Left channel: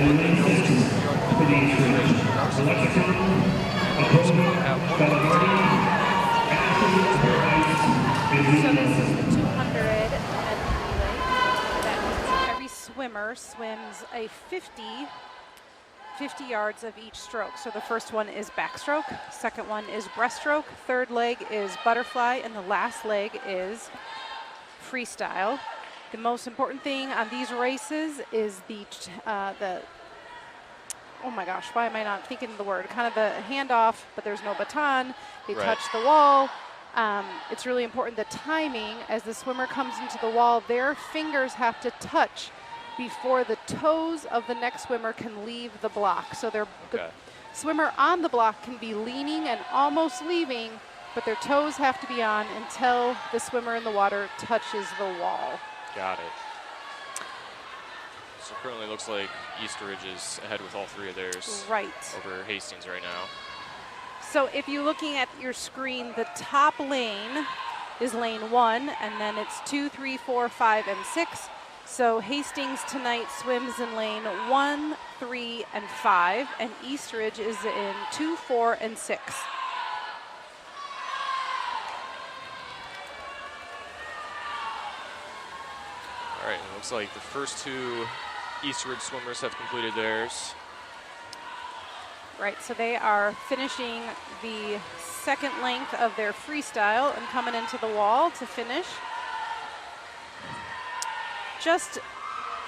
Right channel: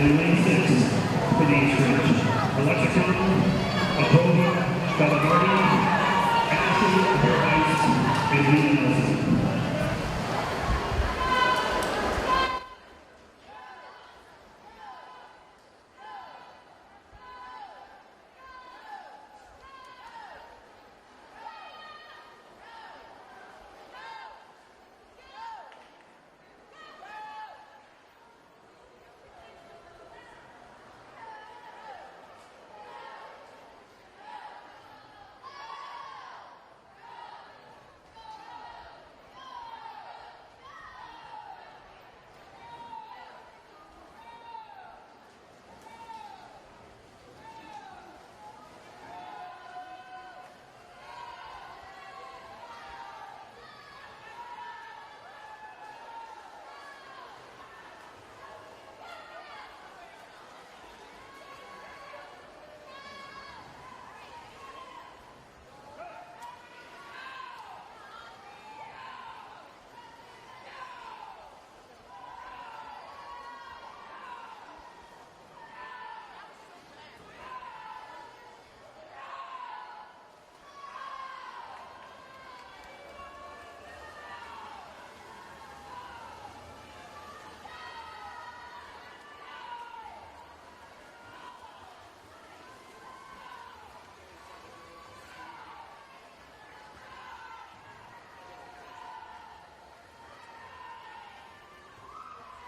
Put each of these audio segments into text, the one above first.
In lane 6, finish Rich. Electrical, Apollo, Varsity, Hastings, and Every swimmer swims a 50 yards of each stroke. So the first one is backstroke, second one is breaststroke, third leg is butterfly, and the last leg is freestyle. The most important thing on these races is the oh my gosh, why am I not thinking of the word? Kind of the handoff, but there's no baton. They touch the wall. It's really important the timing as the swimmer comes into the wall. Their fingers have to touch before the toes of the next swimmer can leave the block. So the swimmer on the block can be leaning and almost leaving, but their toes have to be on until the swimmer in the water touches the wall. Got it. So currently looks like Eastridge is ahead with all three of theirs. Right. Over Hastings right now. So if you're looking at your screen, the top lane is lane 1, and then it's 2, 3, 4, 5, and 6. So Hastings tonight swims in lane 1, 3, and 5, and Eastridge is in 2, 4, and 6. All right, it looks like the first two Eastridge swimmers have completed theirs. Right, so they are finishing the second length of their freestyle and coming into the wall to finish. Just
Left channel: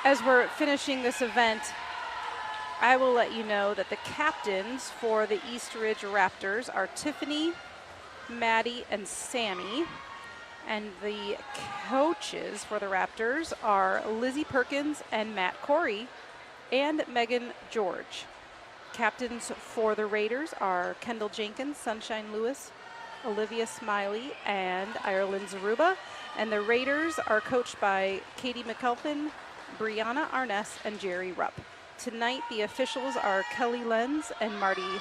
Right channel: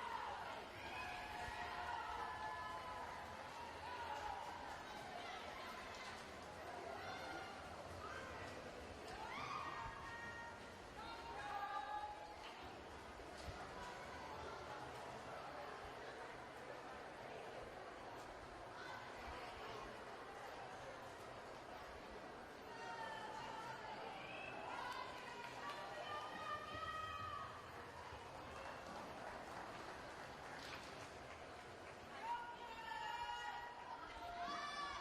as we're finishing this event, I will let you know that the captains for the Eastridge Raptors are Tiffany, Maddie, and Sammy. And the coaches for the Raptors are Lizzie Perkins and Matt Corey and Megan George. Captains for the Raiders are Kendall Jenkins, Sunshine Lewis, Olivia Smiley, and Ireland Zaruba. And the Raiders are coached by Katie McAlpin, Brianna Arness, and Jerry Rupp. Tonight, the officials are Kelly Lenz and Marty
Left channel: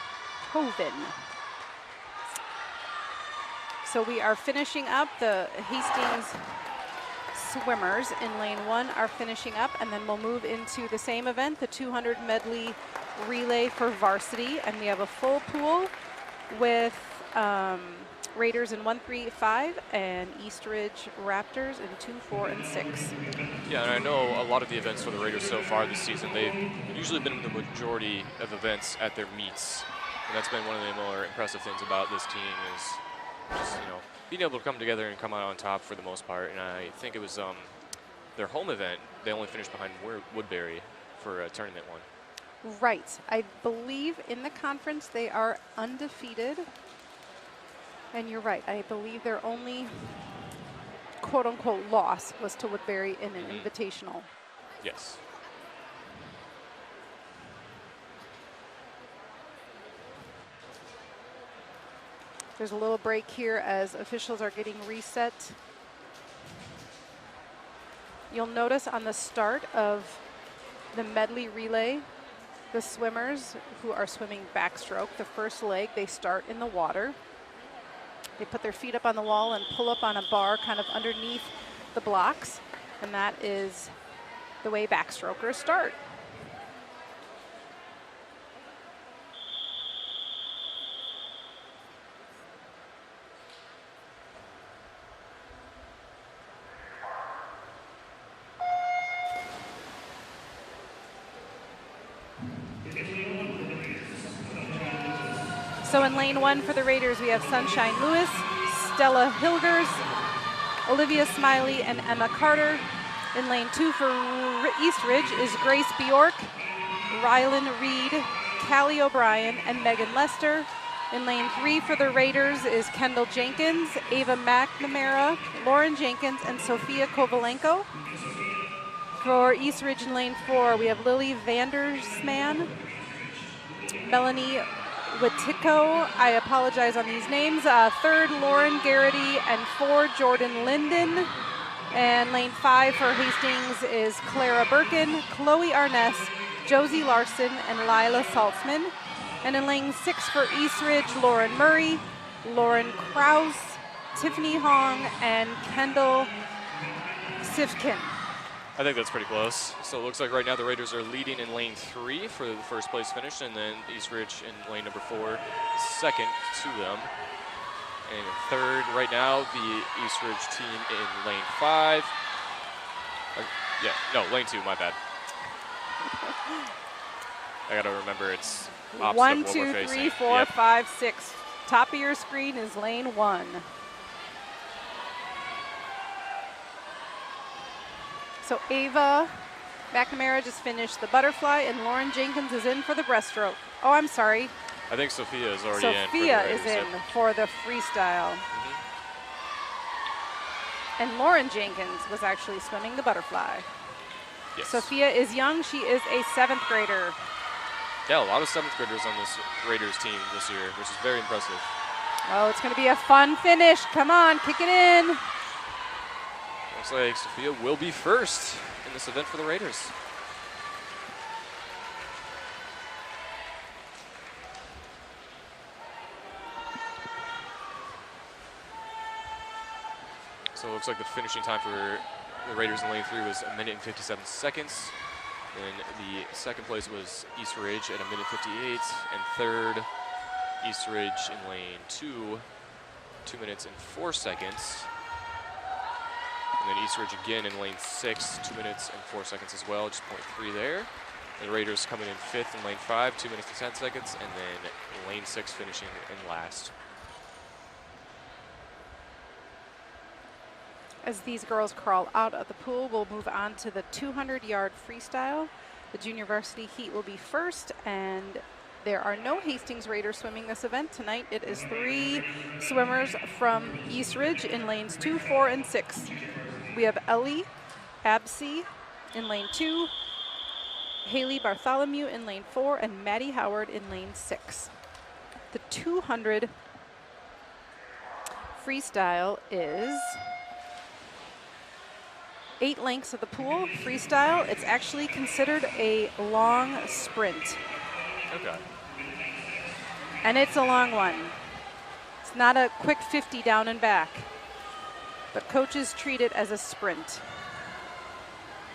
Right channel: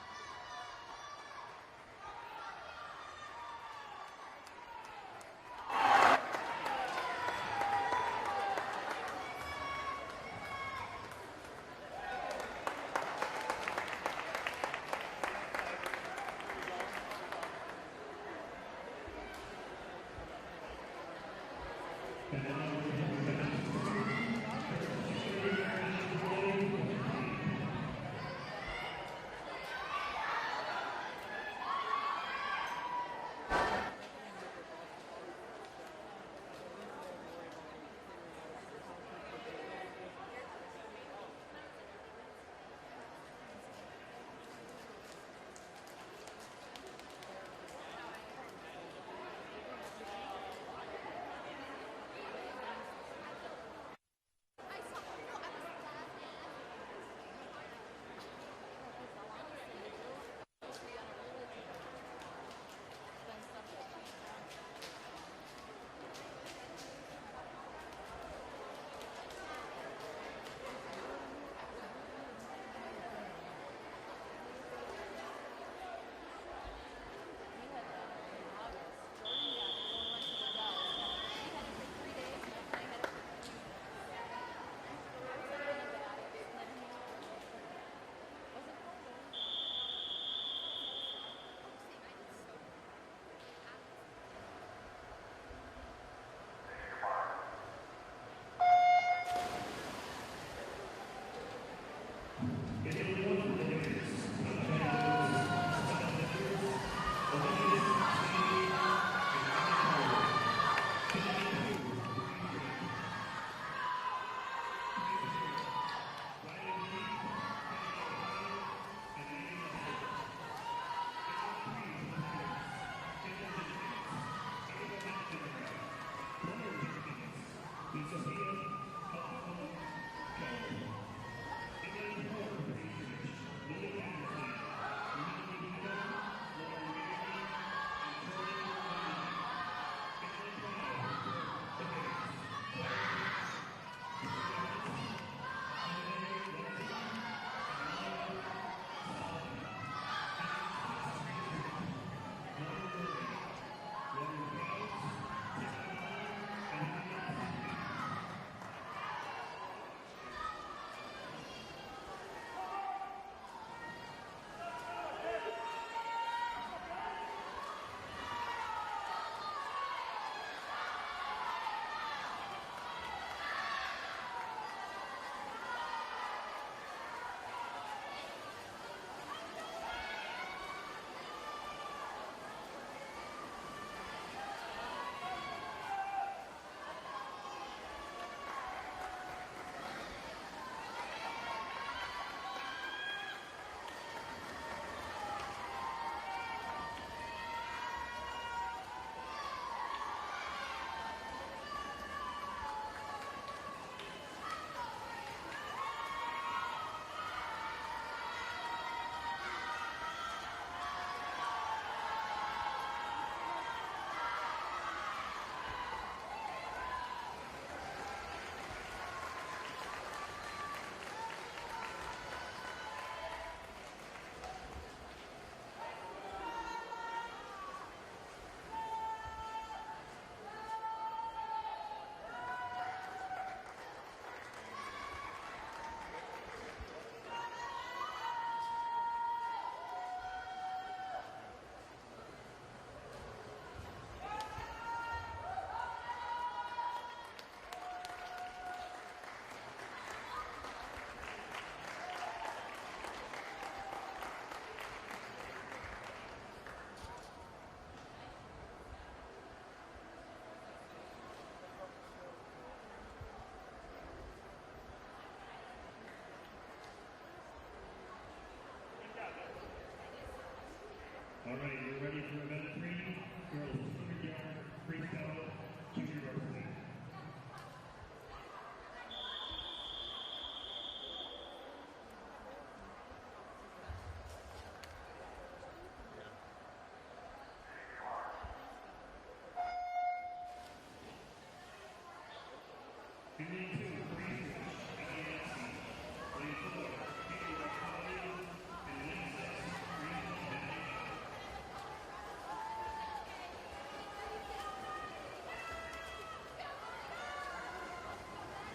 Hoven. So we are finishing up. The Hastings swimmers in lane 1 are finishing up, and then we'll move into the same event, the 200 medley relay for varsity, and we have a full pool with Raiders in 1, 3, 5, and Eastridge Raptors in 2, 4, and 6. Yeah, and I know a lot of the events for the Raiders so far this season, they've usually been the majority of events at their meets. And that's been one of the more impressive things about this team is being able to come together and come out on top for the most part. And I think it was their home event, they only finished behind Woodbury for tournament 1. Right. I believe in the conference they are undefeated. And you're right. I believe their only quote-unquote loss was to Woodbury in an invitational. Yes. There's a little break here as officials are getting reset. You'll notice on the start of the medley relay, the swimmers who are swimming backstroke, the first leg, they start in the water. They put their feet up on the wall and pull up on a bar kind of underneath the blocks, and that is the way backstrokers start. So in lane 1 for the Raiders, we have Sunshine Lewis, Stella Hilgers, Olivia Smiley, and Emma Carter. In lane 2 for Eastridge is Grace Bjork, Rylan Reed, Callie O'Brien, and Megan Lester. In lane 3 for the Raiders is Kendall Jenkins, Ava McNamara, Lauren Jenkins, and Sophia Kovalenko. For Eastridge in lane 4, we have Lily Vandersman, Melanie Wittico, I apologize on these names. Third, Lauren Garrity, and 4, Jordan Linden. And lane 5 for Hastings is Clara Birkin, Chloe Arness, Josie Larson, and Lila Saltzman. And in lane 6 for Eastridge, Lauren Murray, Lauren Krause, Tiffany Hong, and Kendall Sifkin. I think that's pretty close. So it looks like right now the Raiders are leading in lane 3 for the first place finish, and then East Ridge in lane number 4, second to them. And third right now, the East Ridge team in lane 5. Lane 2, my bad. I gotta remember it's opposite 1, of what 2, we're 3, facing. 4, Yep. 5, 6. Top of your screen is lane 1. So Ava McNamara just finished the butterfly, and Lauren Jenkins is in for the breaststroke. Oh, I'm sorry. I think Sophia is already in. Sophia is in for the freestyle. And Lauren Jenkins was actually swimming the butterfly. Yes. Sophia is young. She is a 7th grader. Yeah, a lot of 7th graders on this Raiders team this year, which is very impressive. Oh, it's going to be a fun finish. Come on, kick it in. Looks like Sophia will be first in this event for the Raiders. So it looks like the finishing time for the Raiders in lane 3 was 1 minute and 57 seconds. And the second place was East Ridge at 1 minute 58. And third, East Ridge in lane 2, 2 minutes and 4 seconds. And then East Ridge again in lane 6, 2 minutes and 4 seconds as well, just 0.3 there. The Raiders coming in 5th in lane 5, 2 minutes and 10 seconds. And then in lane 6 finishing in last. As these girls crawl out of the pool, we'll move on to the 200-yard freestyle. The junior varsity heat will be first, and there are no Hastings Raiders swimming this event. Tonight it is 3 swimmers from East Ridge in lanes 2, 4, and 6. We have Ellie Absey in lane 2, Haley Bartholomew in lane 4, and Maddie Howard in lane 6. The 200 freestyle is 8 lengths of the pool. Freestyle, it's actually considered a long sprint. Okay. And it's a long one. It's not a quick 50 down and back, but coaches treat it as a sprint.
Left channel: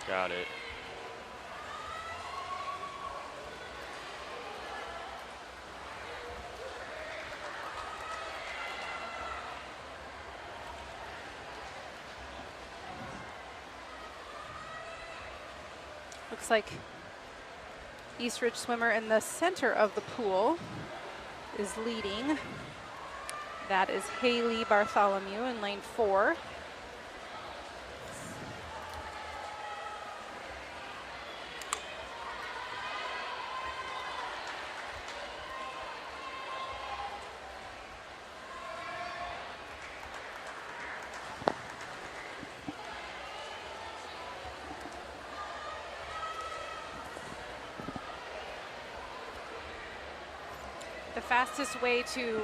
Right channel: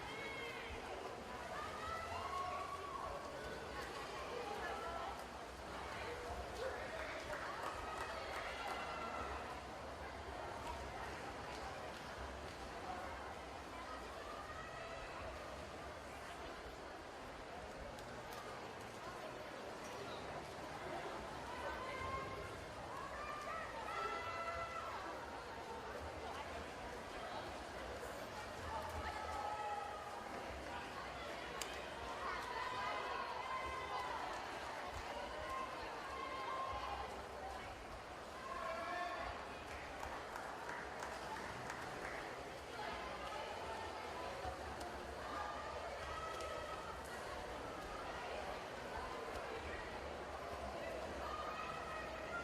Got it. Looks like East Ridge swimmer in the center of the pool is leading. That is Haley Bartholomew in lane 4. Fastest way to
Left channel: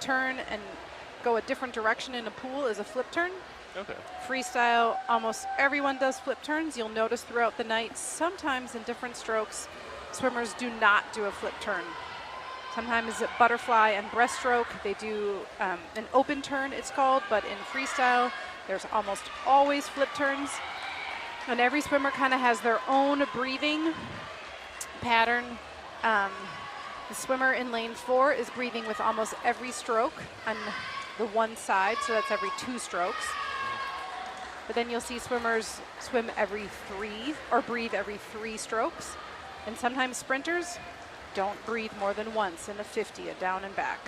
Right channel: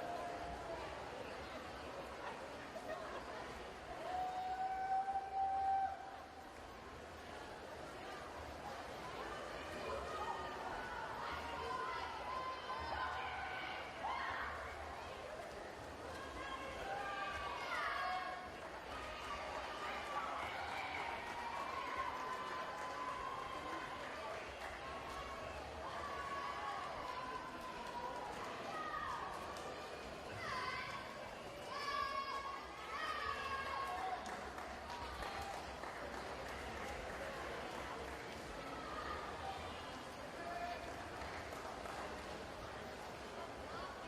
turn and go a different direction in a pool is a flip turn. Okay. Freestyle, almost everyone does flip turns. You'll notice throughout the night, sometimes in different strokes, swimmers do not do a flip turn. Sometimes at butterfly and breaststroke, they do an open turn, it's called, but in freestyle, there's almost always flip turns. And every swimmer kind of has their own breathing pattern. The swimmer in lane 4 is breathing with almost every stroke on the one side, so that's every 2 strokes. But then you'll see swimmers swim every 3 or breathe every 3 strokes. And sometimes sprinters don't breathe more than once in a 50, a down and back.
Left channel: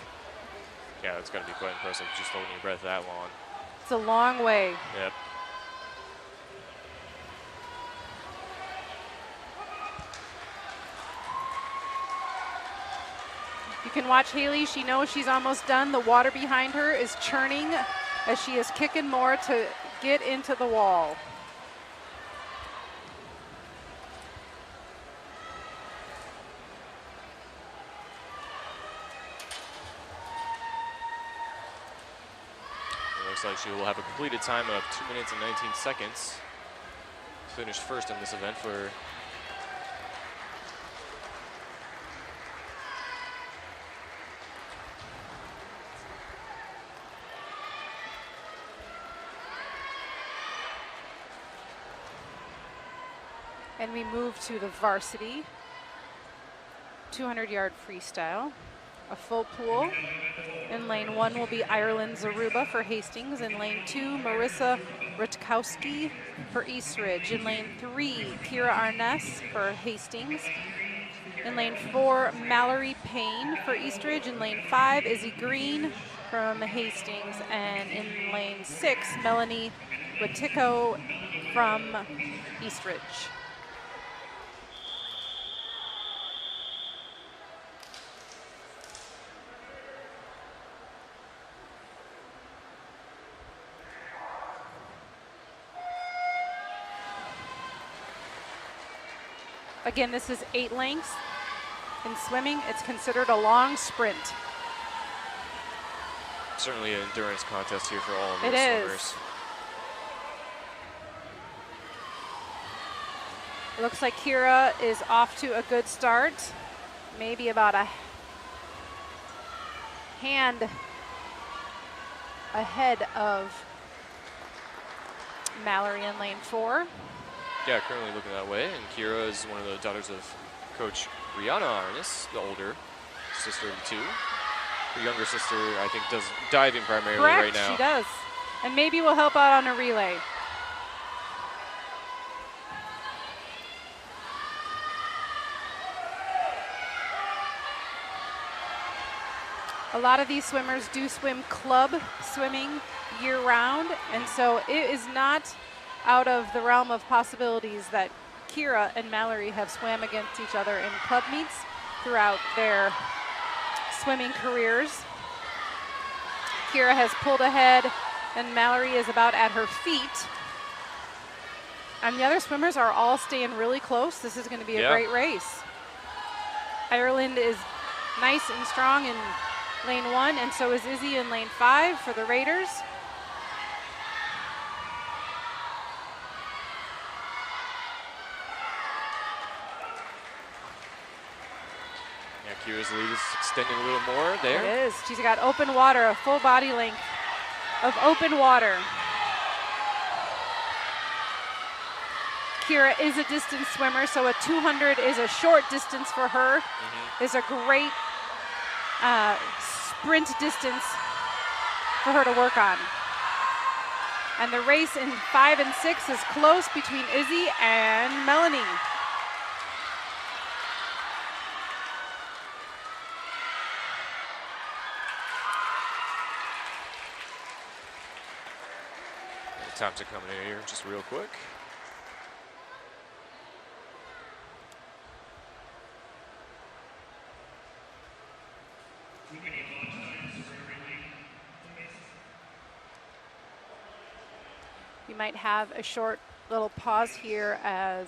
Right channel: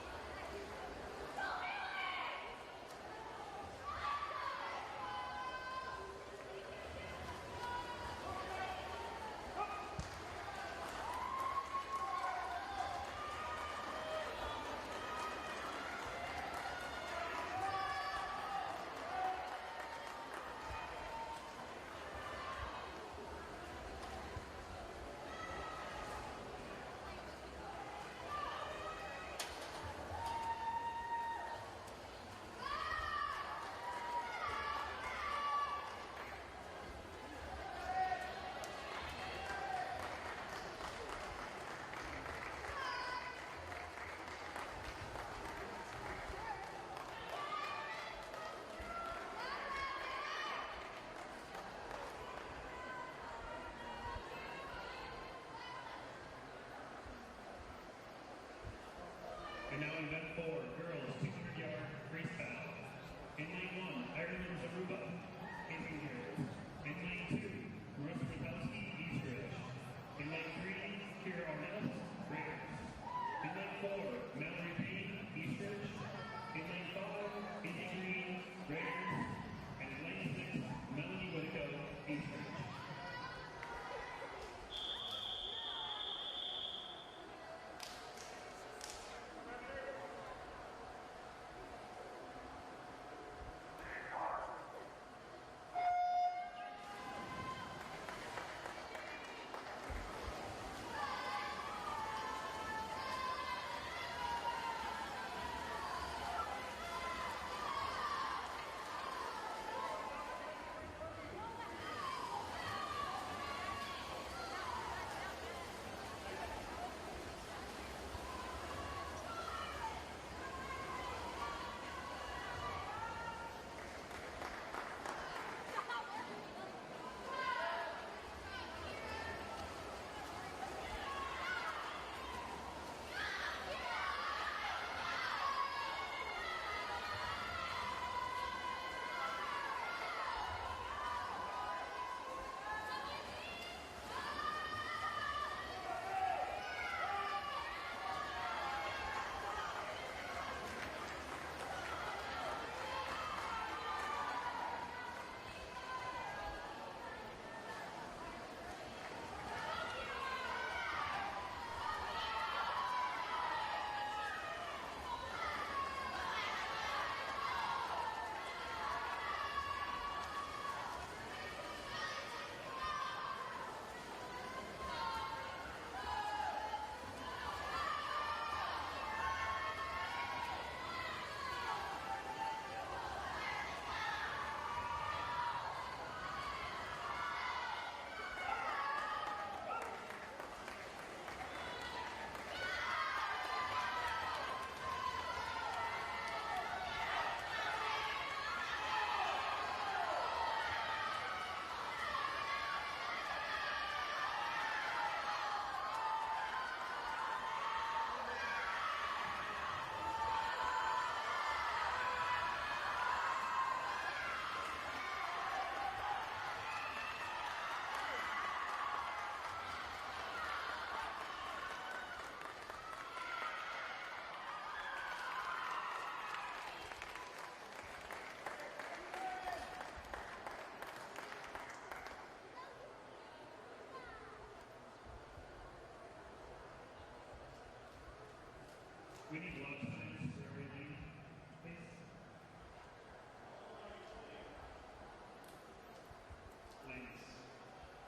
Yeah, that's got to be quite impressive, just holding your breath that long. It's a long way. Yep. You can watch Haley. She knows she's almost done. The water behind her is churning as she is kicking more to get into the wall. It looks like she will have a completed time of 2 minutes and 19 seconds. Finished first in this event for And we move to the varsity 200-yard freestyle. A full pool. In lane 1 will be Ireland Zaruba for Hastings. In lane 2, Marissa Rutkowski for East Ridge. In lane 3, Kira Arness for Hastings. In lane 4, Mallory Payne for East Ridge. In lane 5, Izzy Green from Hastings. And in lane 6, Melanie Wittico from East Ridge. Again, this is 8 lengths. In swimming, it's considered a long sprint. Certainly an endurance contest here for all of the swimmers. It looks like Kira is off to a good start. Maybe about a hand ahead of Mallory in lane 4. Yeah, currently looking that way. And Kira is one of the daughters of Coach Rihanna Arness, the older sister of the two. Her younger sister, I think, does diving primarily right now. She does. And maybe will help out on a relay. A lot of these swimmers do swim club swimming year-round, and so it is not out of the realm of possibilities that Kira and Mallory have swam against each other in club meets throughout their swimming careers. Kira has pulled ahead, and Mallory is about at her feet. And the other swimmers are all staying really close. This is going to be a great race. Ireland is nice and strong in lane 1, and so is Izzy in lane 5 for the Raiders. Kira's lead is extending a little more there. It is. She's got open water, a full body length of open water. Kira is a distance swimmer, so a 200 is a short distance for her. Is a great sprint distance for her to work on. And the race in 5 and 6 is close between Izzy and Melanie. Times are coming in here just real quick. We might have a short little pause here as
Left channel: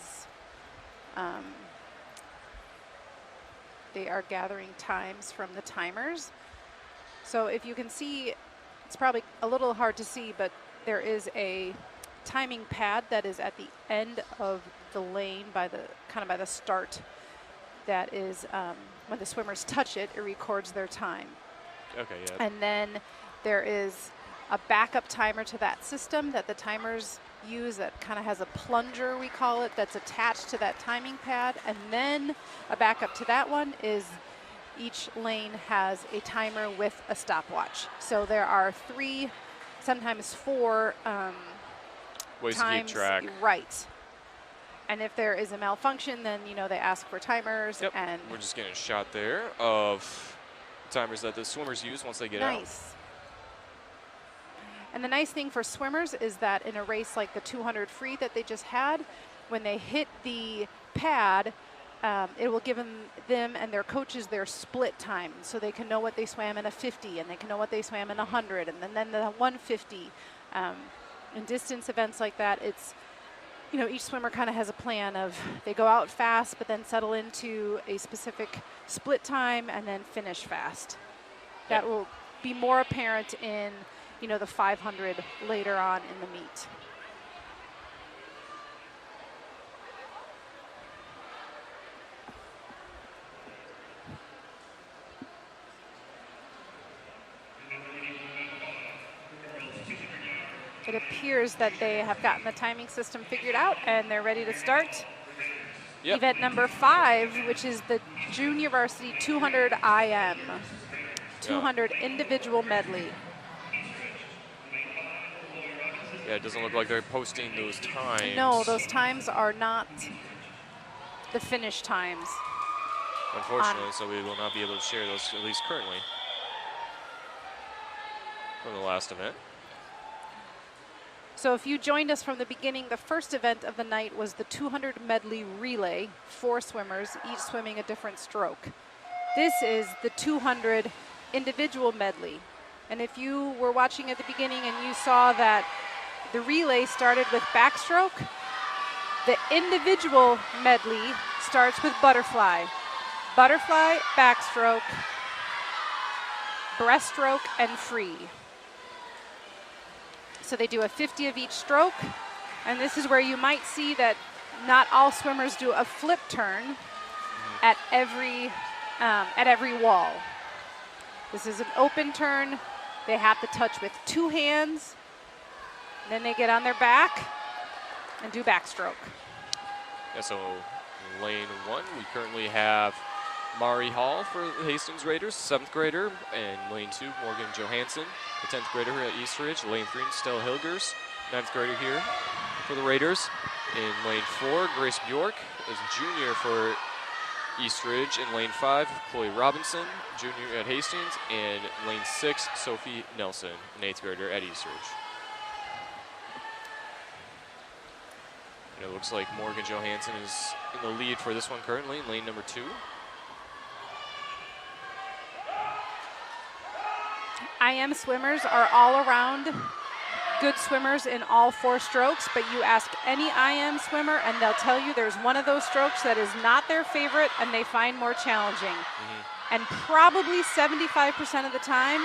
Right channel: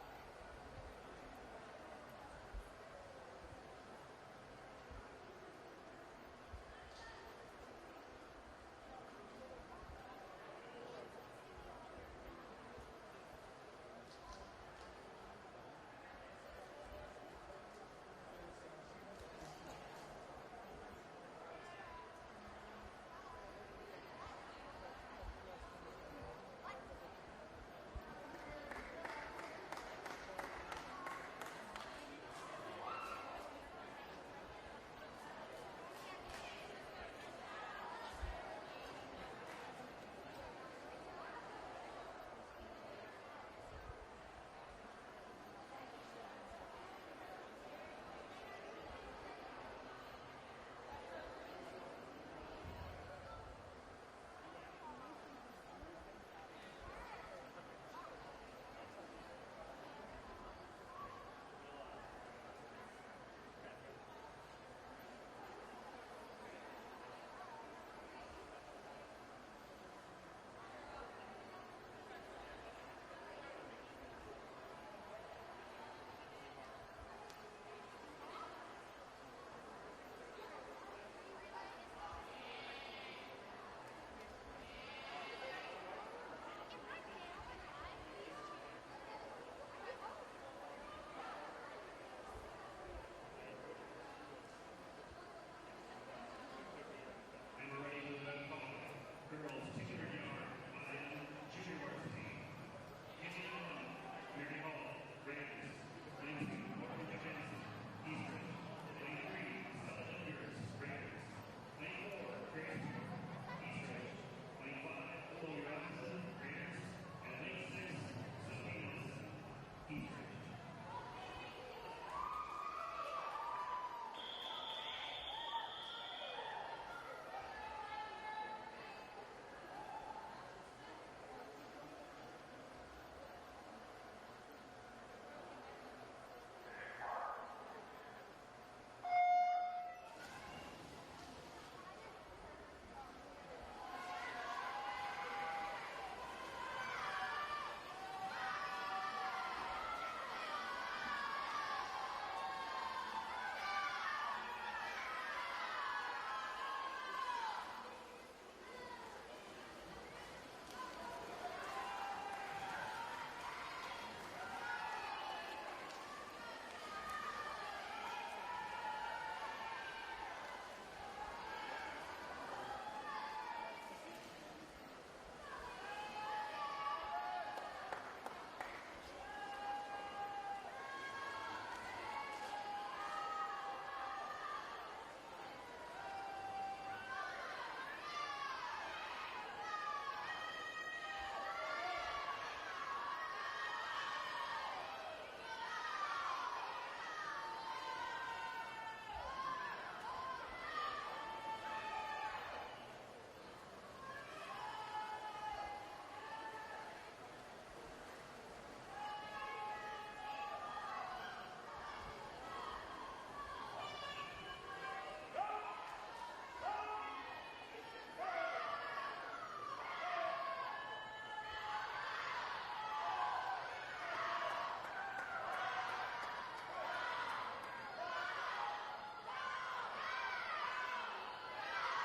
they are gathering times from the timers. So if you can see, it's probably a little hard to see, but there is a timing pad that is at the end of the lane by the start. That is when the swimmers touch it, it records their time. Okay, yeah. And then there is a backup timer to that system that the timers use that kind of has a plunger, we call it, that's attached to that timing pad. And then a backup to that one is each lane has a timer with a stopwatch. So there are 3, sometimes 4 ways times, to keep track. Right. And if there is a malfunction, then they ask for timers. Yep. And we're just getting a shot there of timers that the swimmers use once they get out. Nice. And the nice thing for swimmers is that in a race like the 200 free that they just had, when they hit the pad, it will give them and their coaches their split time, so they can know what they swam in a 50 and they can know what they swam in a 100 and then the 150. In distance events like that, it's each swimmer kind of has a plan of they go out fast but then settle into a specific split time and then finish fast. That will be more apparent in the 500 later on in the meet. It appears that they have gotten the timing system figured out and they're ready to start. event number 5, which is the junior varsity 200 IM, 200 individual medley. Yeah, it doesn't look like they're posting those times. No, those times are not the finish times. Unfortunately, so we will not be able to share those, at least currently, from the last event. So if you joined us from the beginning, the first event of the night was the 200 medley relay, 4 swimmers, each swimming a different stroke. This is the 200 individual medley. And if you were watching at the beginning and you saw that the relay started with backstroke, the individual medley starts with butterfly. Butterfly, backstroke, breaststroke, and free. So they do a 50 of each stroke, and this is where you might see that not all swimmers do a flip turn at every wall. This is an open turn. They have to touch with 2 hands. Then they get on their back and do backstroke. Yeah, so lane 1, we currently have Mari Hall for the Hastings Raiders, 7th grader, and lane 2, Morgan Johansson, the 10th grader here at East Ridge. Lane 3, Stella Hilgers, 9th grader here for the Raiders. In lane 4, Grace Bjork is a junior for East Ridge. In lane 5, Chloe Robinson, junior at Hastings. And lane 6, Sophie Nelson, an 8th grader at East Ridge. And it looks like Morgan Johansson is in the lead for this one currently, in lane number 2. IM swimmers are all around good swimmers in all 4 strokes, but you ask any IM swimmer and they'll tell you there's one of those strokes that is not their favorite and they find more challenging. And probably 75% of the time,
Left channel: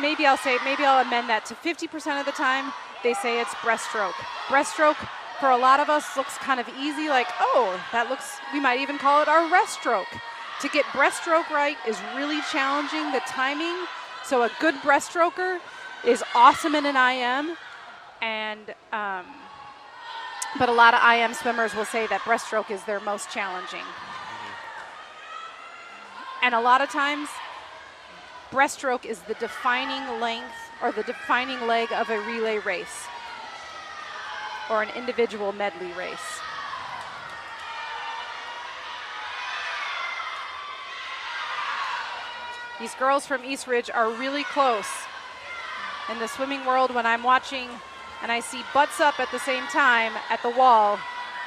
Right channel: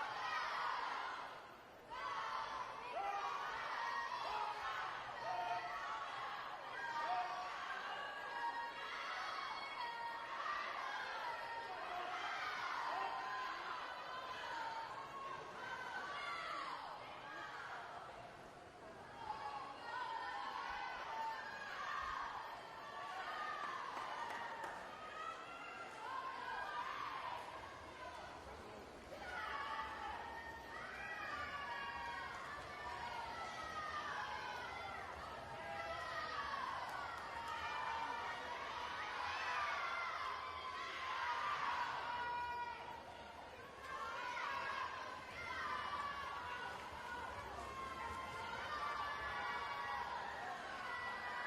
maybe I'll amend that to 50% of the time, they say it's breaststroke. Breaststroke, for a lot of us, looks kind of easy, like, oh, that looks, we might even call it our rest stroke. To get breaststroke right is really challenging, the timing. So a good breaststroker is awesome in an IM, and but a lot of IM swimmers will say that breaststroke is their most challenging. And a lot of times, breaststroke is the defining length or the defining leg of a relay race or an individual medley race. These girls from East Ridge are really close. In the swimming world, when I'm watching and I see butts up at the same time at the wall,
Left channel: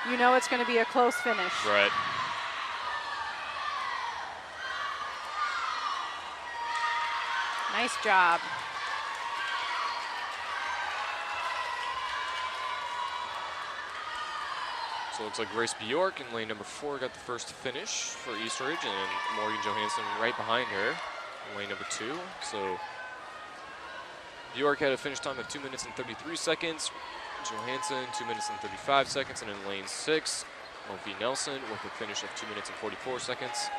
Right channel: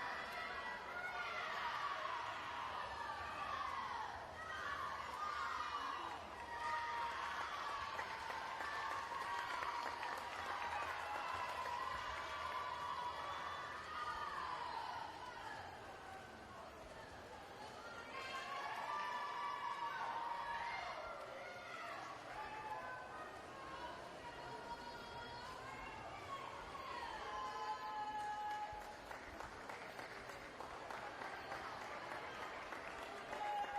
you know it's going to be a close finish. Right. Nice job. So it looks like Grace Bjork in lane number 4 got the first finish for East Ridge, and Morgan Johansson right behind her in lane number 2. So Bjork had a finish time of 2 minutes and 33 seconds. Johansson 2 minutes and 35 seconds, and in lane 6, Sophie Nelson with a finish of 2 minutes and 44 seconds.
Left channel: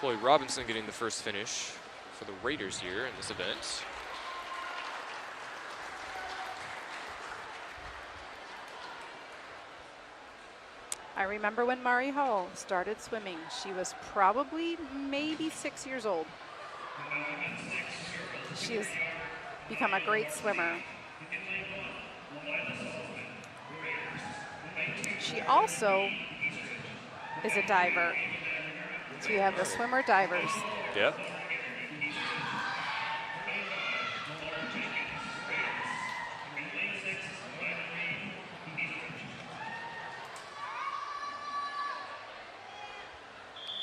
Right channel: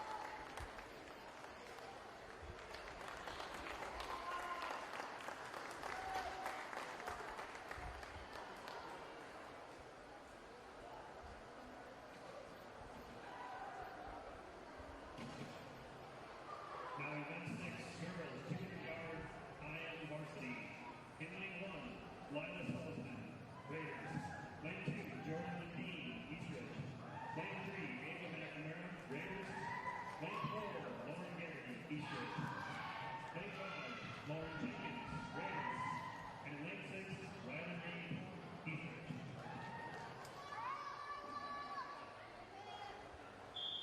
Chloe Robinson getting the first finish for the Raiders here in this event. I remember when Mari Hall started swimming. She was probably maybe 6 years old. She has become a great swimmer. She also is a diver. So you have the swimmer divers. Yeah.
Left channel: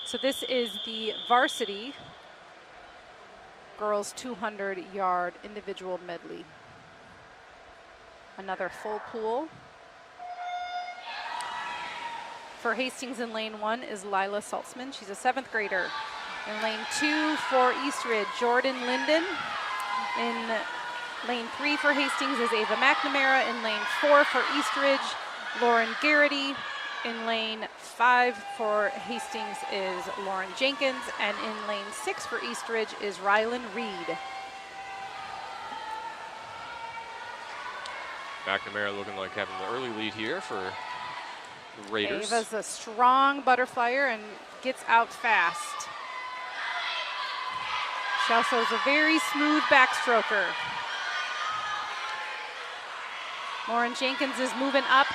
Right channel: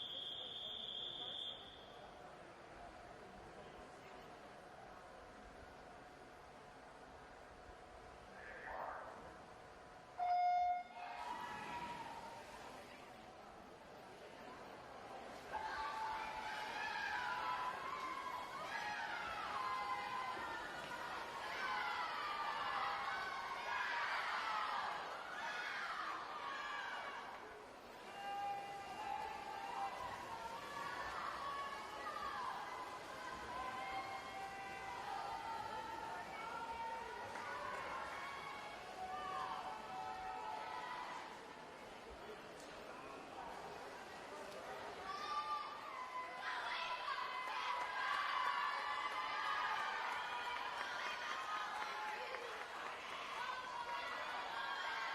So this is the varsity girls 200-yard individual medley. Another full pool. For Hastings in lane 1 is Lila Saltzman. She's a 7th grader. In lane 2 for East Ridge, Jordan Linden. In lane 3 for Hastings is Ava McNamara. In lane 4 for East Ridge, Lauren Garrity. In lane 5 for Hastings is Lauren Jenkins. And in lane 6 for East Ridge is Rylan Reed. McNamara looking like having the early lead here for the Raiders. Ava's a strong butterflyer and gets out fast. She also is a very smooth backstroker. Lauren Jenkins is moving up.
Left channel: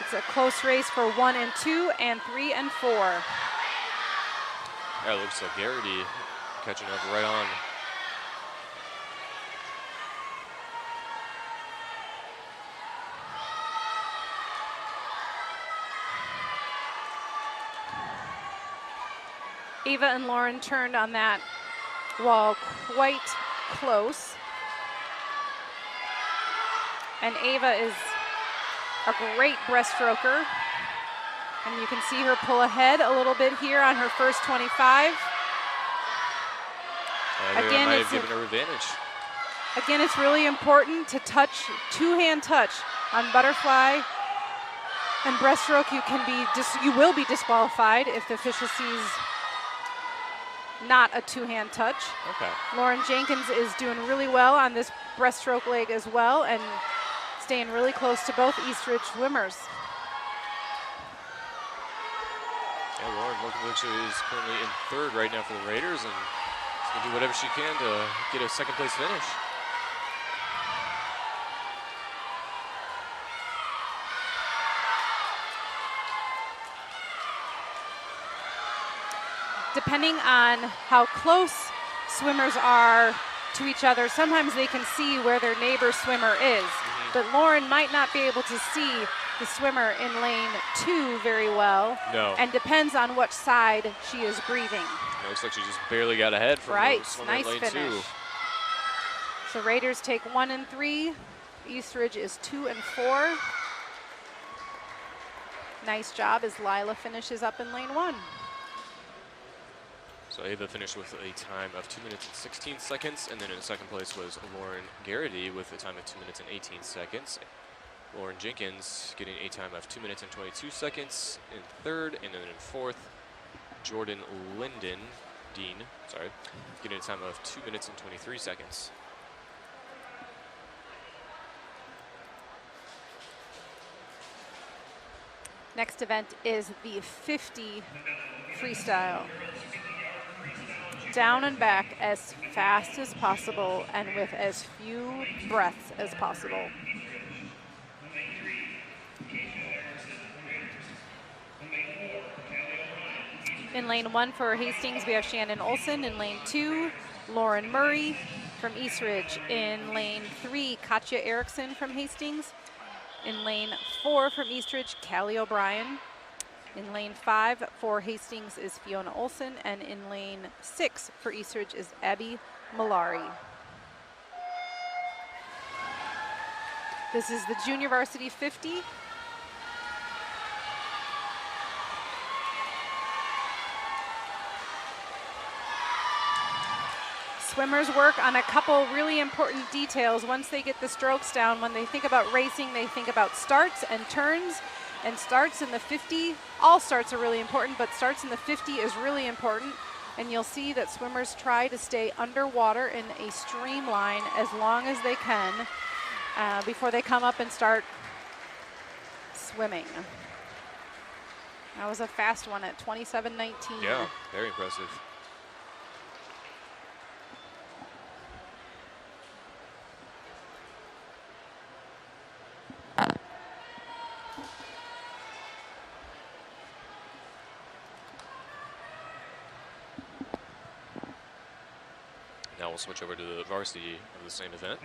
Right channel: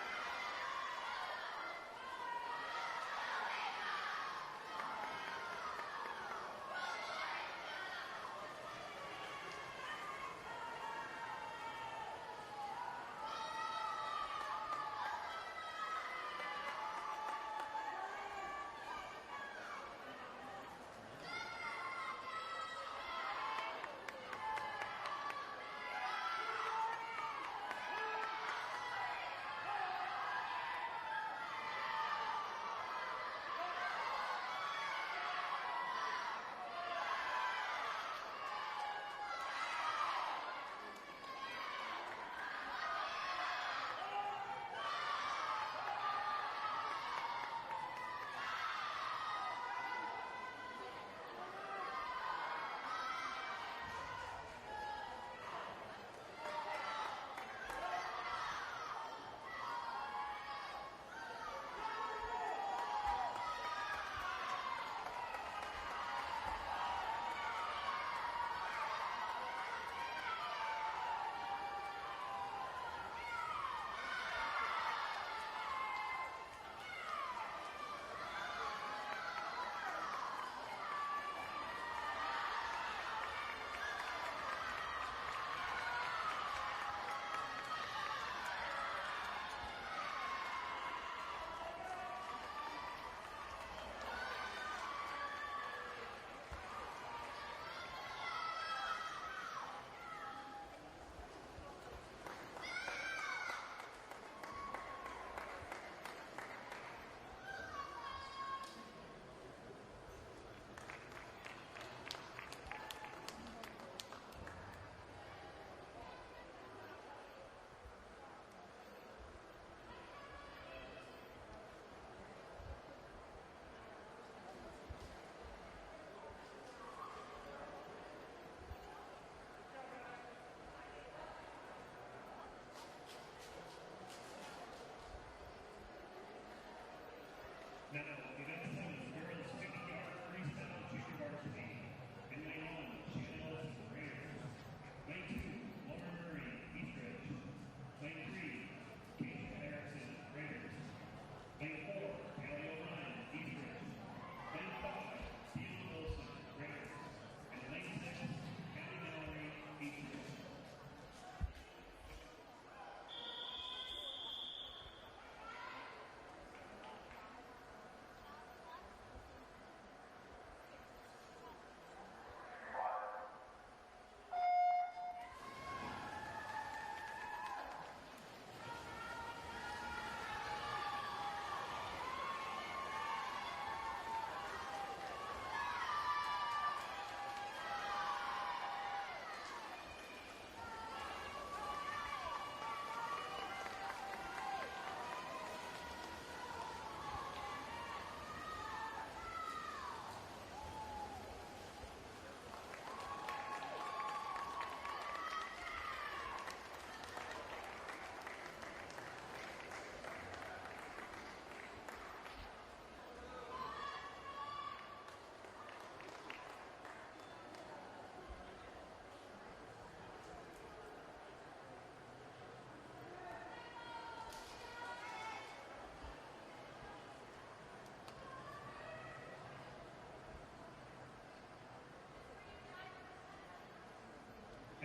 It's a close race for 1 and 2 and 3 and 4. Yeah, it looks like Garrity catching up right on. Ava and Lauren turned on that wall quite close. And Ava is a great breaststroker. And you can see her pull ahead a little bit here on her first 25. Again, might have given her advantage. Again, it's really important to touch, two-hand touch on butterfly and breaststroke. You will be disqualified if the official sees not a two-hand touch. Okay. Lauren Jenkins is doing really well on this breaststroke leg as well and staying really close to both East Ridge swimmers. Yeah, Lauren Volkovich is currently in third right now for the Raiders and is going to do whatever she can to get a second place finish. Depending on how close swimmers are to each other, sometimes they can see where their neighbor swimmer is. But Lauren might not be able to see the swimmer in lane 2 very well. No. And depends on which side she is breathing. It looks like she just barely got ahead from right, the swimmer nice in lane finish. 2. So Raiders take 1 and 3. East Ridge is 2 and 4. Nice job as Lila finishes up in lane 1. So Ava finished with a time of 2 minutes and 16 seconds, and then in second place was Lauren Garrity with a time of 2 minutes and 18 seconds. Lauren Jenkins getting a time of 2 minutes and 22 seconds in third, and then in fourth, Jordan Dean, getting a time of 2 minutes and 23 seconds. Next event is the 50 freestyle. Down and back as fast as possible and with as few breaths as possible. In lane 1 for Hastings, we have Shannon Olson. In lane 2, Lauren Murray from East Ridge. In lane 3, Katja Erickson from Hastings. In lane 4 from East Ridge, Callie O'Brien. In lane 5 for Hastings is Fiona Olson, and in lane 6 for East Ridge is Abby Malari. This is the Junior Varsity 50. Swimmers work on a couple really important details once they get the strokes down. When they think about racing, they think about starts and turns. And starts in the 50, all starts are really important, but starts in the 50 is really important. And you'll see that swimmers try to stay underwater in a streamline as long as they can before they come up and start swimming. That was a fast one at 27:19. Yeah, very impressive. Now we'll switch over to the varsity of the same event.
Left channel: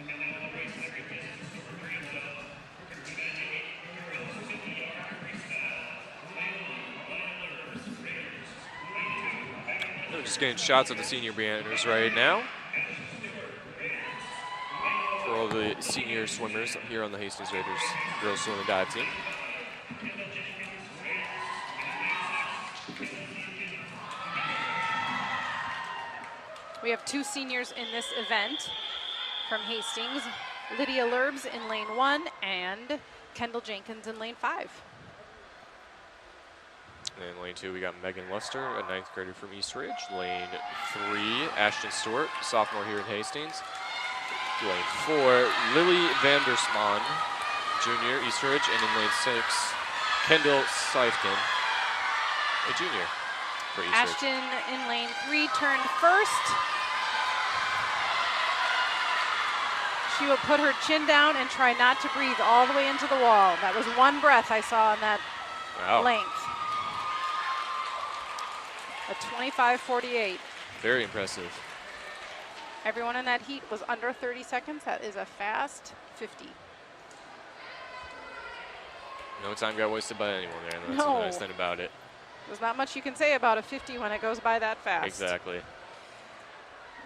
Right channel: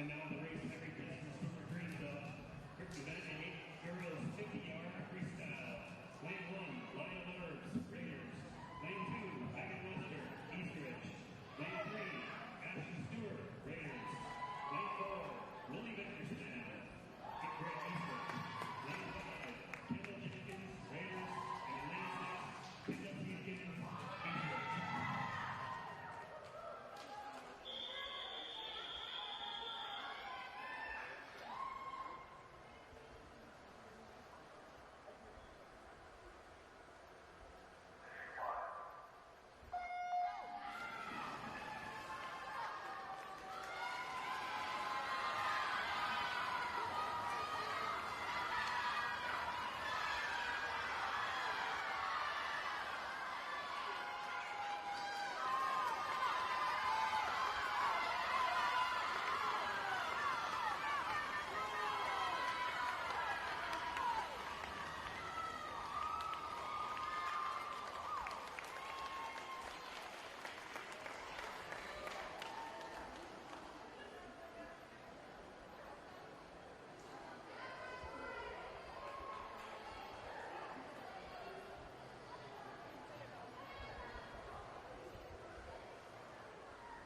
We're just getting shots of the senior banners right now for all the senior swimmers here on the Hastings Raiders girls swim and dive team. We have 2 seniors in this event from Hastings. Lydia Lurbs in lane 1 and Kendall Jenkins in lane 5. And in lane 2, we got Megan Luster, a 9th grader from East Ridge. Lane 3, Ashton Stewart, sophomore here in Hastings. Lane 4, Lily Vandersman, junior, East Ridge, and in lane 6, Kendall Seifkin, a junior for East Ridge. Ashton in lane 3 turned first. She will put her chin down and try not to breathe all the way into the wall. That was one breath I saw on that length. A 25:48. Very impressive. Everyone in that heat was under 30 seconds. That is a fast 50. No time got wasted by anyone there, and that's No. the nice thing about it. There's not much you can say about a 50 when it goes by that fast. Exactly.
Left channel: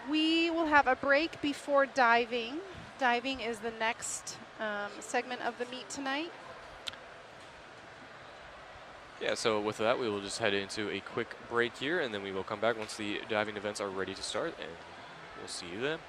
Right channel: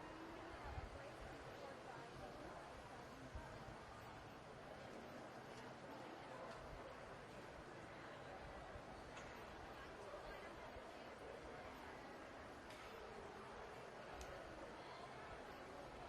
We will have a break before diving. Diving is the next segment of the meet tonight. Yeah, so with that, we will just head into a quick break here, and then we will come back once the diving events are ready to start, and we'll see you then.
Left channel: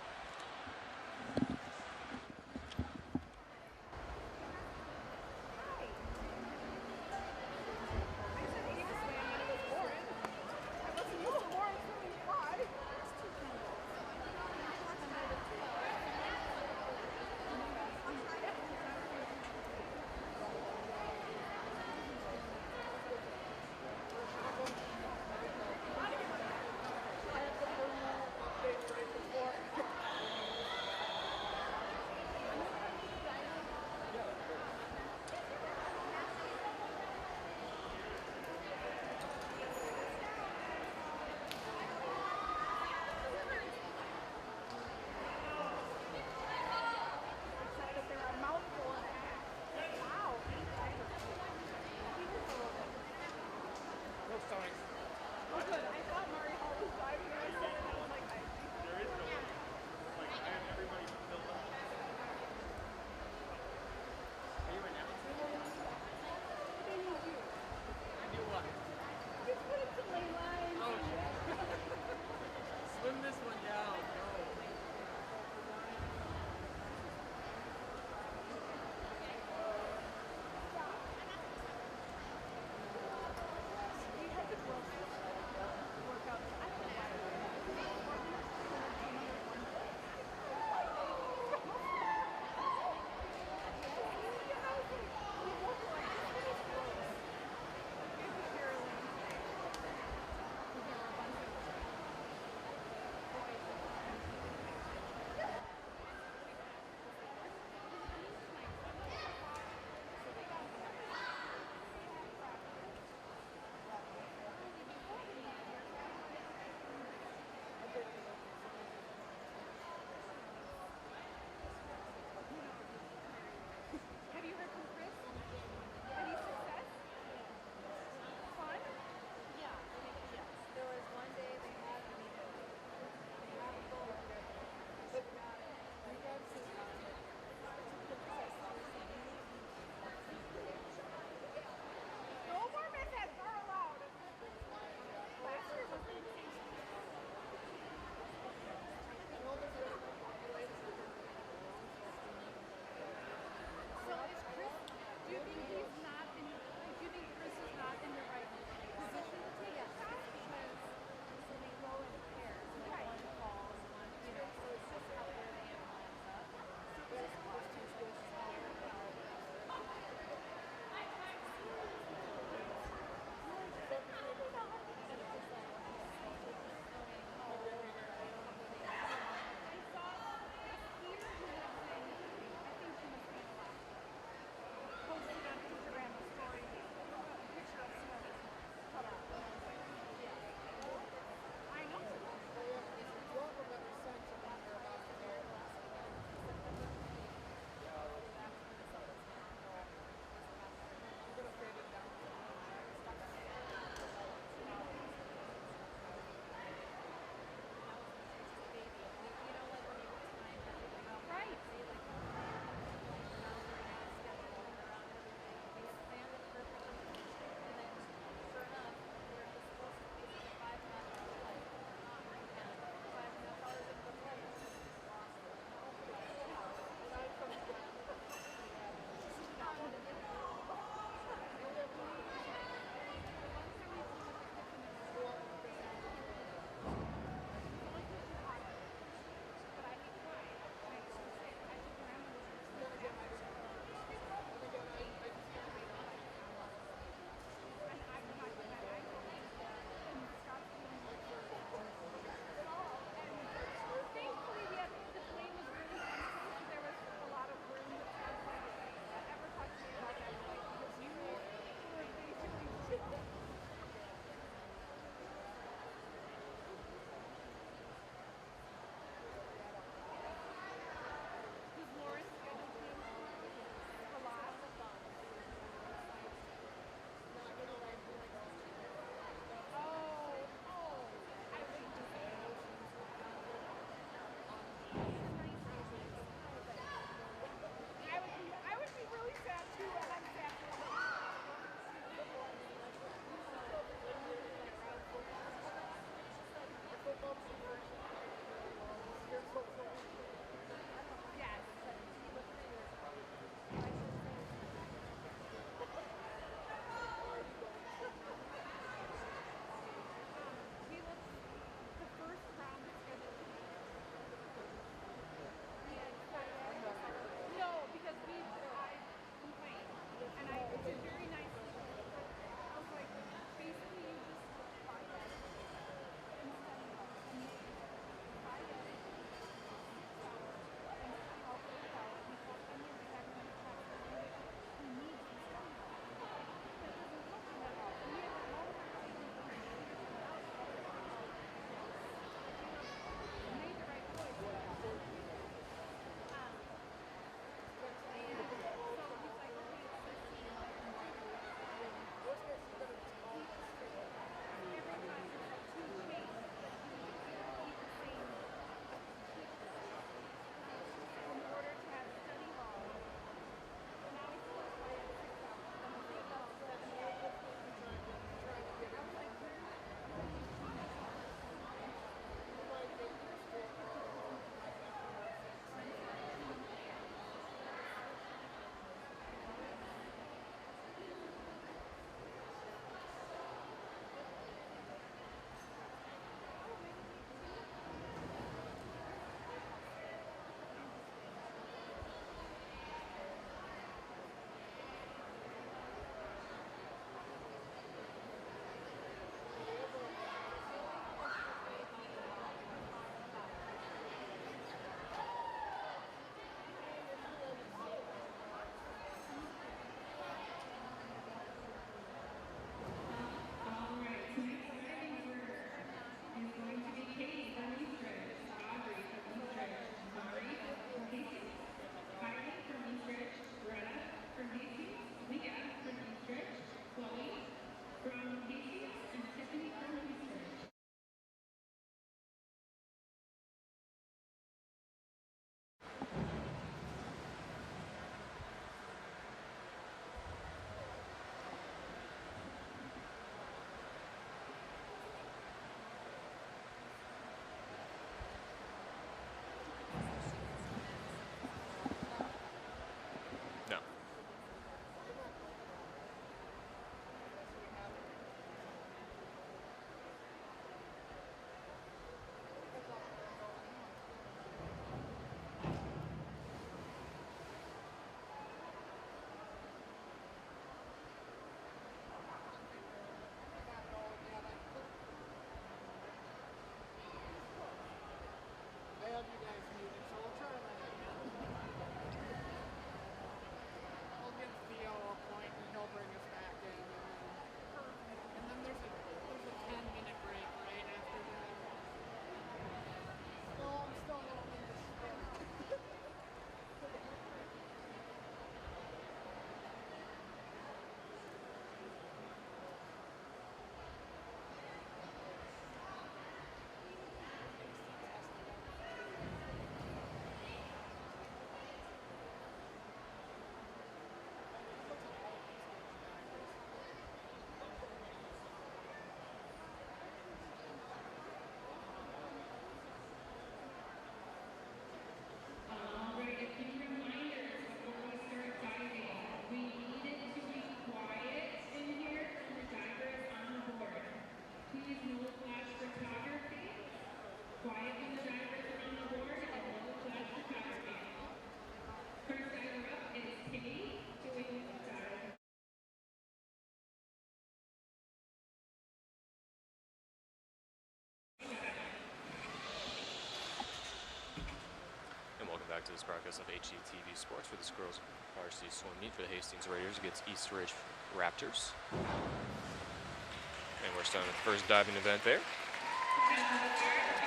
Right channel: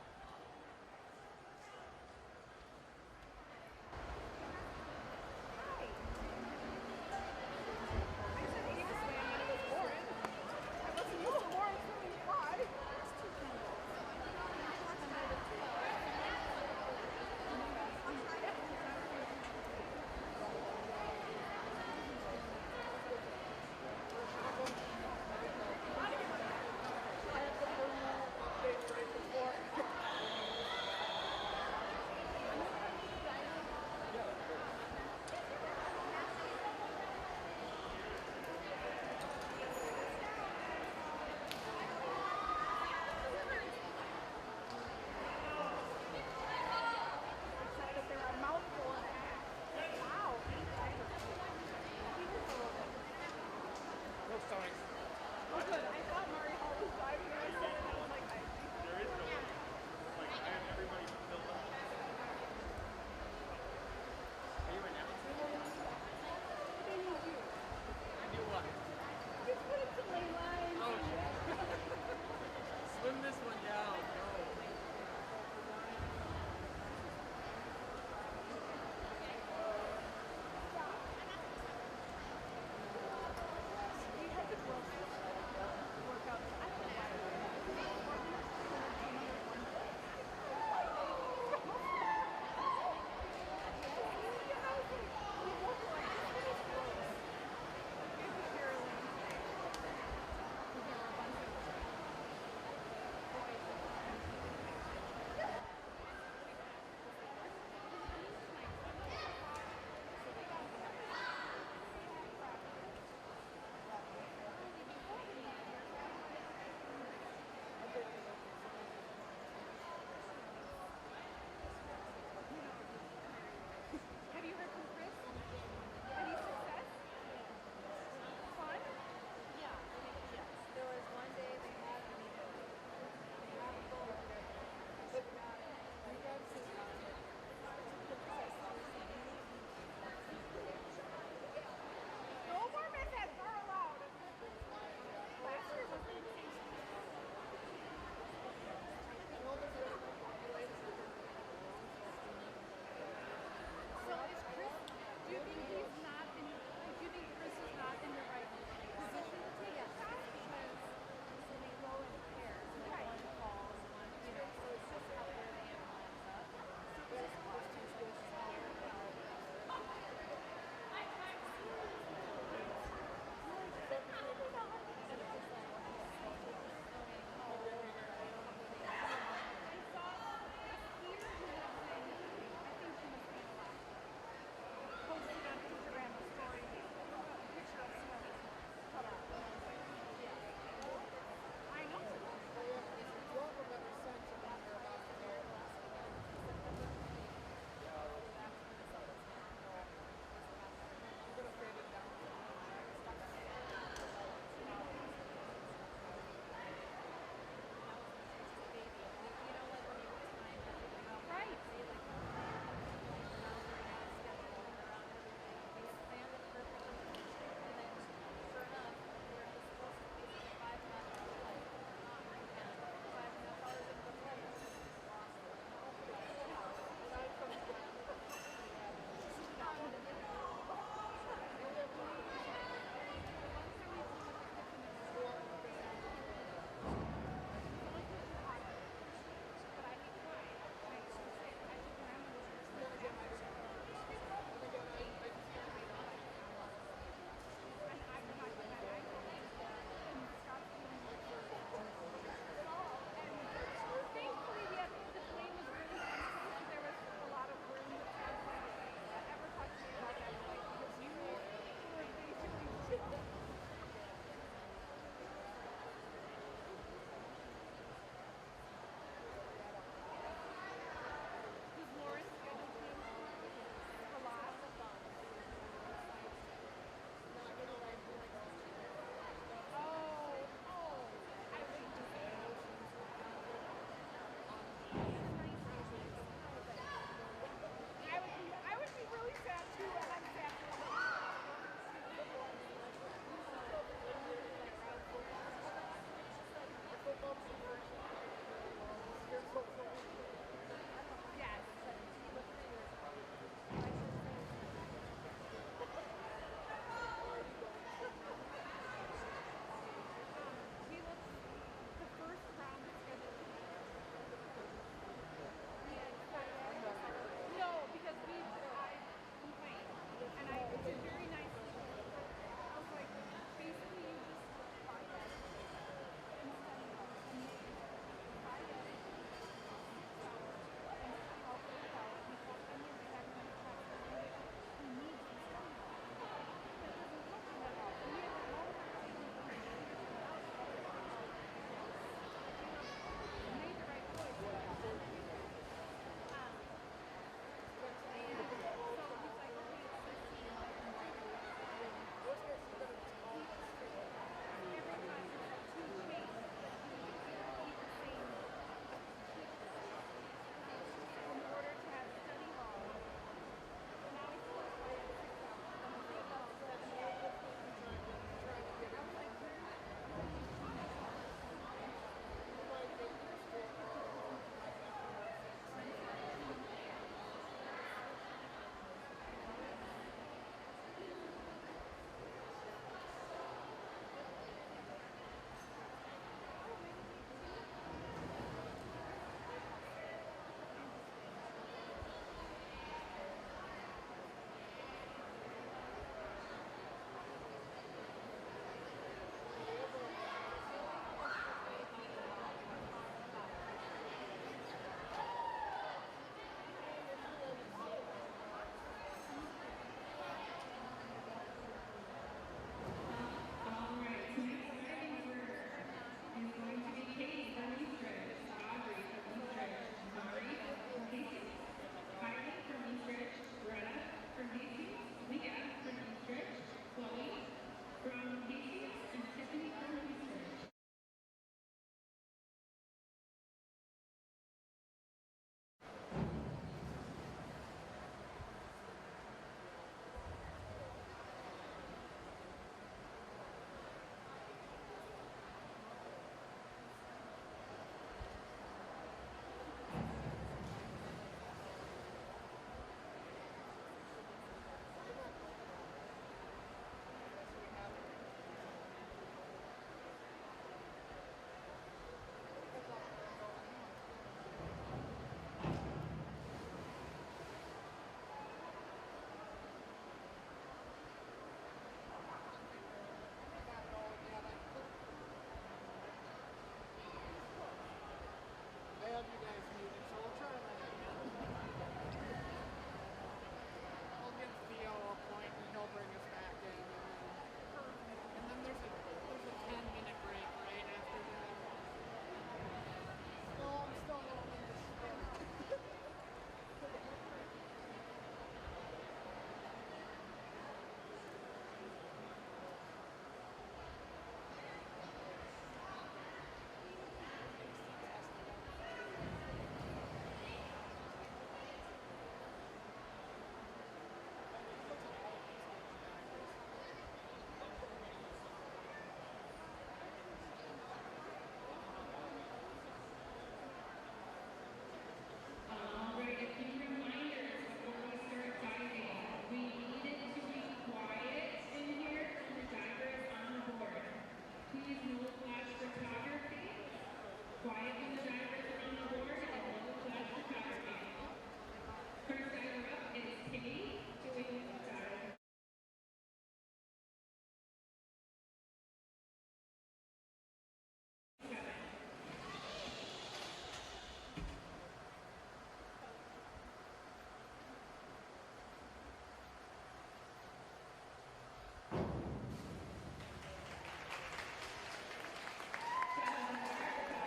this broadcast of HCTV Sports for this girls varsity swim meet for the Hastings Raiders against East Ridge Raptors. And we're starting the first diving event there.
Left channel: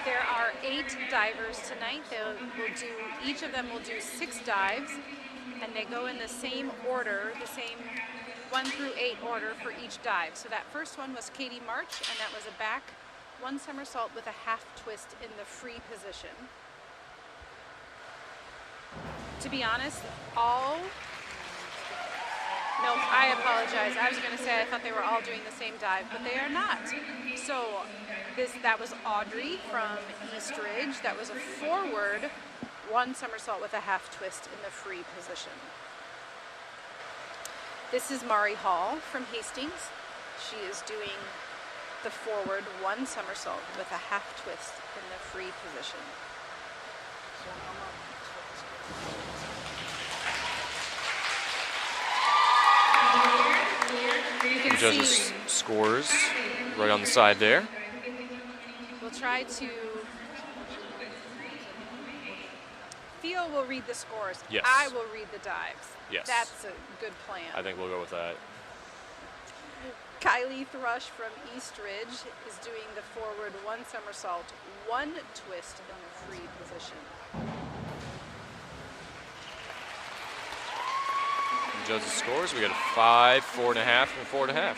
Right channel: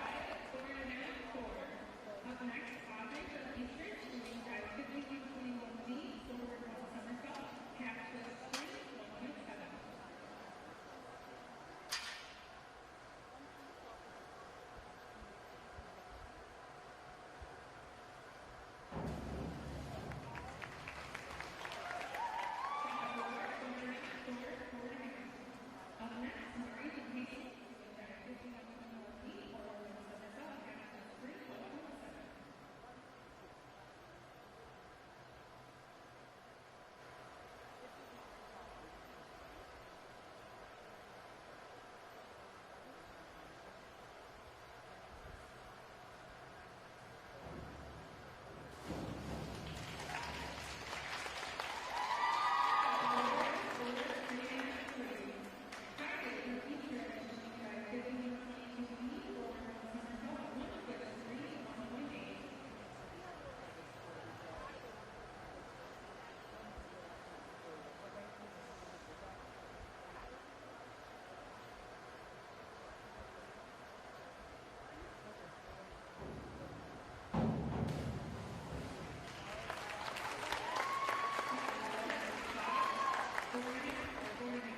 There are 8 divers tonight. Each of them will do 6 dives, and they go in the same order, the same 1 through 8 order for each dive. So that first one was Katie March, and that was a back 1 somersault with a half twist in the free position. To be honest, no, I apologize. I was going to say I thought they were all doing the same dive, but they are not. So that was Audrey from East Ridge. That was a forward 1 somersault with a half twist in the free position. This is Mari Hall from Hastings. She is doing the forward 1 somersault with a half twist in the free position. Judges' scores right on the side there. We'll try to. Theo will read the scores. Yes. I will read the dives. Yes. That's a good plan. I think we'll go with that. Kylie Thrush from East Ridge is doing the forward 1 somersault, 1 twist in the free position. Judges' scores, we got a 5, 4.5, and 4.5.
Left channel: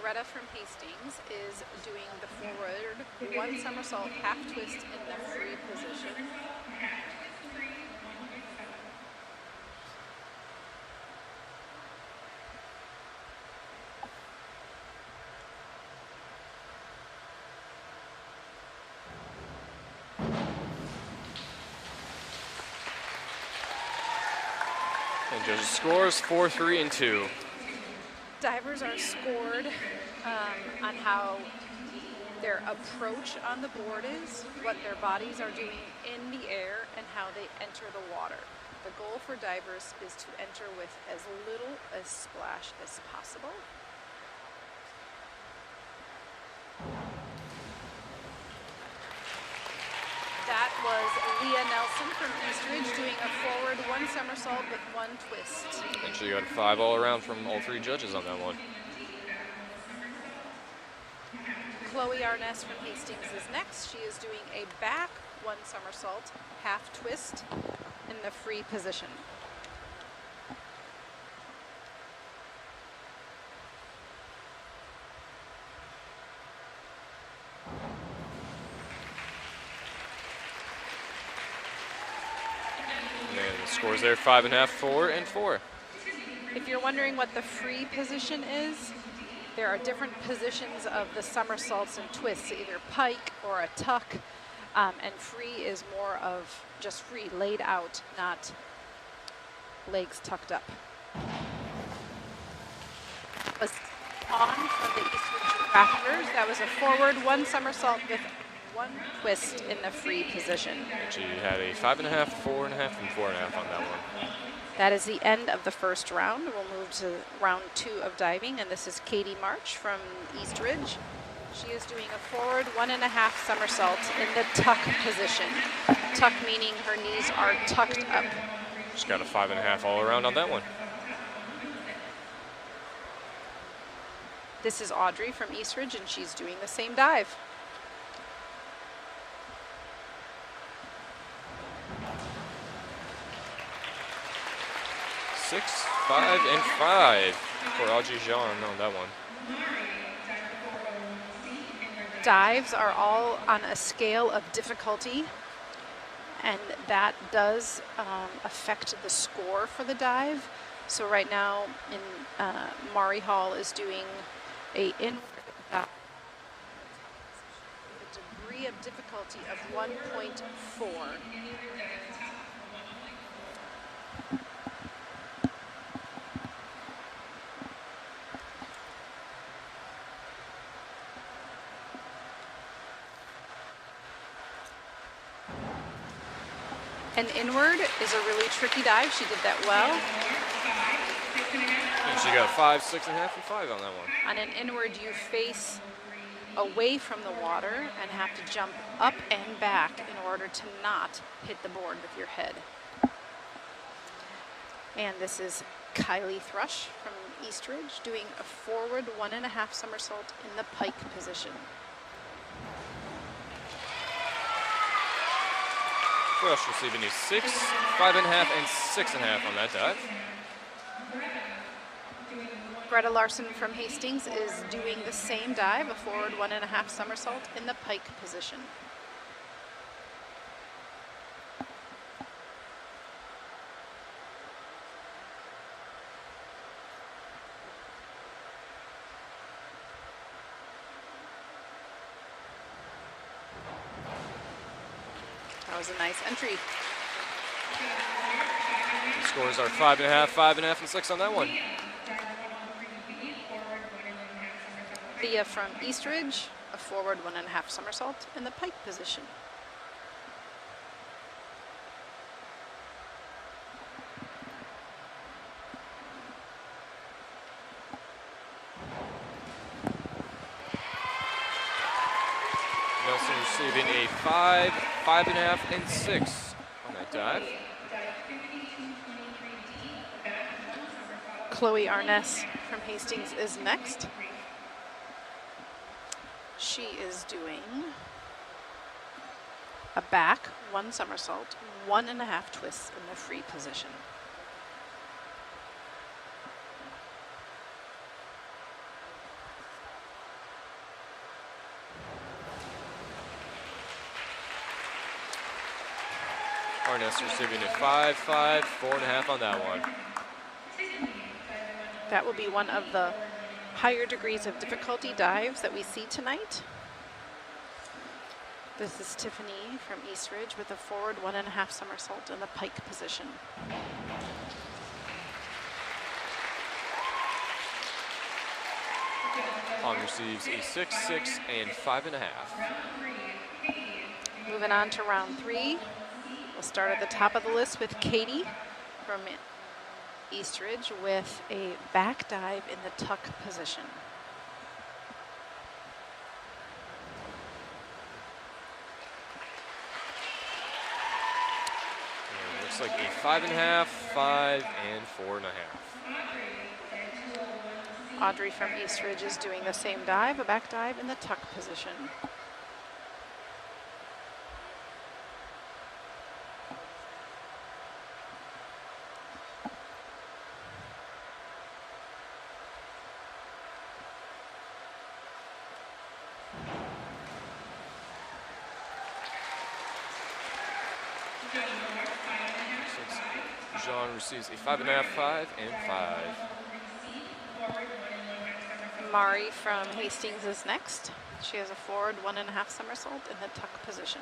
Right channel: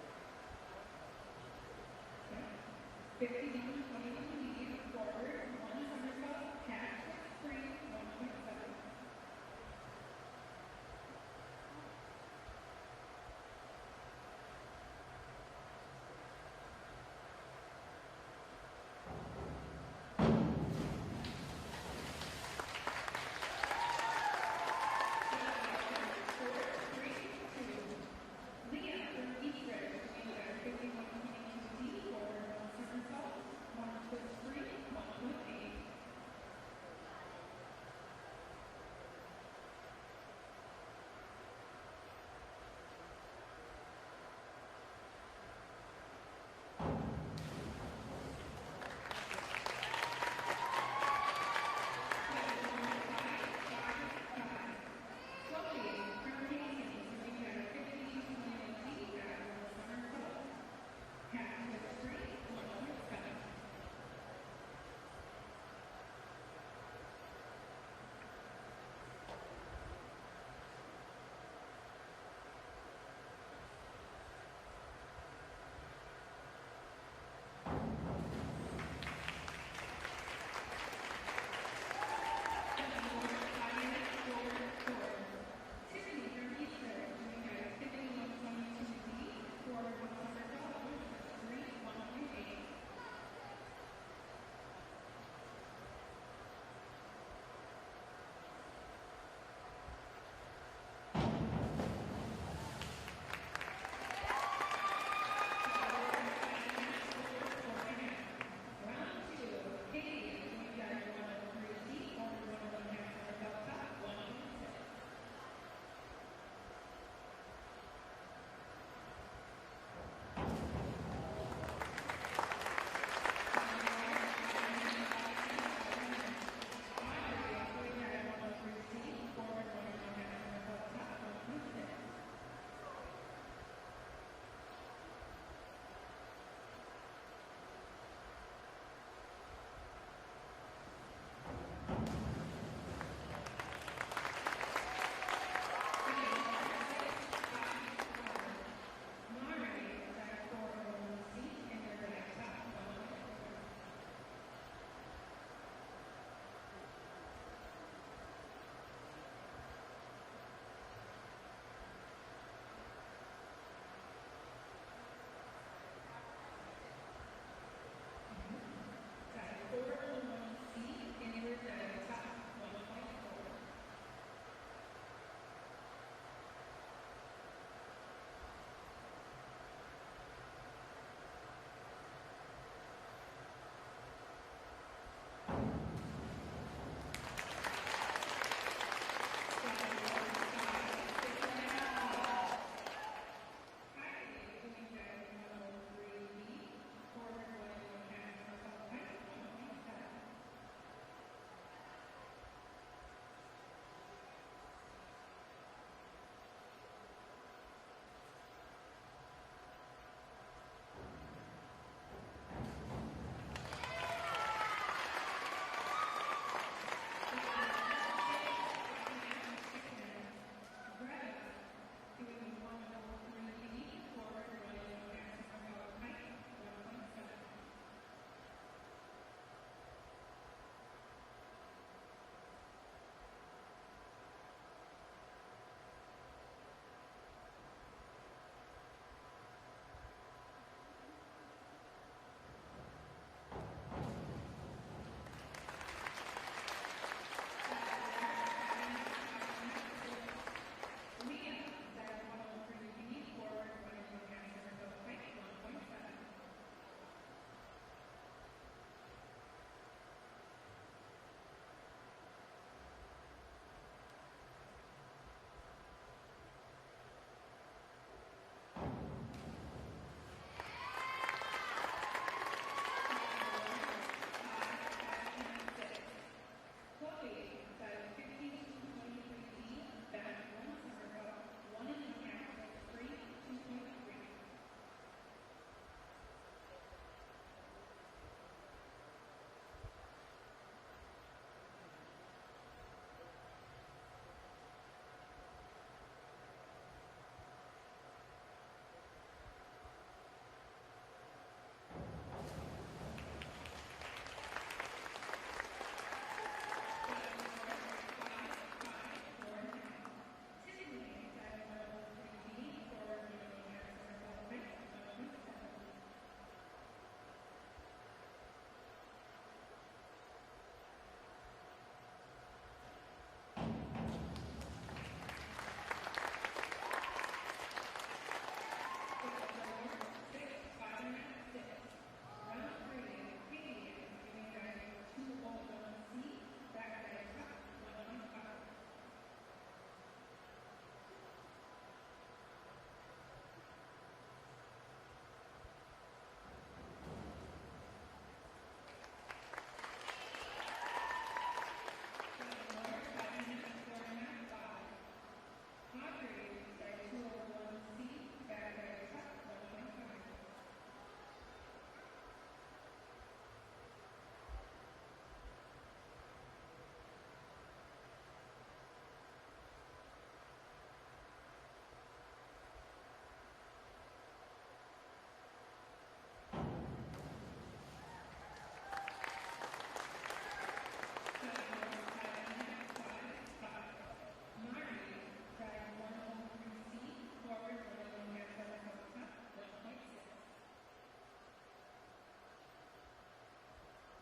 Loretta from Hastings is doing the forward 1 somersault, half twist in the free position. Judges' scores 4, 3, and 2. Divers are scored on how their approach on the board is, what their bodies are doing in the air, and how they enter the water. The goal for divers is to enter with as little as splash as possible. That was Leah Nelson from East Ridge doing a forward 1 somersault with 1 twist. And she got 5 all around from all 3 judges on that one. Chloe Arness from Hastings is next. She is doing a back 1 somersault, half twist in the free position. And scores there 5.5, 4, and 4. If you're wondering what the free position is, there are different positions of the somersaults and twists, either pike or a tuck, and free is more of just free, laid out, not legs tucked up. Was on from the East Ridge Raptors. That was a forward 1 somersault with 1 twist in the free position. She had a 5.5, 4.5, and 4.5 on that one. That is the end of the first round. We'll move to round 2 of diving, and this is Katie March from East Ridge. She is doing a forward 1.5 somersault in the tuck position. Tuck meaning her knees are tucked up. She's got a 5.5 all around on that one. This is Audrey from East Ridge, and she's doing the same dive. Six, 5, and 5 for Audrey Jean on that one. Dives are all on a scale of difficulty, and that does affect the score for the dive. So right now, Mari Hall is doing a degree of difficulty of 1.4. An inward is a really tricky dive. She did that well. And she got 5, 6.5, and 5 on that one. On an inward, you face away from the water and have to jump up and back in order to not hit the board with your head. And this is Kylie Thrush from Eastridge doing a forward 1.5 somersault in the pike position. Thrush receiving a 6, 5.5, and 6.5 on that dive. Greta Larson from Hastings is doing the same dive, a forward 1.5 somersault in the pike position. That was a nice entry. Scores are 5.5, 5.5, and 6 on that one. Thea from Eastridge, a forward 1.5 somersault in the pike position. Nelson receiving a 5, 5.5, and 6 on that dive. Chloe Arness from Hastings is next. She is doing a back 1 somersault, 1.5 twists in the free position. Arness receiving a 5, 5, 4.5 on that one. That will be one of the higher degrees of difficulty dives that we see tonight. This is Tiffany from Eastridge with a forward 1.5 somersault in the pike position. Han receives a 6, 6, and 5.5. Moving on to round 3. We'll start at the top of the list with Katie from Eastridge with a back dive in the tuck position. Looks like a 5.5, 5, and 4.5. Audrey from Eastridge is doing the same dive, a back dive in the tuck position. Jean receives a 5.5, 5, and 5. Mari from Hastings is next. She has a forward 1.5 somersault in the tuck position.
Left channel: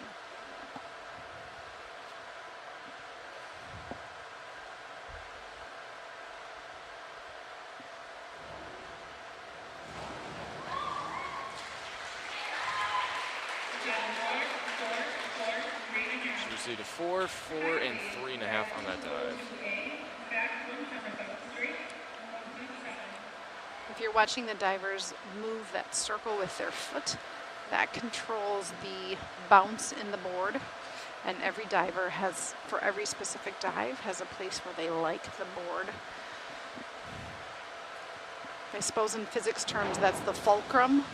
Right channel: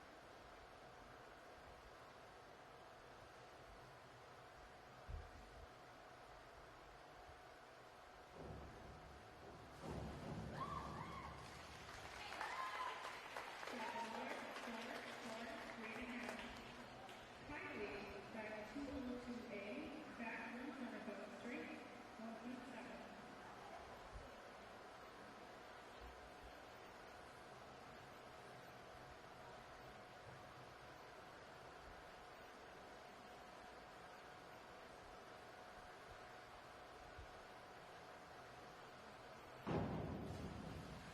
She received a 4, 4, and 3.5 on that dive. If you're watching the divers move that circle with their foot, that controls the bounce in the board. And every diver has, for every specific dive, has a place where they like the board. I suppose in physics terms, that's the fulcrum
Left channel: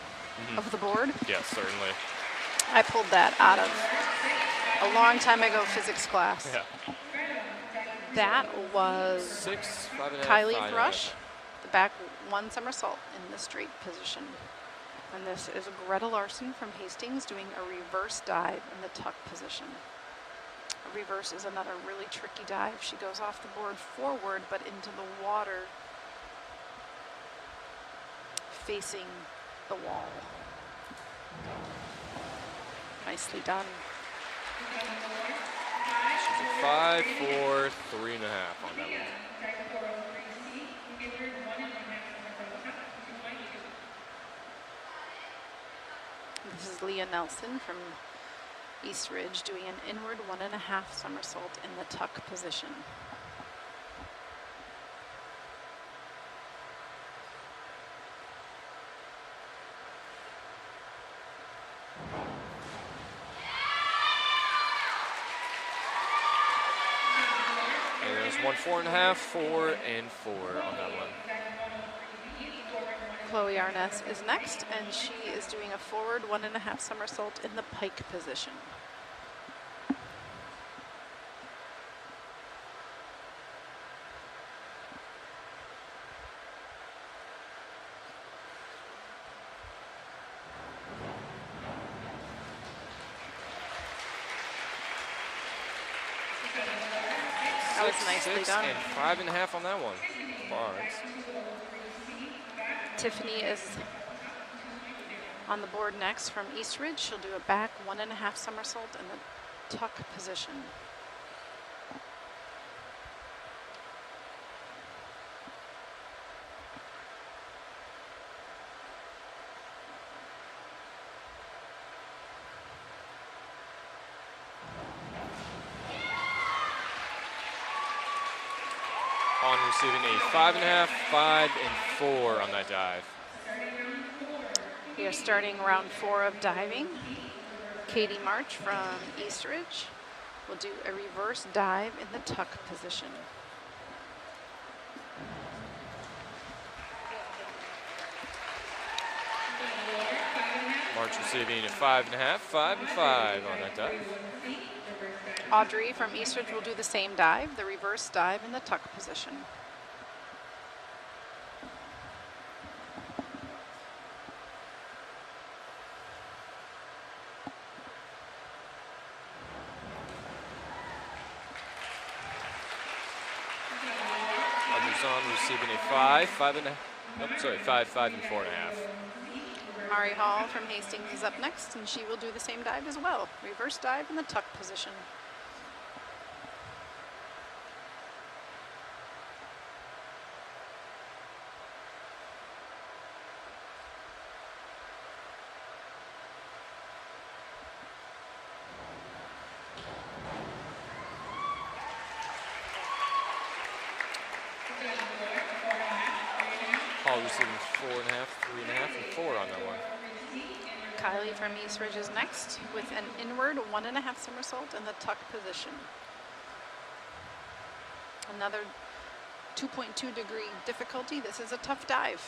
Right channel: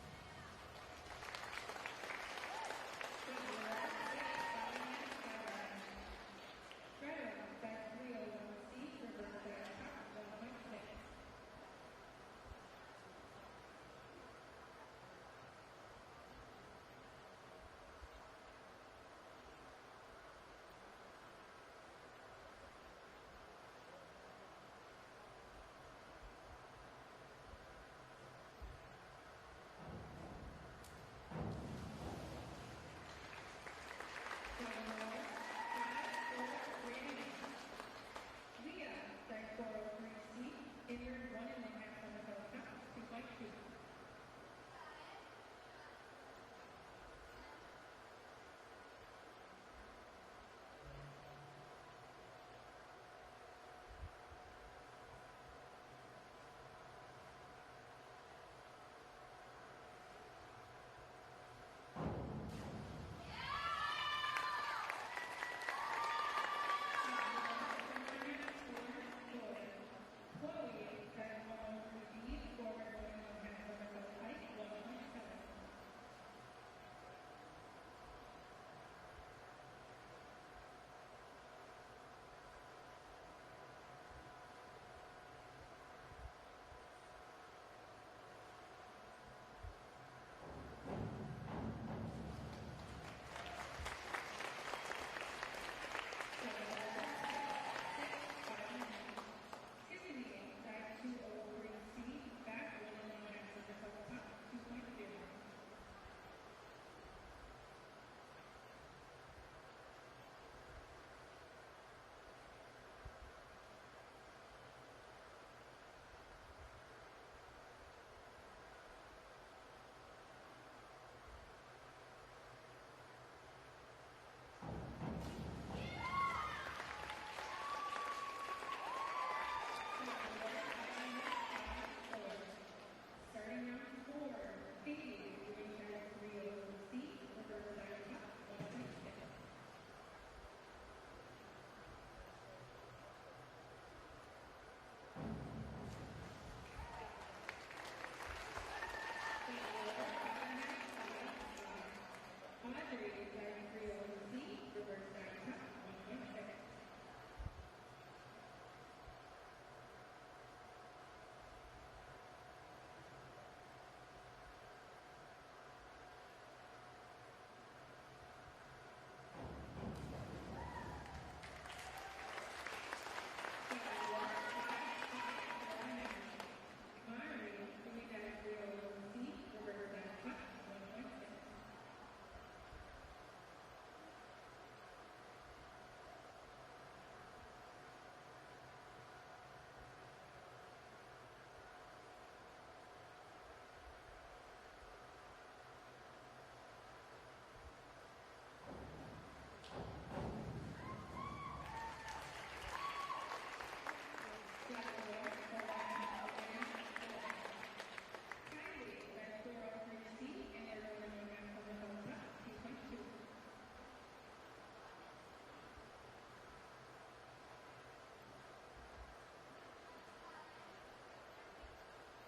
of the board. Yes, certainly. I pulled that out of a long time ago physics class. Yeah. That was 6, 5.5, Kylie 5.5. Thrush, the back 1 somersault in the straight position. And this is Greta Larson from Hastings doing a reverse dive in the tuck position. A reverse is another really tricky dive. She goes off the board forward, but into the water facing the wall. Nicely done. She's a 5, 4, 3.5 on that one. This is Leah Nelson from Eastridge doing an inward 1.5 somersault in the tuck position. on 4.5, 4, and 4 on that one. Chloe Arness is next, and she is doing a forward 1.5 somersault in the pike position. That was nicely 6 done. and 5.5 on that one. Barnes. Tiffany is on the board next from Eastridge. She'll do a back 1.5 somersault in the tuck position. On receiving a 5.5, 5, and 4 on that dive. We are starting round 4 of diving. Katie March from Eastridge will do a reverse dive in the tuck position. March receiving a 5.5, 5, and 5 on that dive. Audrey from Eastridge will do the same dive, the reverse dive in the tuck position. Receiving a 5, 5 and a, oh, sorry, 5, 5 and 4.5. Mari Hall from Hastings is up next, and she will do the same dive as well. Reverse dive in the tuck position. Hall receiving 4.5, 3.5, and 4 on that one. Kylie from Eastridge is next with an inward 1.5 somersault in the tuck position. Another 2.2 degree difficulty. This is a tough dive.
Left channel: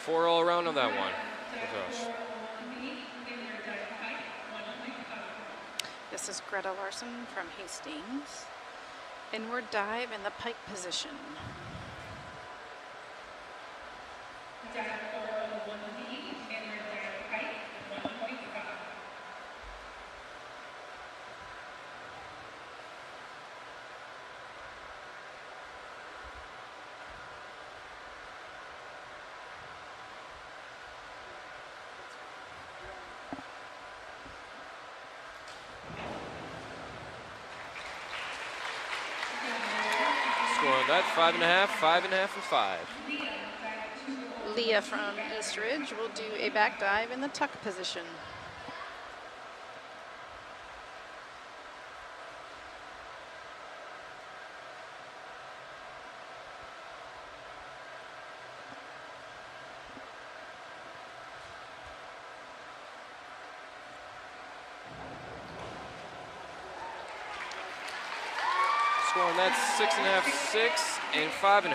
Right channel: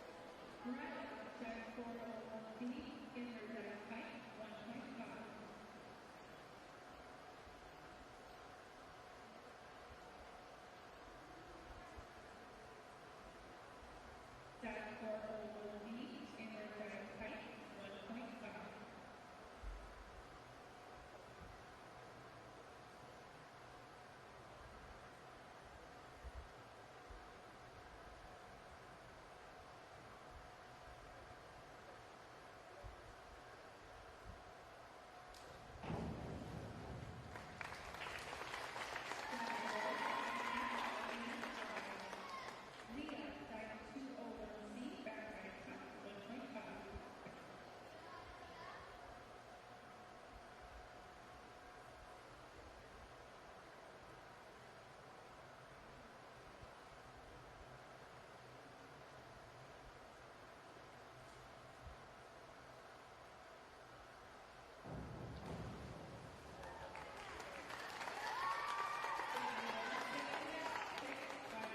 Four all around on that one. Oh, gosh. This is Greta Larson from Hastings. Inward dive in the pike position. Score on that, 5.5, 5.5, and 5. Leah from Eastridge will do a back dive in the tuck position. Score on that, 6.5, 6, and 5.5.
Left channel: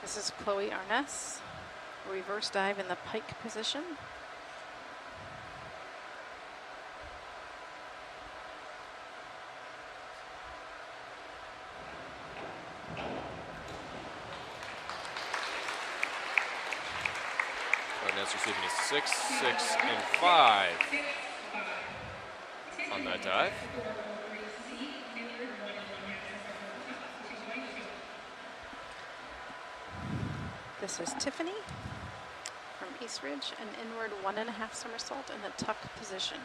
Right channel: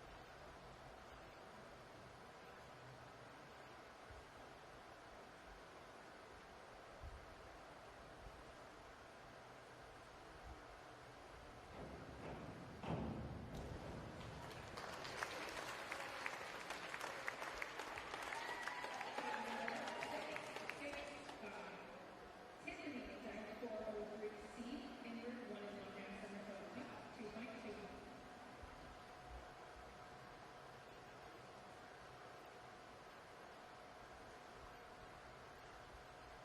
This is Chloe Arness. Reverse dive in the pike position. That's receiving a 6, 6, and 5 on that dive. This is Tiffany from Eastridge, an inward 1.5 somersault in the tuck position.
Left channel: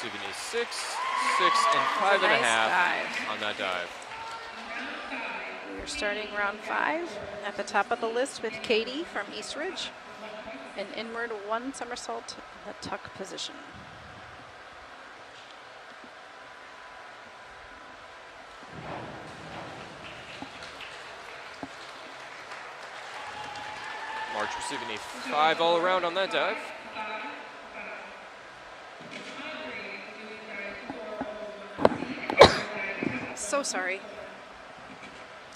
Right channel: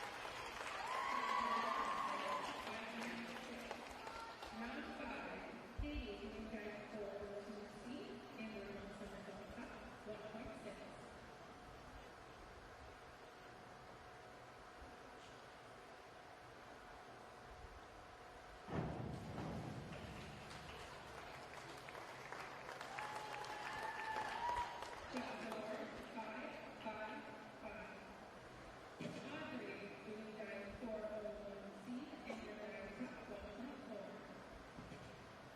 receiving a 6, 6, and 5.5 dive. on that dive. We're starting round 5 at the top of the list with Katie from Eastridge. An inward 1 somersault in the tuck position. March receiving a 5 all around on that dive. So sorry.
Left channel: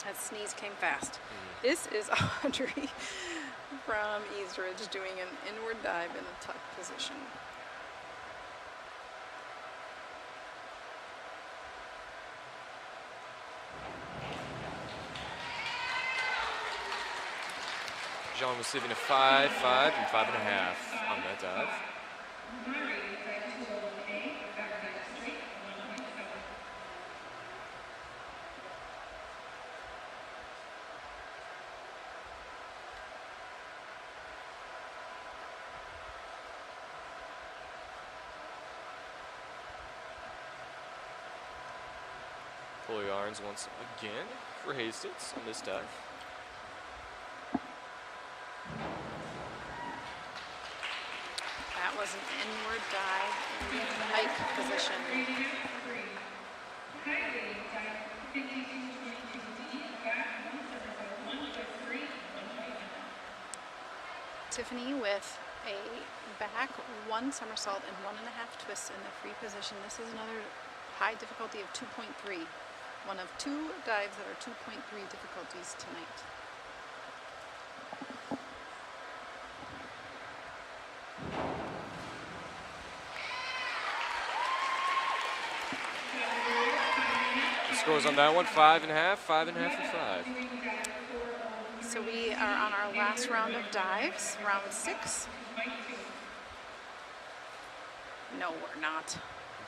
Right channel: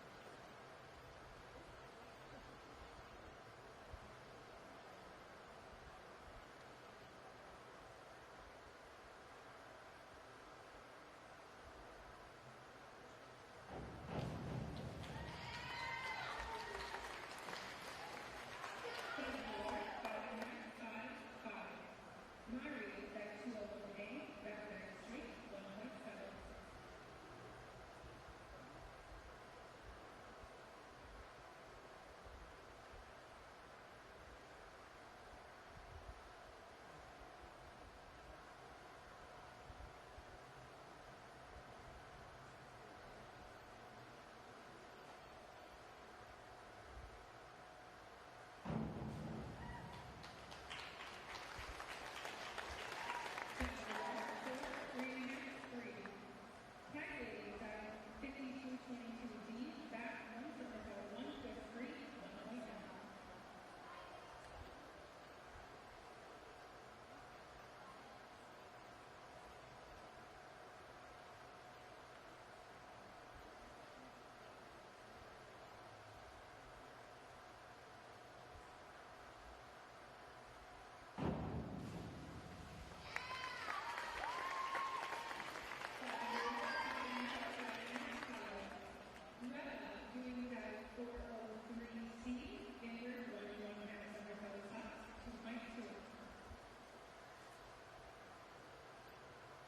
That sneeze came fast. This is Audrey from Eastridge doing an inward dive in the tuck position. Jean receiving a 5, 5, and 5.5 on that dive. Pull yarns once again for Hastings on this dive. That was an inward dive in the hike position. Tiffany with a back 1 somersault and 1.5 twists in the free position. This is another high difficulty of 2.3. One of 2 dives that are 2.3 difficulties tonight. Scores on that one, 5.5, 5.5, and 5. So we are on our last round of dives, round 6. No, we're not.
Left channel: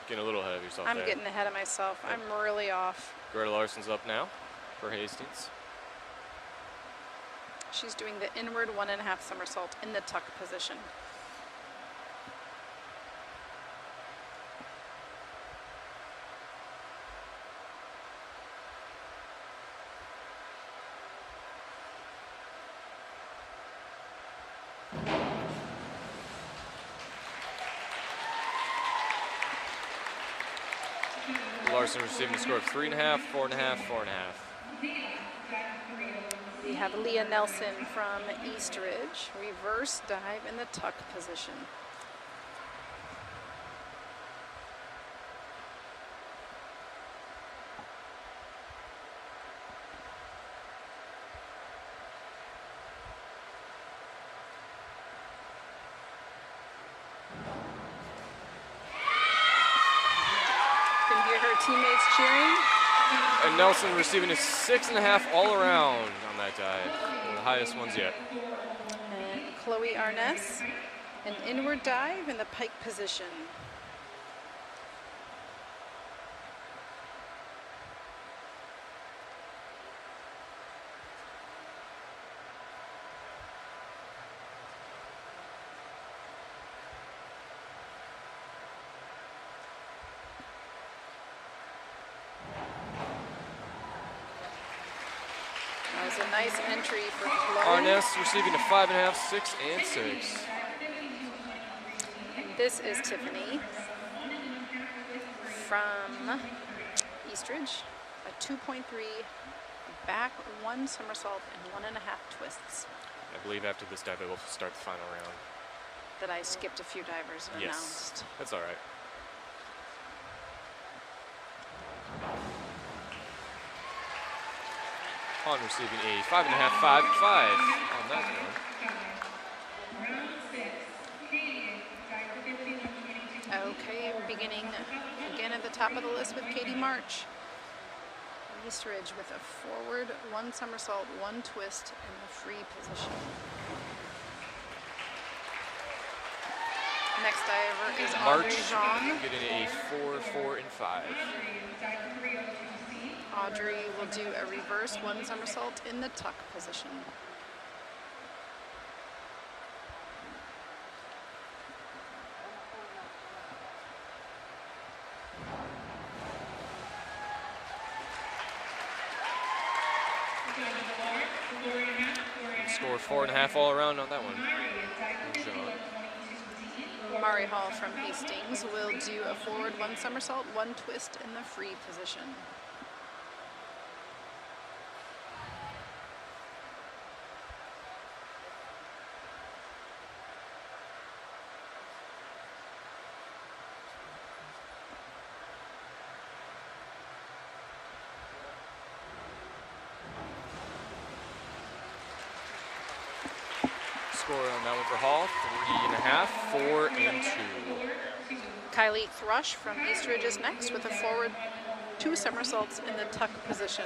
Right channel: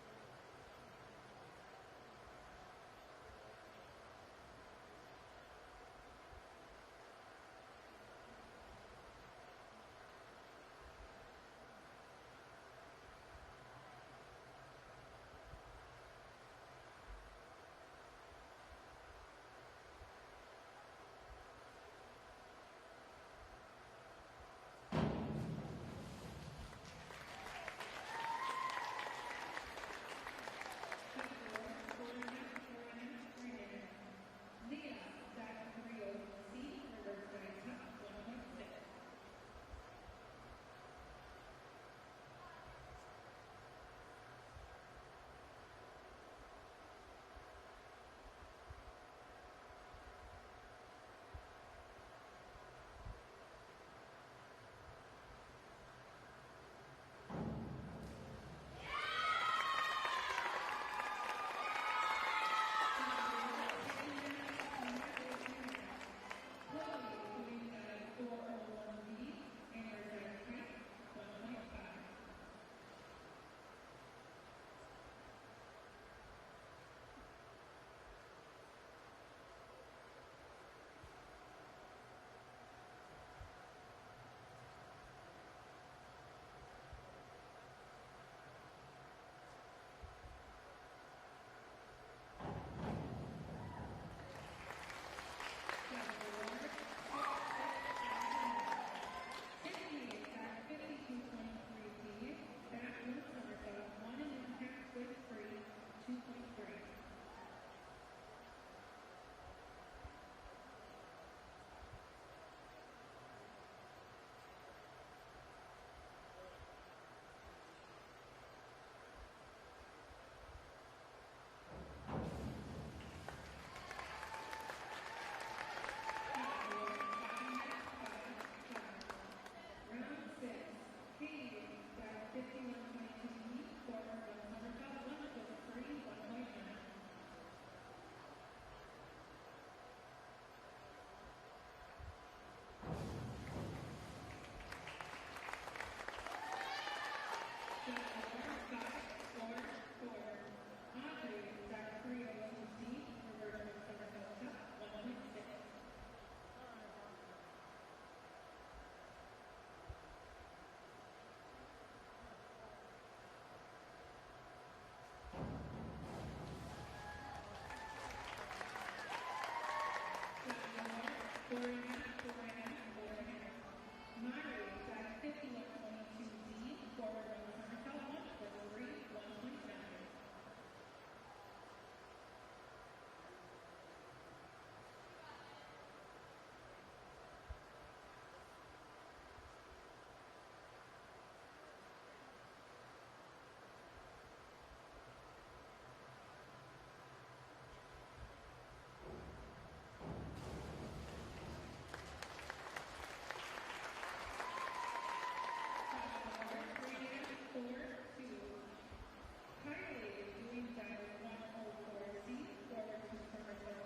Getting a little ahead of yourself I'm there. getting ahead of myself. I'm really off. Greta Larson's up now for Hastings. She's doing the inward 1.5 somersault in the tuck position. Larson receiving a score of 3.5, 4.5, 4.5. We have Leah Nelson from Eastridge, reverse dive in the tuck position. Can hear her teammates cheering. And Nelson receiving a 6.5 all around on that dive. One of the highest ones yet. And Chloe Arness, an inward dive in the pike position. That was a nice entry for Chloe. Arness receiving a 5.5, 6, and 6. This is Tiffany from Eastridge, a 2.3 back 1 somersault and 1.5 twists. I believe after this dive, it will start the final round. That I skipped a few divers and Yes, announced. that's all right. On receiving a 5.5, 5, 5 on that one. Okay, beginning again at the top of the list with Katie March. Eastridge with a forward 1 somersault, 1 twist in the free position. Next diver is Audrey March Jean. getting a 4, 4, and 5. Audrey will do a reverse 1 somersault in the tuck position. Score 4.5 all around on that one. Mari Hall from Hastings will do a forward 1 somersault, 1 twist in the free position. Score on that one for Hall, 3.5, 4 and 2. Kylie Thrush from East Ridge is next with a forward 2 somersaults in the tuck position.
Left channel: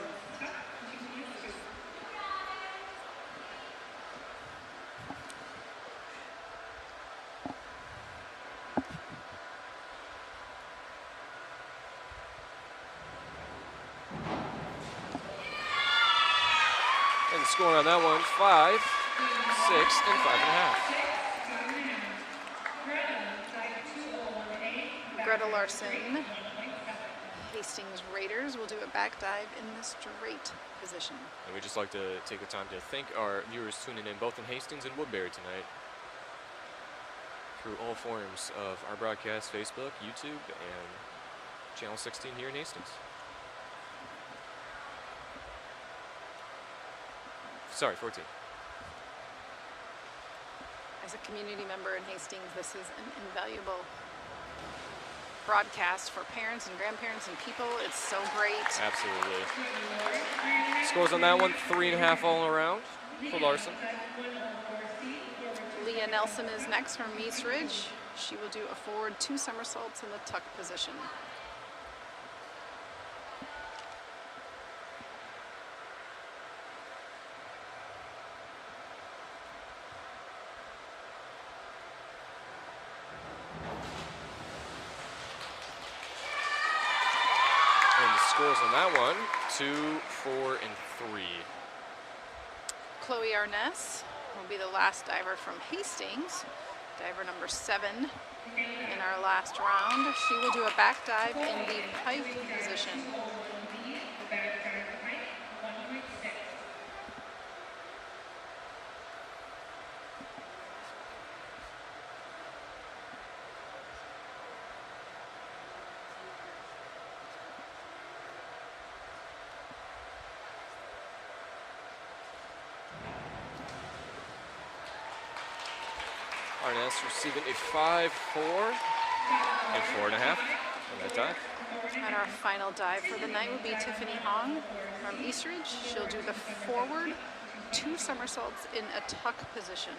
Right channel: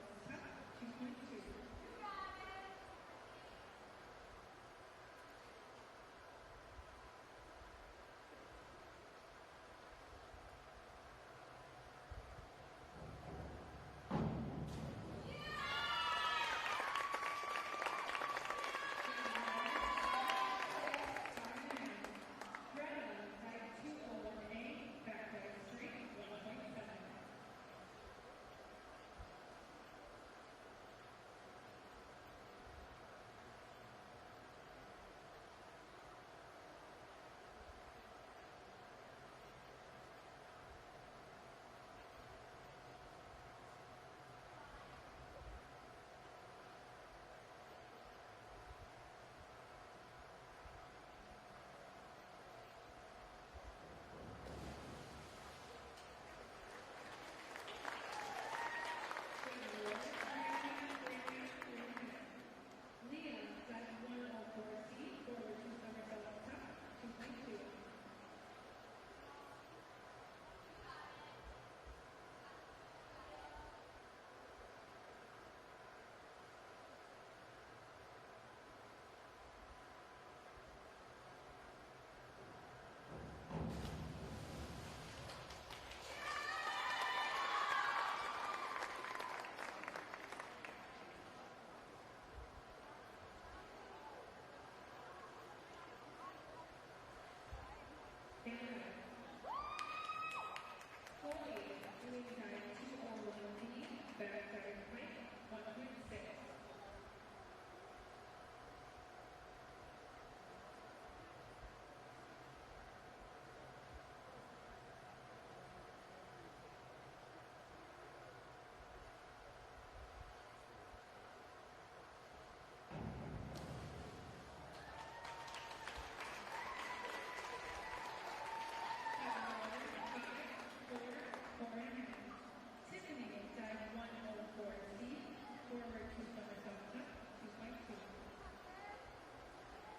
And the score on that one, 5, 6, and 5.5. Greta Larson, Hastings Raiders, will do a back dive in the straight position. And we'd just like to take the time to thank our viewers tuning in both in Hastings and Woodbury tonight through all forms of our broadcast, Facebook, YouTube, and Channel 16 here in Hastings. Sorry, 14. As a community member in Hastings, this is an invaluable broadcast for parents and grandparents and people. It's so great. Absolutely. Scores on that one, 3.5 all around for Larson. Leah Nelson is next from East Ridge. She will do a forward 2 somersaults in the tuck position. Scores on that one, 2, 4, and 3. Chloe Arness will be the last diver from Hastings, diver number 7 in our last round. She will do a back dive in the pipe position. Arness receiving a 5, 4, and 4.5 on that dive. And our final dive for the night will be Tiffany Hong from East Ridge. She'll do the forward 2 somersaults in a tuck position.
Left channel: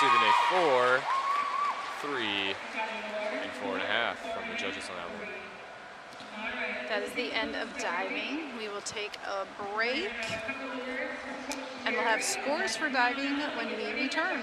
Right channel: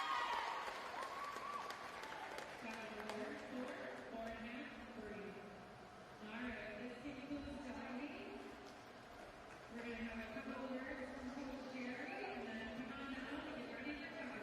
Receiving a 4, 3, and 4.5 from the judges on that one. That is the end of diving. We will take a break and we'll have scores for diving when we return.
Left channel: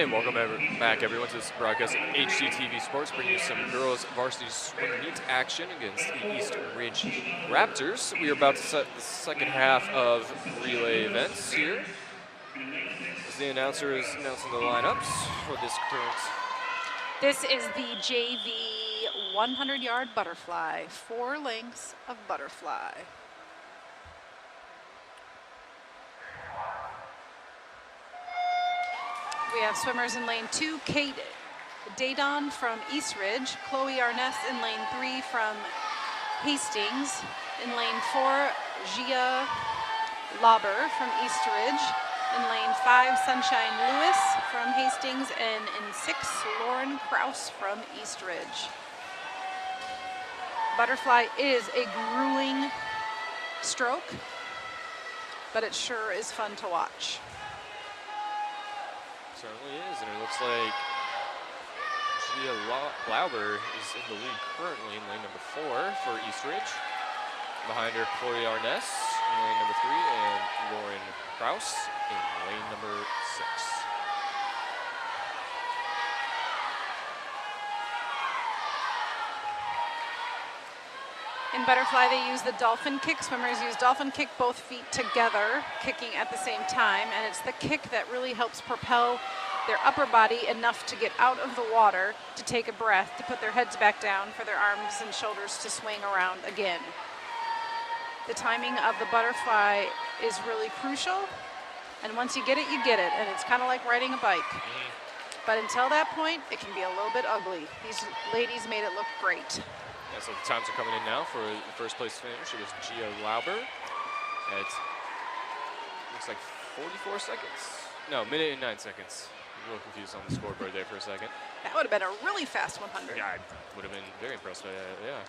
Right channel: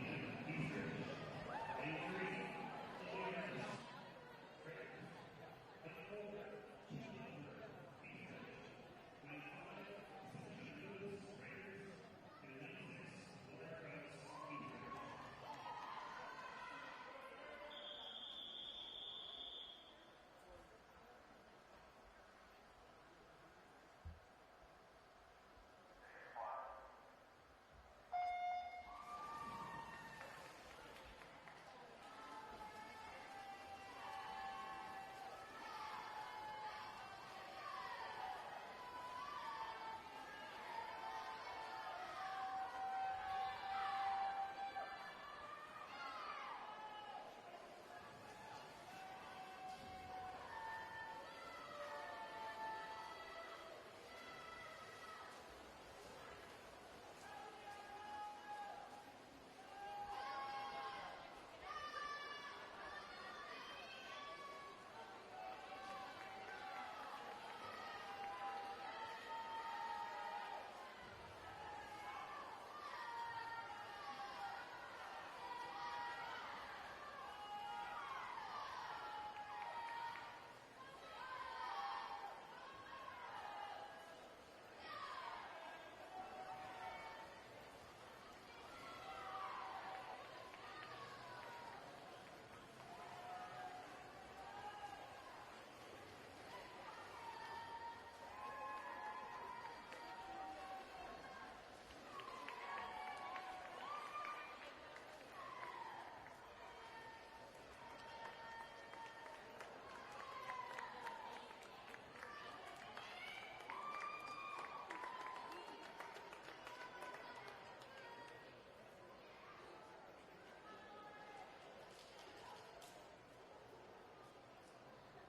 And welcome back, everyone, to this broadcast of HCTV Sports, bringing you some girls varsity swim meet action against the East Ridge Raptors. We are about to set the second half of relay events here. As the announcer is announcing the lineups for this current. This is the JV 100-yard butterfly, 4 lengths of butterfly. We have swimmers in lane 2, Kate Daydon from East Ridge, Chloe Arness in lane 3 from Hastings, in lane 4, Gia Lauber from East Ridge, in lane 5, Sunshine Lewis from Hastings, and in 6, Lauren Kraus from East Ridge. Butterfly is a grueling stroke, but it sure is fun to watch. Certainly is, and it looks like Gia Lauber is in the lead currently in lane number 4 for East Ridge. Behind her, Chloe Arness in lane number 3 and Lauren Kraus in lane number 6. In butterfly, they use the dolphin kick. Swimmers use dolphin kick, both feet together, kicking at the same time. And it's the kick that really helps propel their upper body enough to get out of the water, to take a breath, to put their heads back down, for their arms and shoulders to swing around again. The timing of the butterfly is really crucial. And once you get it, you get it. And it's kind of like riding a bike. But until that point, it can be a little bit ugly. These ladies made it look great. Yeah, so the times are coming in now for the first place finish. It was Gia Lauber at, looks like 44 seconds. No, minute and 9 seconds. I'm a little confused on the scoreboard there for a second. That would have been a really fast 100. Yeah, I would have been very impressed by that, yeah.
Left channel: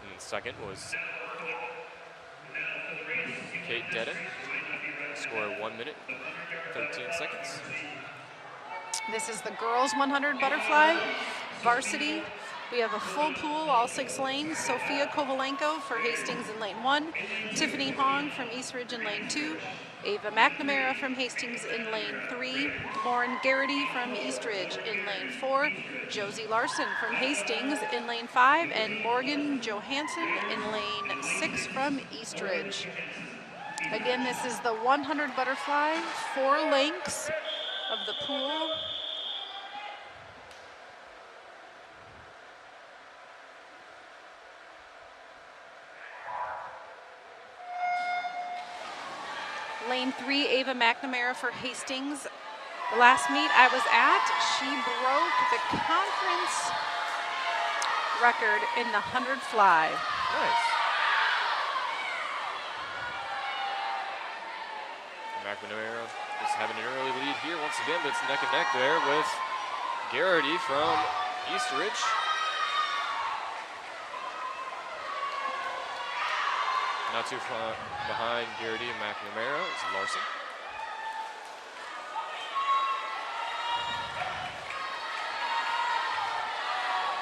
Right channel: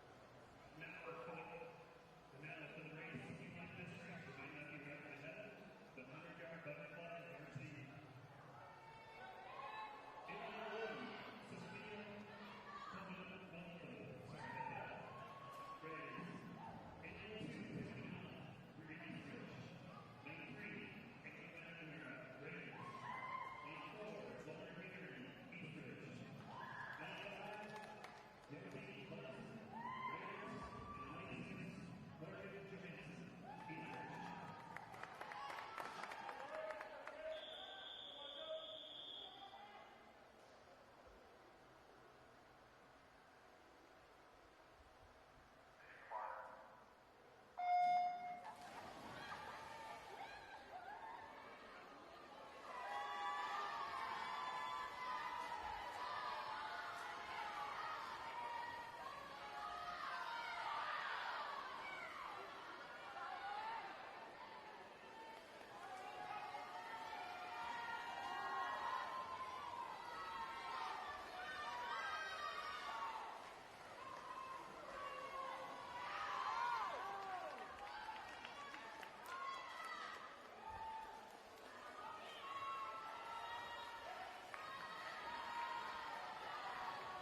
And then second was Kate Dedden. Score 1 minute, 13 seconds. This is the girls 100 butterfly, varsity. We have a full pool, all 6 lanes. Sophia Kovalenko for Hastings in lane 1, Tiffany Hong from East Ridge in lane 2, Ava McNamara from Hastings in lane 3, Lauren Garrity from East Ridge in lane 4, Josie Larson from Hastings in lane 5, and Morgan Johansson in lane 6 from East Ridge. Again, this is the 100 butterfly, 4 lengths of the pool. Lane 3, Ava McNamara for Hastings. The last meet I was at, she broke the conference record in the 100 fly. Nice. McNamara is having an early lead here once again, but it's neck and neck there with Garrity from East Ridge. Not too far behind Garrity and McNamara is Larson.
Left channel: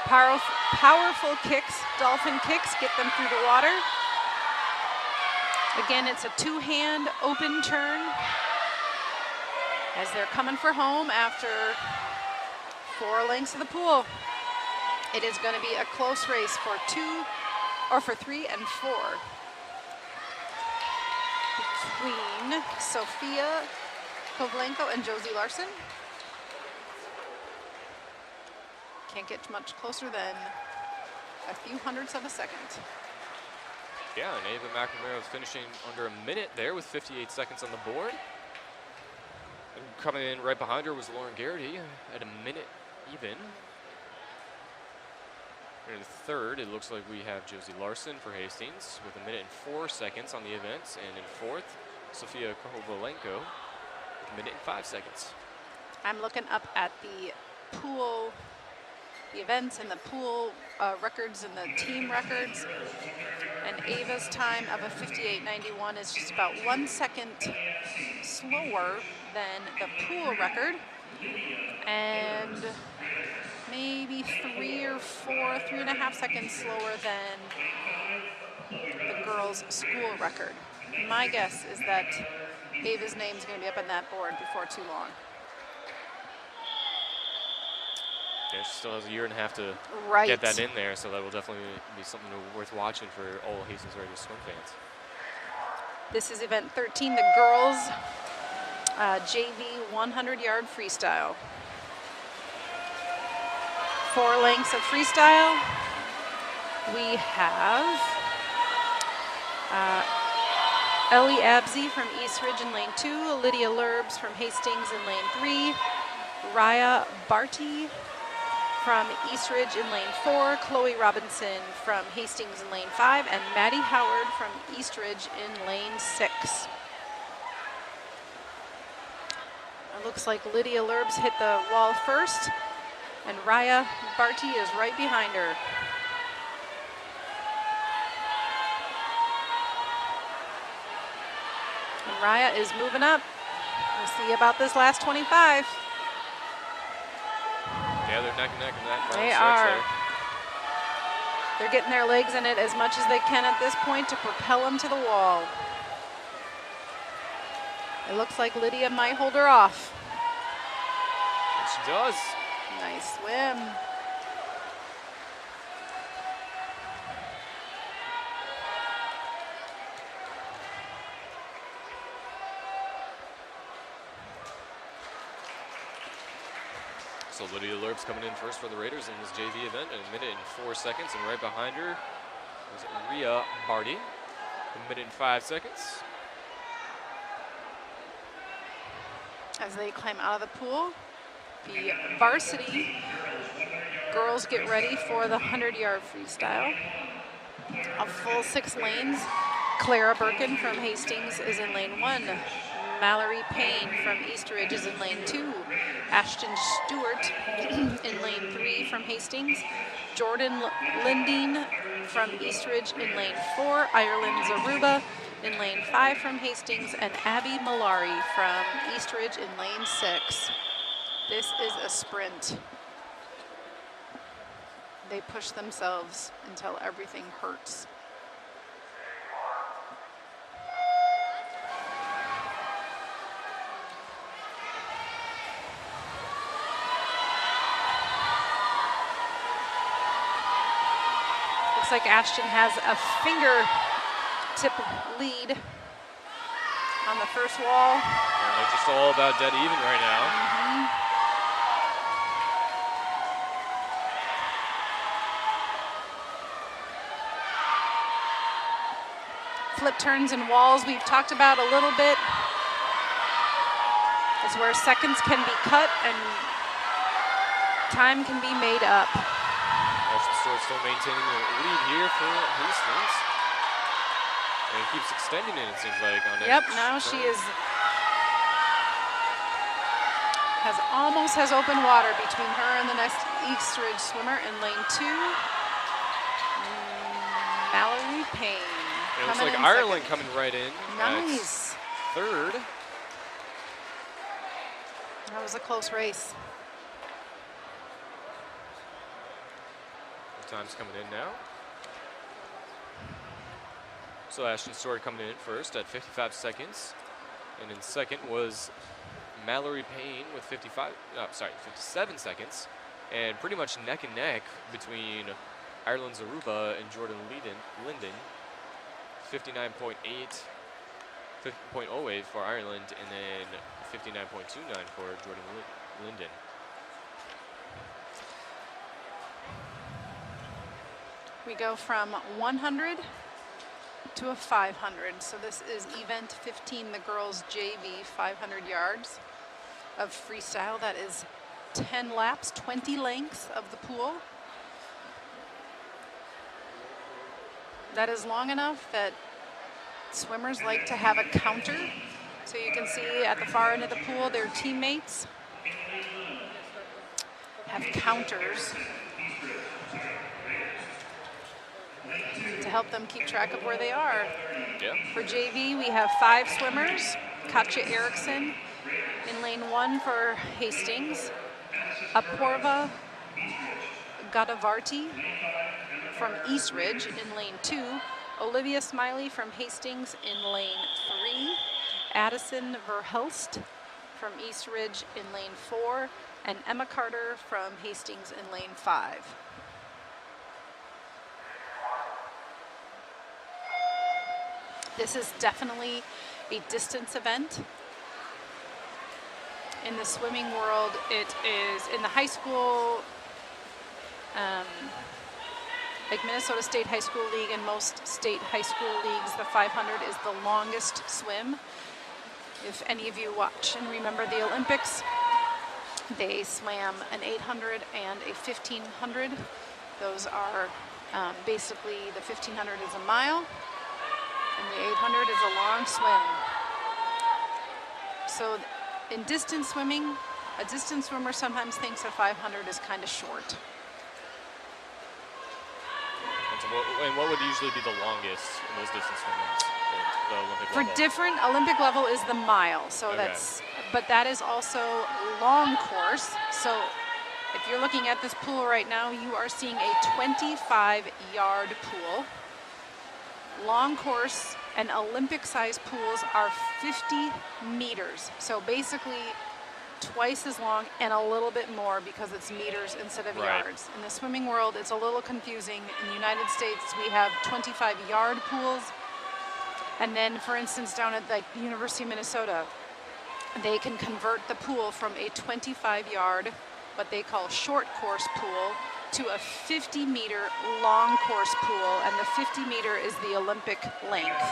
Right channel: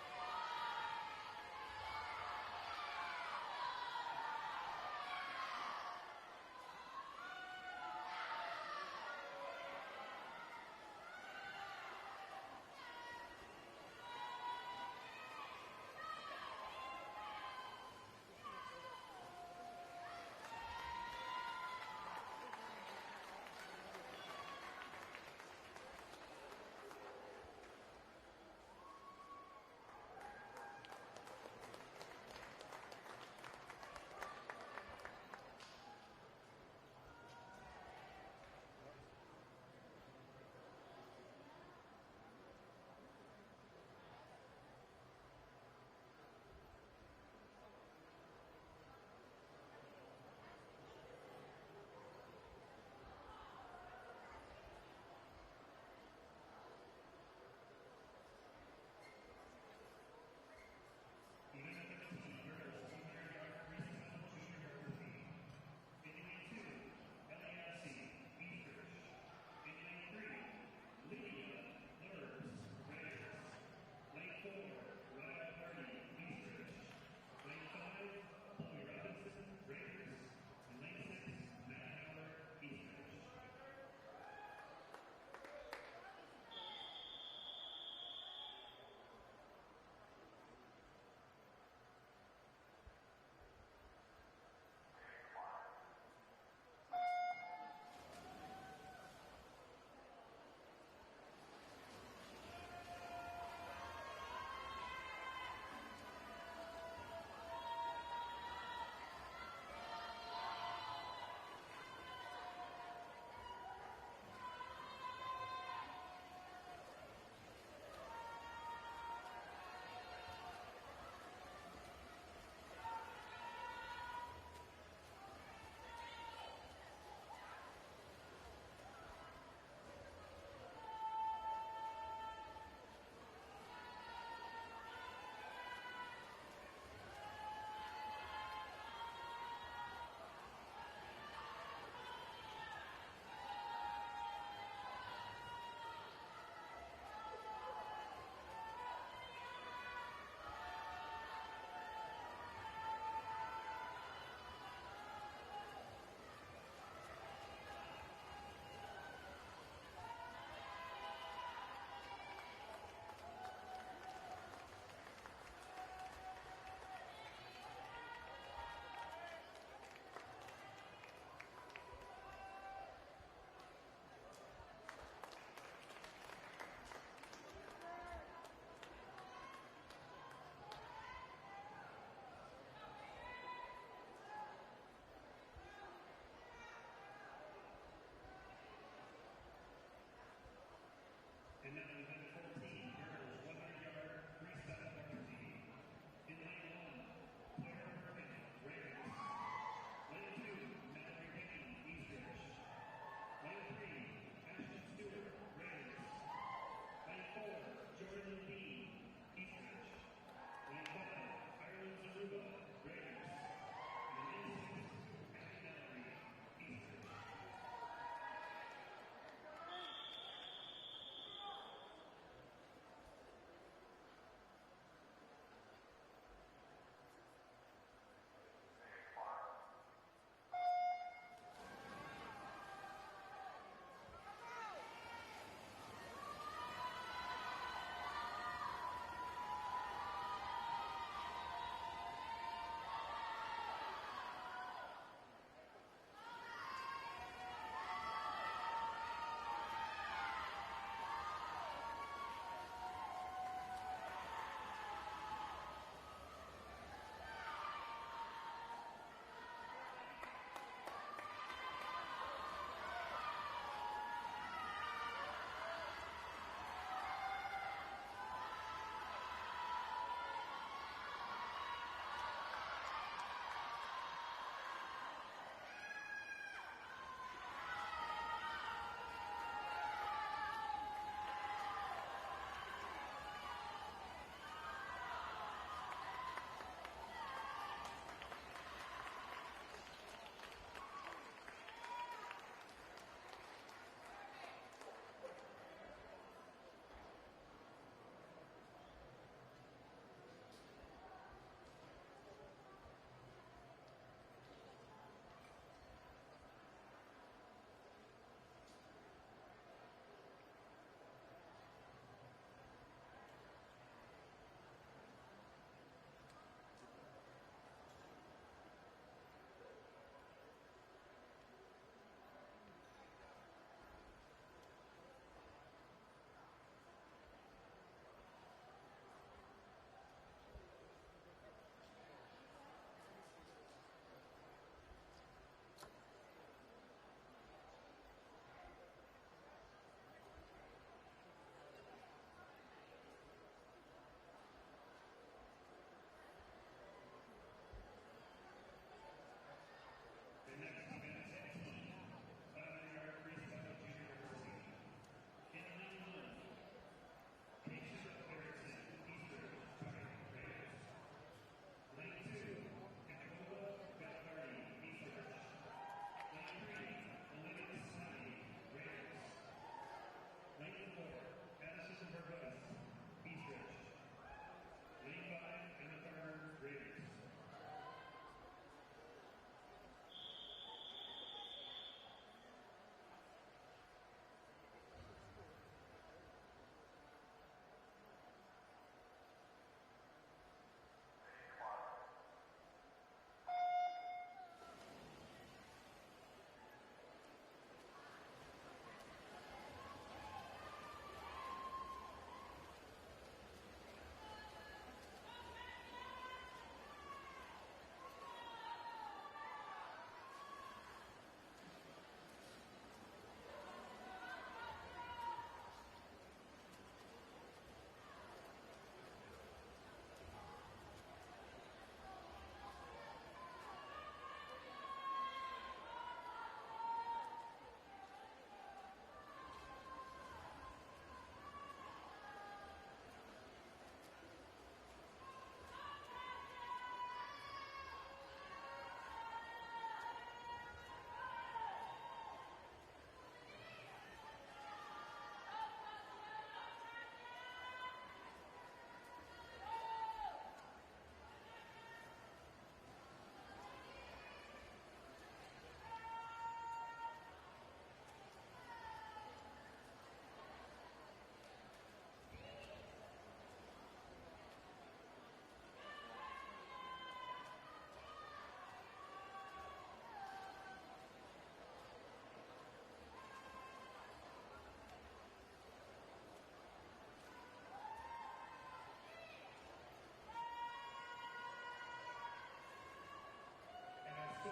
Powerful kicks, dolphin kicks, get them through the water. Again, it's a 2-hand open turn as they're coming for home after 4 lengths of the pool. It is going to be a close race for 3 and 4. Between Sophia Kovalenko and Josie Larson. Can't get much closer than a few hundredths of a second. Yeah, and Ava McNamara was finishing under a minute there with 58 seconds on the board. And coming in right behind her was Lauren Garrity at a minute even. In third, it looks like we have Josie Larson for Hastings with a minute and 4 seconds on the events. And in fourth, Sophia Kovalenko, a minute and 5 seconds. I'm looking up at the pool, the events and the pool records and the team records. And Ava's time of a 58.91 is just about 1 second slower than the pool record. And maybe 3.5 seconds slower than the girls' school record. My guess is that Ava's name's going to be up on that board before too long. Yeah, she still has a year and a half to Right. get that in there, so that will definitely be something worth watching for all Hastings Radio swim fans. This is event 13, the girls JV 100-yard freestyle. 4 lengths of freestyle. We have Ellie Absey from East Ridge in lane 2, Lydia Lurbs from Hastings in lane 3, Raya Barty from East Ridge in lane 4, Chloe Robinson from Hastings in lane 5, and Maddie Howard from East Ridge in lane 6. It looks like Lydia Lurbs hit the wall first, and Raya Barty is right behind her. And Raya is moving up. We'll see about this last 25. Yeah, they're neck and neck in that final They stretch are. there. They're getting their legs in it as much as they can at this point to propel them to the wall. It looks like Lydia might hold her off. And she does. Nice swim. So Lydia Lurbs coming in first for the Raiders in this JV event in 1 minute and 4 seconds, and right behind her is Rhea Barty, 1 minute and 5 seconds. As they climb out of the pool, the varsity girls get ready for the 100-yard freestyle. A full 6 lanes. Clara Birkin from Hastings is in lane 1. Mallory Payne from East Ridge is in lane 2. Ashton Stewart in lane 3 from Hastings. Jordan Lindeen from East Ridge in lane 4. Ireland Zaruba in lane 5 from Hastings, and Abby Malari from East Ridge in lane 6. This is a sprint. They push themselves until everything hurts. Looks like Ashton has a fingertip lead on the first wall. And they're just all about dead even right now. Flip turns and walls we've talked about a little bit. It's where seconds can be cut and time can be made up. Ashton Stewart still maintaining the lead here for Hastings. And he keeps extending it seems like. On Yep, each now she turn. is almost has open water between her and the next East Ridge swimmer in lane 2. Mallory Payne. It looks coming like in Ireland second. coming right in. Nice. At 3rd. That was a close race. Time's coming in now. So Ashton Stewart coming in first at 55 seconds. And in second was Mallory Payne with 57 seconds. And pretty much neck and neck between Ireland Zaruba and Jordan Linden. 59.8, 50.08 for Ireland, and then 59.29 for Jordan Linden. We go from 100 to a 500. So this is event 15, the girls JV 500 yards of freestyle. That is 10 laps, 20 lengths of the pool. That is long enough that swimmers like to have a counter. So you can see at the far end of the pool, their teammates have counters to help them keep track of where they are. Yeah. For JV, we have 5 swimmers. Katja Eriksson in lane 1 for Hastings. Apurva Gadavarti from East Ridge in lane 2. Olivia Smiley from Hastings in lane 3. Addison Verhulst from East Ridge in lane 4, and Emma Carter from Hastings in lane 5. This is definitely a distance event. In the swimming world, it is in the high school, like Minnesota State High School League and most state high school leagues, the 500 is the longest swim. If any of you watch and remember the Olympics, they swam an 800 and a 1500. Those are basically, the 1500 is a mile and the 800 is a long swim. So in distance swimming, a distance swimmer sometimes thinks a 500 is kind of short. And what would usually be the longest in those distance swimmers at the Olympic For level? different, Olympic level is the mile. So Okay. but that is also long course. So if you're looking at this pool right now, you are seeing a 25-yard pool. Long course and Olympic size pools are 50 meters. So basically twice as long and a little bit more because it's meters instead of Right. yards. In the swimming world, it's a little confusing. In the United States, we have 25-yard pools. And then, for instance, down at the University of Minnesota, they can convert the pool from a 25-yard, what they call short course pool, to a 50-meter long course pool, and the 50-meter is the Olympic length.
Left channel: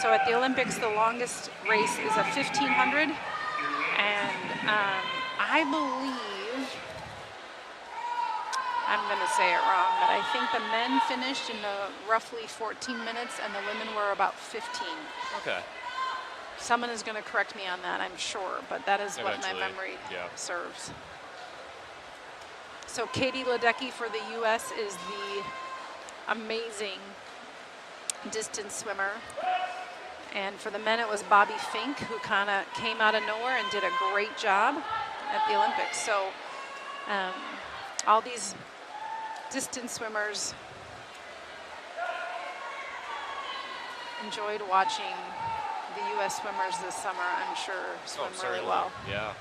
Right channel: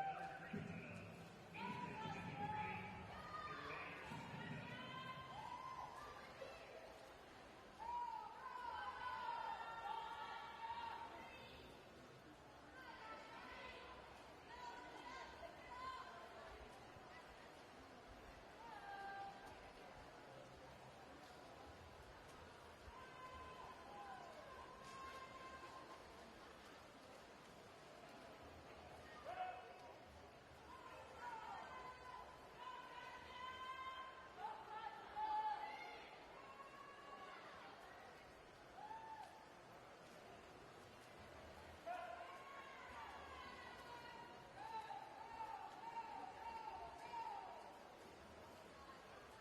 So at the Olympics, the longest race is a 1500, and I believe, I'm going to say it wrong, but I think the men finished in roughly 14 minutes, and the women were about 15. Okay. Someone is going to correct me on that, I'm sure, but that is what my Eventually, memory yeah. serves. So Katie Ledecky for the U.S. is the amazing distance swimmer. And for the men, it was Bobby Fink, who kind of came out of nowhere and did a great job at the Olympics. So all these distance swimmers enjoyed watching the U.S. swimmers this summer, I'm sure, swim really certainly. well. Yeah.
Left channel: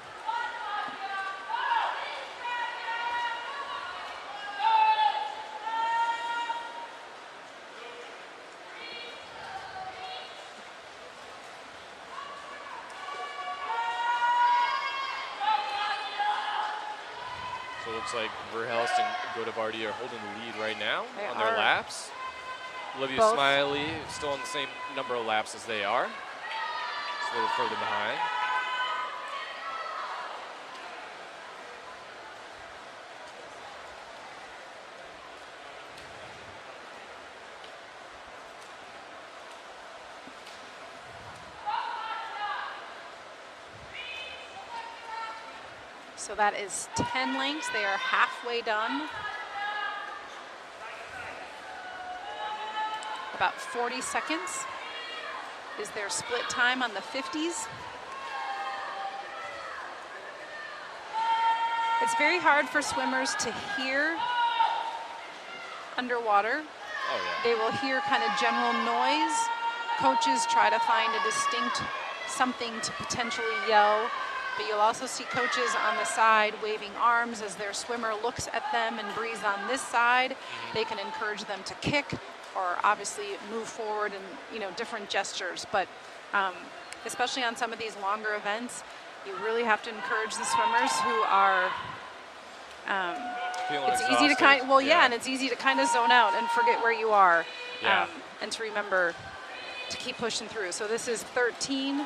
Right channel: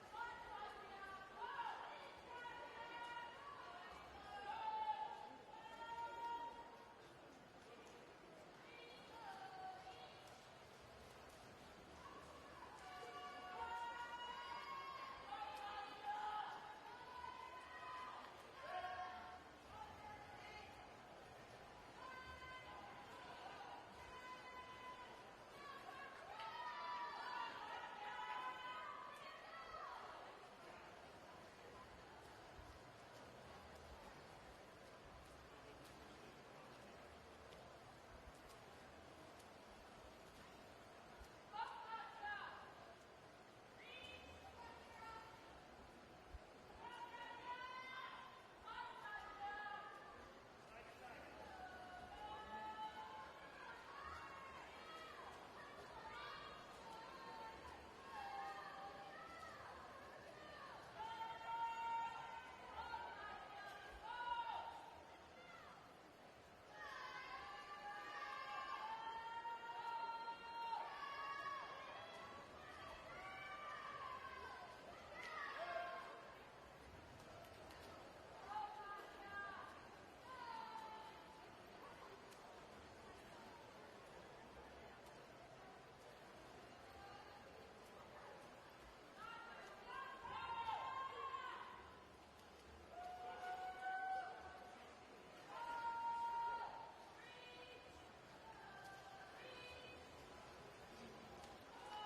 So it looks like Verhelst and Godavardi are holding the lead right now They on their are. laps. Olivia Both. Smiley still on the same number of laps as they are. Just a little further behind. So that is 10 lengths. They are halfway done. About 40 seconds is their split time on the 50s. It's very hard for swimmers to hear underwater. Oh, yeah. They will hear kind of general noise. Coaches try to find a distinct something to potentially yell, but you'll also see coaches on the side waving arms as their swimmer looks at them and breathes on this side. They can encourage them to kick or obviously move forward and, you know, different gestures. But especially on some of these longer events, you really have to encourage the swimmers who are Feeling it's easy to exhausted. and it's easy to kind of zone out and forget where you are, Yeah. and to remember to keep pushing through. So this is 13,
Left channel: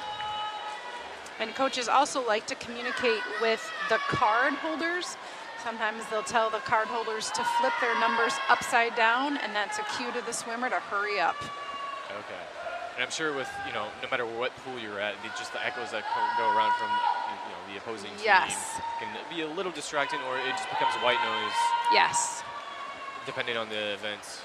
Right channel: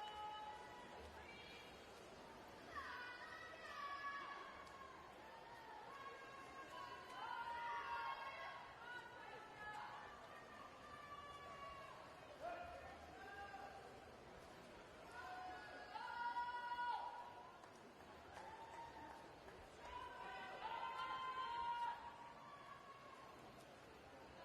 and coaches also like to communicate with the card holders. Sometimes they'll tell the card holders to flip their numbers upside down, and that's a cue to the swimmer to hurry up. Okay. And I'm sure with, you know, no matter what pool you're at, just the echoes that go around from, you know, the opposing team Yes. can be a little distracting, or it just becomes white noise Yes. depending on the events.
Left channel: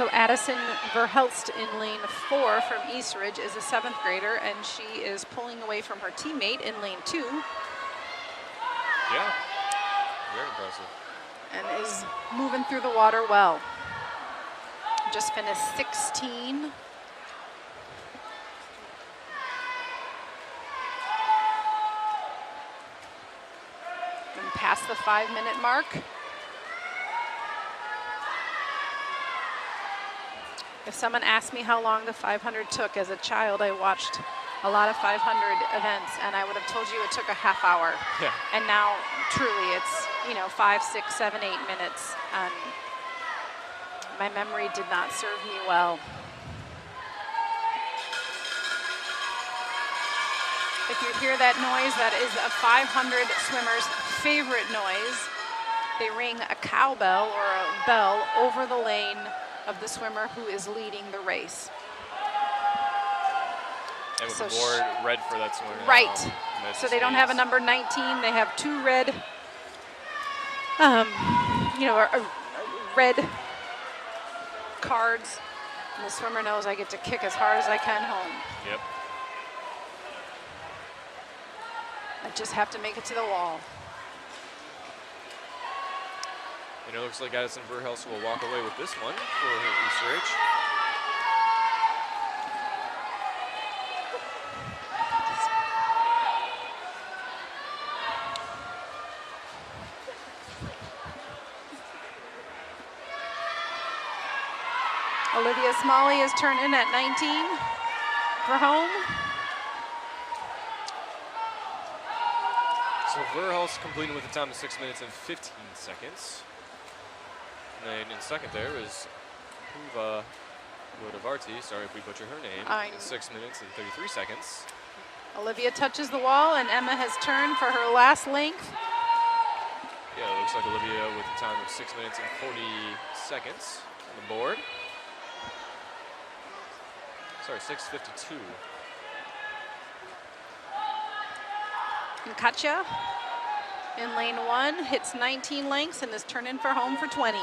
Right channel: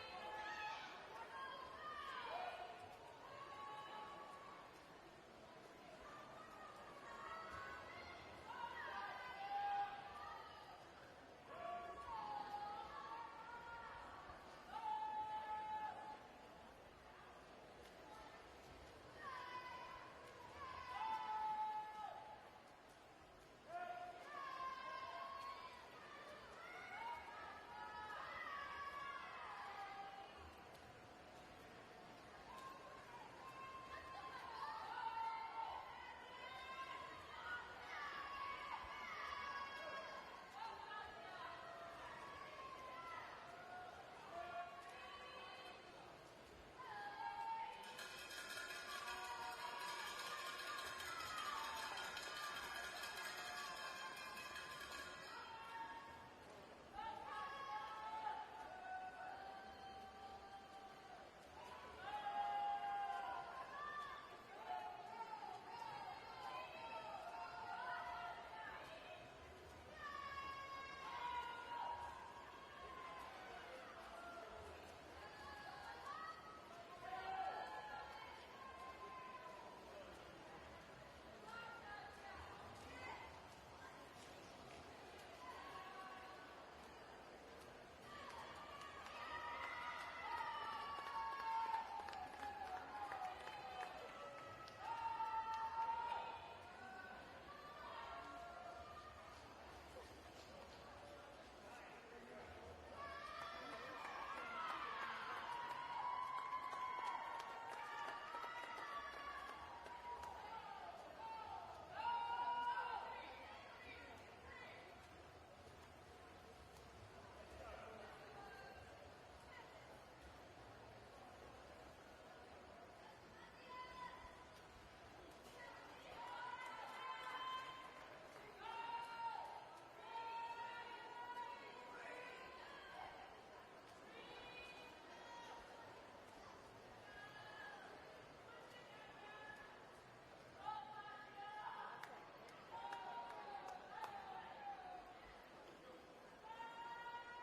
So Addison Verhelst in lane 4 from East Ridge is a 7th grader, and she is pulling away from her teammate in lane 2. Yeah, very impressive. And is moving through the water well. Just finished 16. And past the 5-minute mark. If someone asked me how long the 500 took, as a child, I watched a lot of 500 events, and I would have told you it took a half hour. Yeah. And now, truly, it's, you know, 5, 6, 7, 8 minutes. And my memory did not serve me well. If you hear that noise, that is a 500 swimmer's favorite noise. They ring a cowbell or a bell over the lane of the swimmer who is leading the race. And with So the board red for that swimmer now, Right. that So just they don't have a means- number 19. They have 2 red, you know, red cards. And the swimmer knows I get to kick as hard as I can home. Yep. I just have to make it to the wall. And it looks like Addison Verhelst will walk away with this one for East Ridge. Olivia Smalley is turned in at 19 for home. So Verhelst completing with a time of 6 minutes and 15 seconds. And then in second there is Huva Varsity, sorry if we butcher her name, in 6 minutes and 33 seconds. Olivia touches the wall, and Emma has turned for her last length. Yeah, it looks like Olivia with a time of 6 minutes and 40 seconds on the board. Sorry, 6:52. And Katja in lane 1 hits 19 lengths and is turned in for home for 20.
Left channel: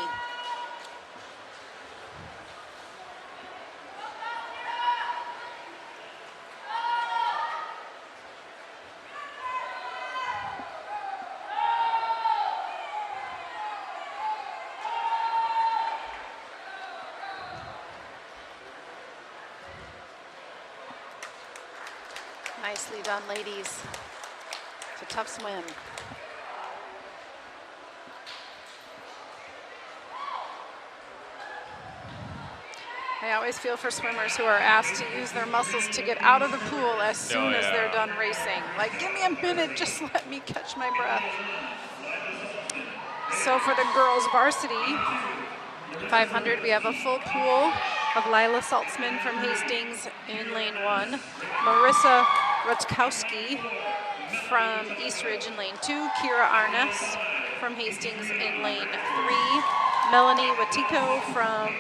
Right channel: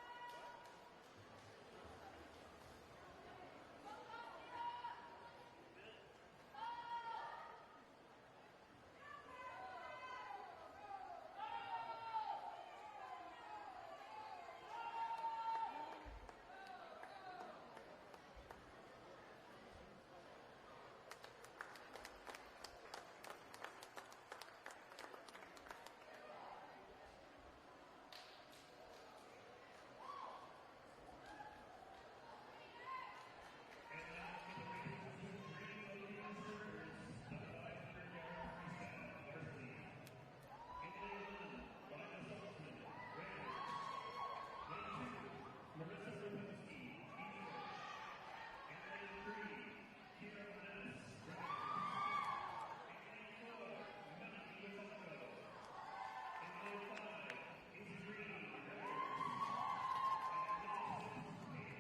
Nicely done, ladies. It's a tough swim. I always feel for swimmers who are asked to use their muscles to get out of the pool as soon as they're done racing. Like, give me a minute, just let me catch my breath. So for the girls varsity 500, we have a full pool of Lila Saltzman from Hastings in lane 1, Marissa Rutkowski from East Ridge in lane 2, Kira Arnes from Hastings in lane 3, Melanie Watiko from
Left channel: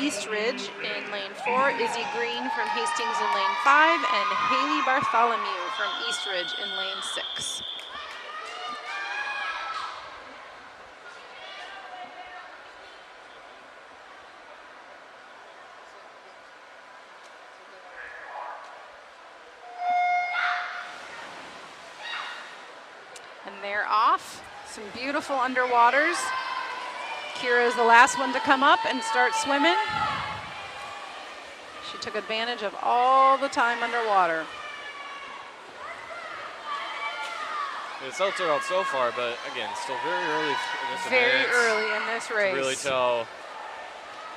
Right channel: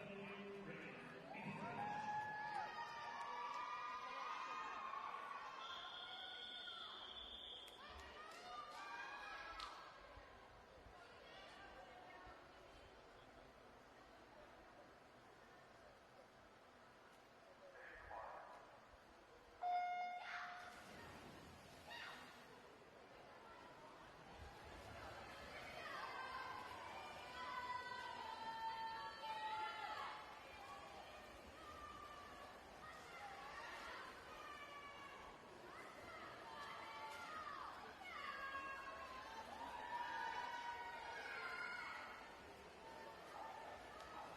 East Ridge in lane 4, Izzy Green from Hastings in lane 5, and Haley Bartholomew from East Ridge in lane 6. And they're off. Some beautiful underwaters. Kira is the last one to come up and start swimming. She took advantage of all the time underwater. The results are out so far, but again, still very early in this Very event. early in this race. To really tell,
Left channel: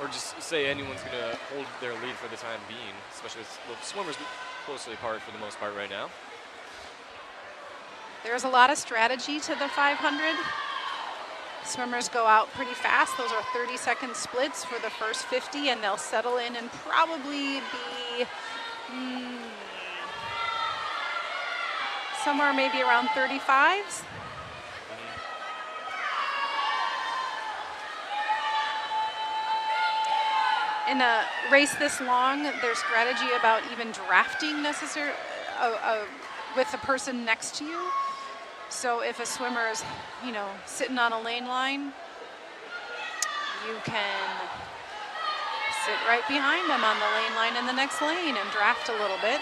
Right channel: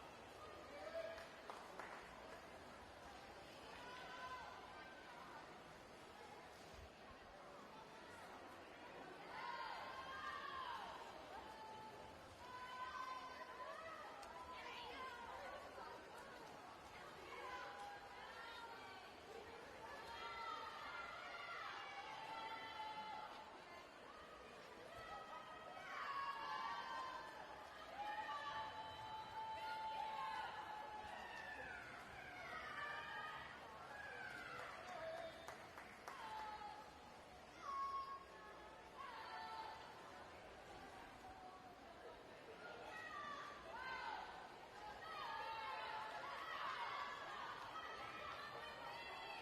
or just say anyone's going to hold their lead for the time being, especially with the swimmers closely apart for the most part right now. There's a lot of strategy to the 500. Swimmers go out pretty fast. Those are 30-second splits for the first 50, and they'll settle in and probably be somewhere maybe around 35s. In a race this long, there's strategy about even drafting with the person next to you. So if a swimmer is, you know, sitting on a lane line, you can sit right behind them on the lane line in the next lane and draft a little bit.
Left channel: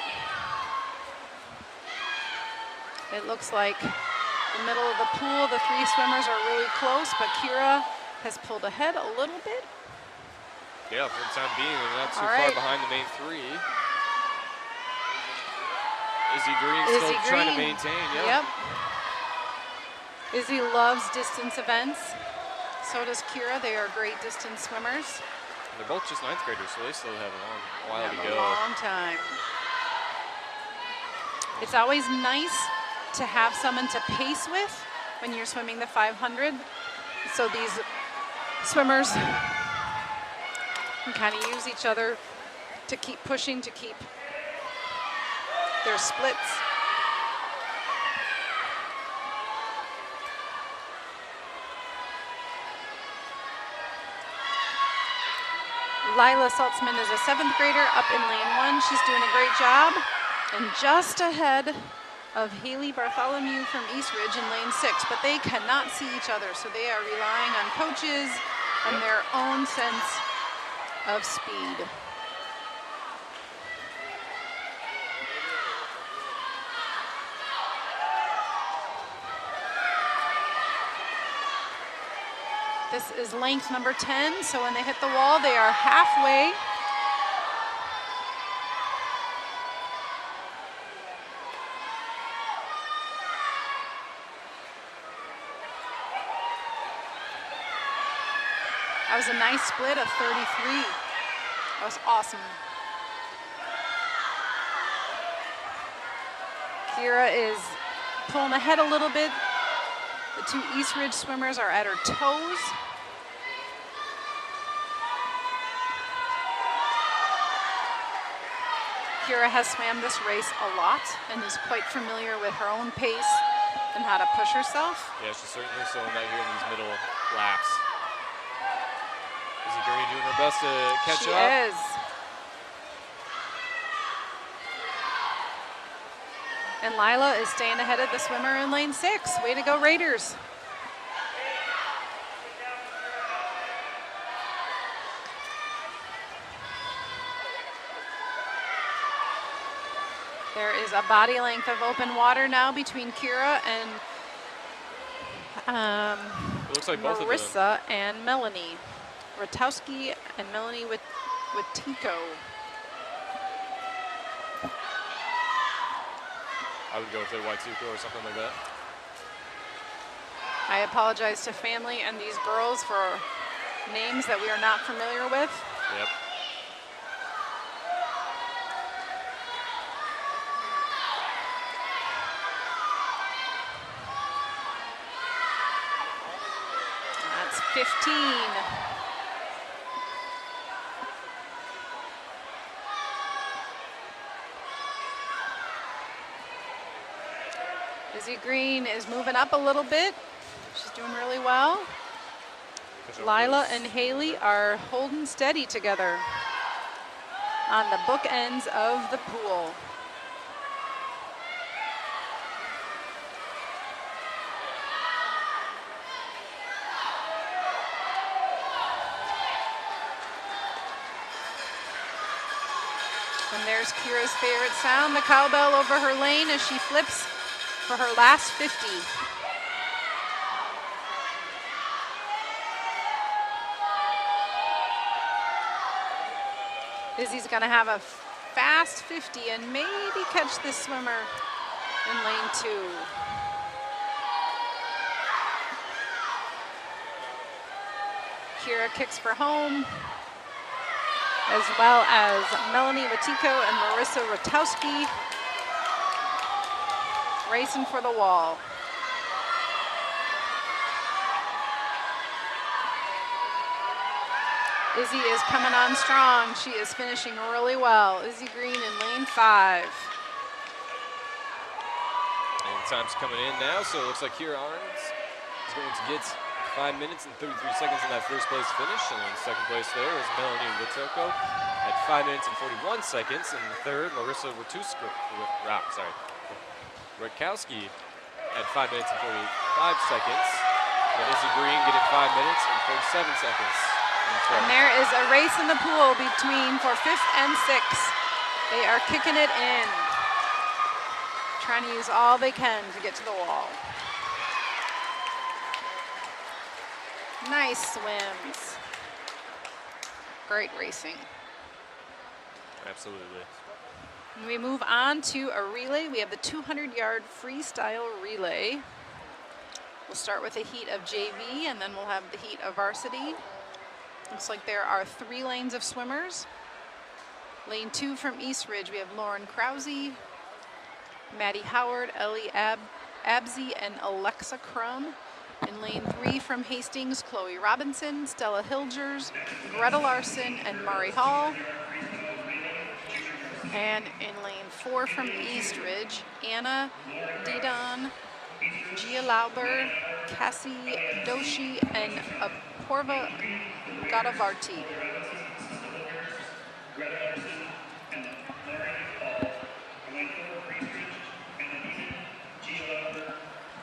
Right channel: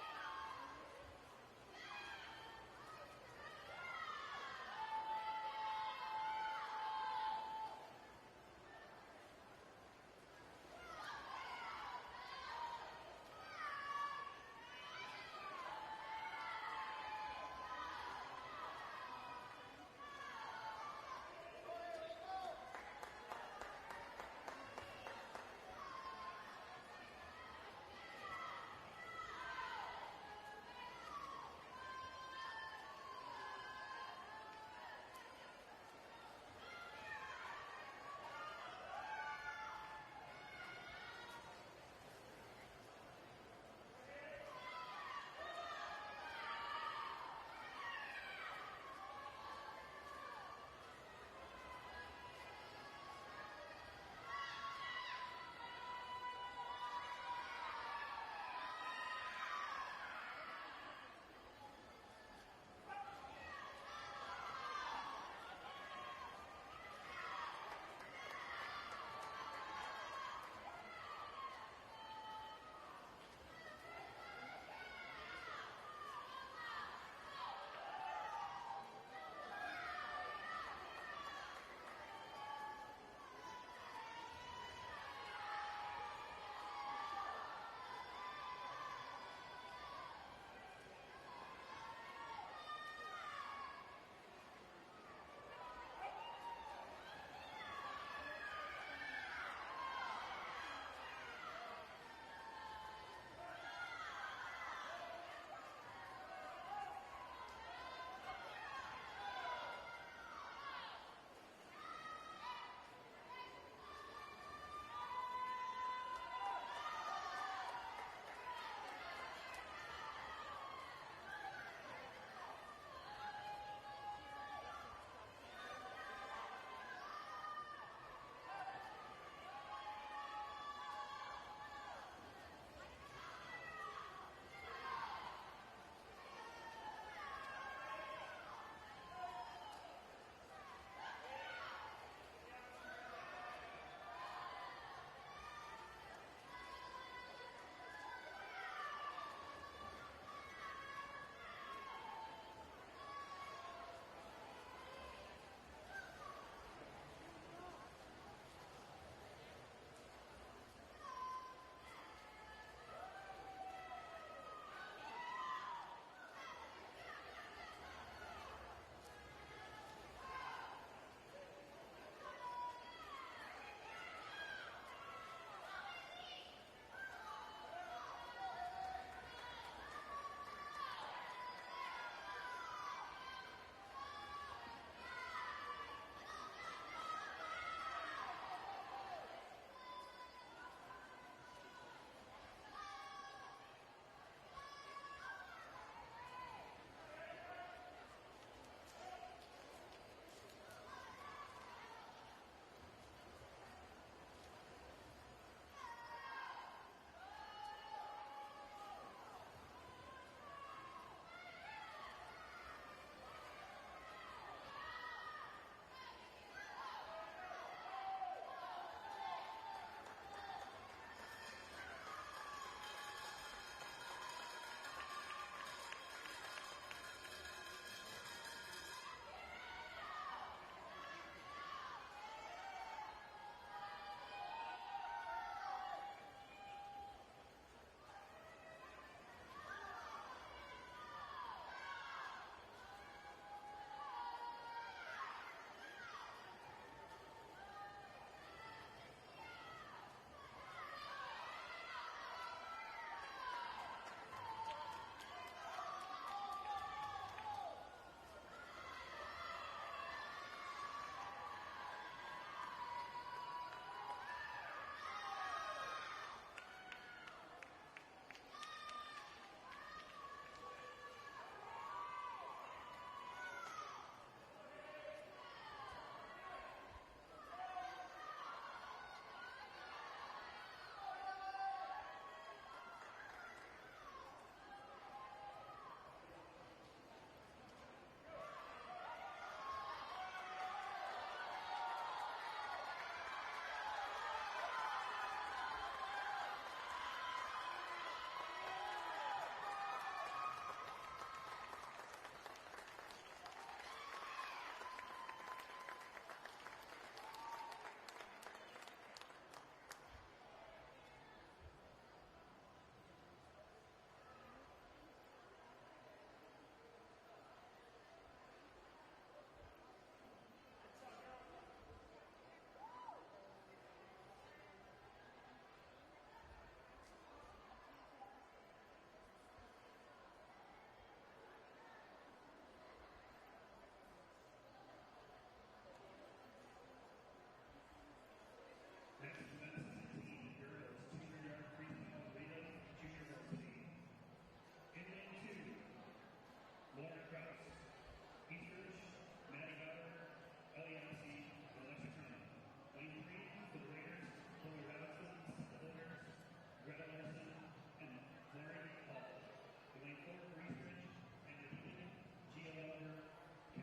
It looks like the middle of the pool, the three swimmers are really close, but Kira has pulled ahead a little bit. Yeah, for the time being, they're not too All far right. behind the main three. Izzy Green still trying to maintain. Yep. Izzy loves distance events. So does Kira. They are great distance swimmers. They're both just 9th graders, so they still have a long while to Have go. a long time. It's always nice to have someone to pace with when you're swimming the 500. So these swimmers can kind of use each other to keep pushing, to keep their splits. Lila Saltzman is a 7th grader up in lane 1. She's doing a great job. And just ahead of Haley Bartholomew from East Ridge in lane 6, but they cannot see each other, so they are relying on coaches and their own sense of speed. This is length number 10, so when they hit the wall, they are halfway. That was a nice split of 33. That was awesome. Kira is pulling ahead a little bit. The two East Ridge swimmers are at her toes. Kira has swam this race a lot and is quite familiar with her own pace and how to push herself. Yeah, she's certainly showing that here in these middle laps. Izzy Green doing her best to catch up. She is. And Lila is staying ahead of the swimmer in lane 6. Way to go, Raiders. There is a body length of open water now between Kira and It looks like both of them. Marissa and Melanie. Ratowski and Melanie with Tico. I would go with a Waituko or something like that. I apologize to family and these girls for names that we are not familiar with. Yep. That's 15. Izzy Green is moving up a little bit. She's doing really well. Lila and Haley are holding steady together on the bookends of the pool. And there's Kira's favorite sound, the cowbell over her lane as she flips for her last 50. Izzy's gonna have a fast 50 and maybe catch this swimmer in lane 2. Kira kicks for home, as well as Melanie Watiko and Marissa Ratowski racing for the wall. Izzy is coming on strong. She is finishing really well. Izzy Green in lane 5. And time's coming in now, so it looks like Kira Arns is going to get 5 minutes and 33 seconds in that first place finish. And in second place there is Melanie Watoko at 5 minutes and 41 seconds. And the third, Marissa Rutkowski at 5 minutes and 45 seconds. And Izzy Green getting 5 minutes and 47 seconds. And there is a race in the pool between for 5th and 6th. They are kicking it in, trying to use all they can to get to the wall. Nice swims. Great racing. Absolutely. And we move on to a relay. We have the 200-yard freestyle relay. We'll start with a heat of JV, and then we'll have the heat of varsity. Looks like there are 3 lanes of swimmers. Lane 2 from East Ridge, we have Lauren Krause, Maddie Howard, Ellie Absey, and Alexa Crum. In lane 3 from Hastings, Chloe Robinson, Stella Hilgers, Greta Larson, and Mari Hall. And in lane 4 from East Ridge, Anna Didon, Gia Lauber, Cassie Doshi, and Apoorva Gadavarti.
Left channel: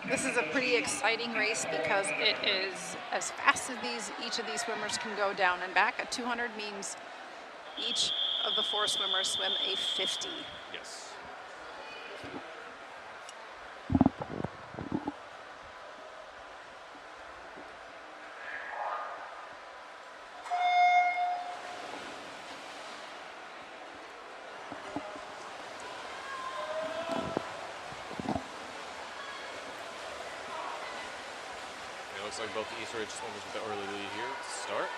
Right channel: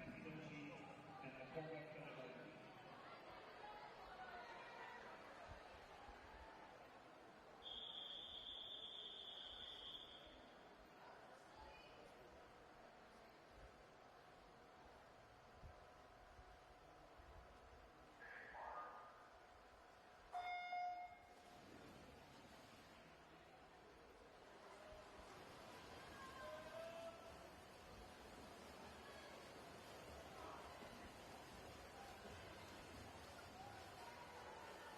This is a pretty exciting race because it is as fast as each of these swimmers can go down and back. A 200 means each of the 4 swimmers swim a 50. Yes. Looks like both the East Ridge swimmers with the early lead here to start.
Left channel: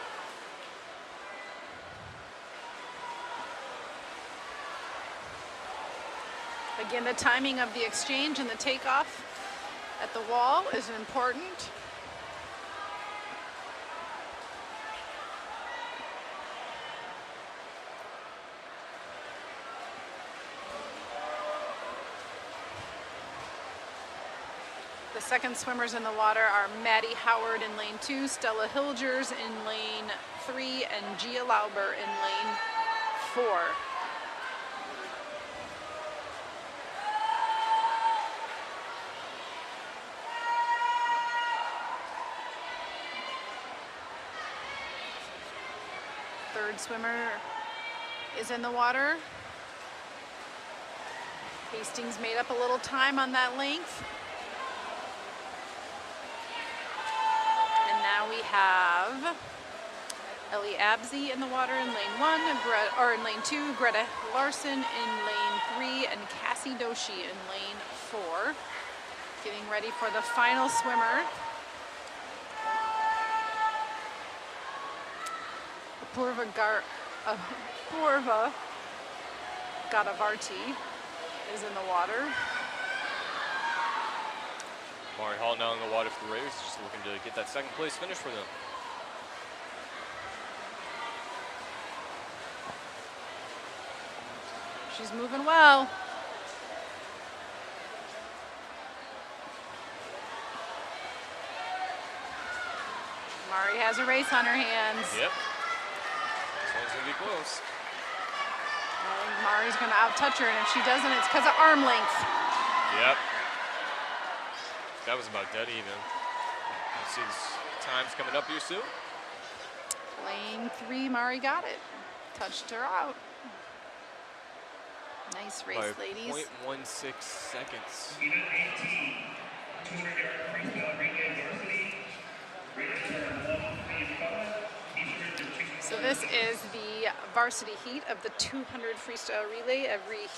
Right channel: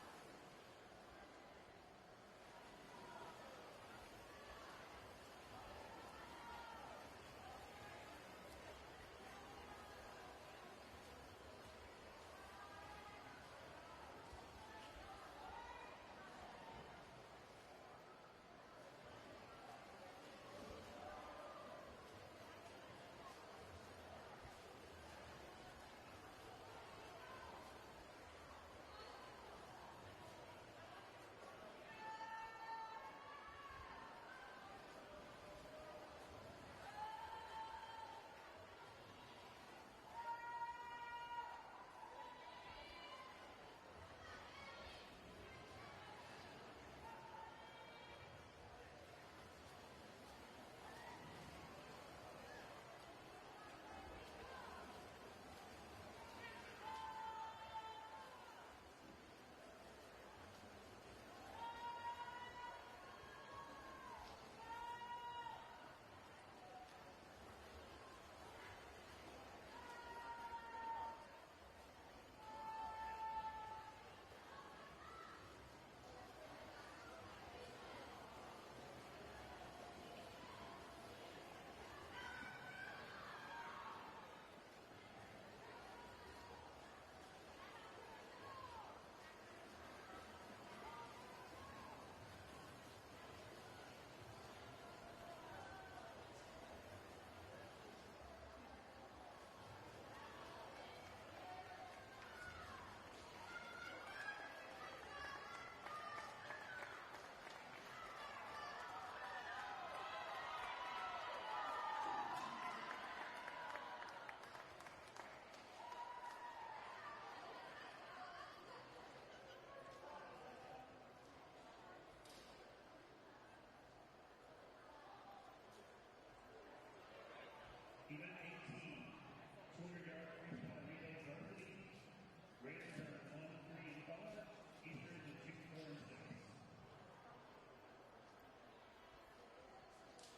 Again, the timing of the exchange and the takeoff at the wall is important. The second swimmers in the water are Maddie Howard in lane 2, Stella Hilgers in lane 3, and Gia Lauber in lane 4. Third swimmer is in the water. Hastings made up a little time on that length. Now we have Ellie Absey in the water in lane 1, in lane 2, Greta Larson in lane 3, and Cassie Doshi in lane 4. Getting ready for the final swimmer. Apoorva Gadavarti is in the water. Mari Hall now in the water for the race, just looking to get that second place finish for them. She's moving well. Mari has a race on her hands. Yep. This one's gonna be close. And Mari's gonna out-touch her, and if she doesn't, it's because of arm length. Yep. That was about dead even. You see these times coming up here soon. Lane 3, Mari got it. Touched her out. Nice race, By ladies. 0.16 seconds. So this is the varsity heat of the 200 freestyle relay. Every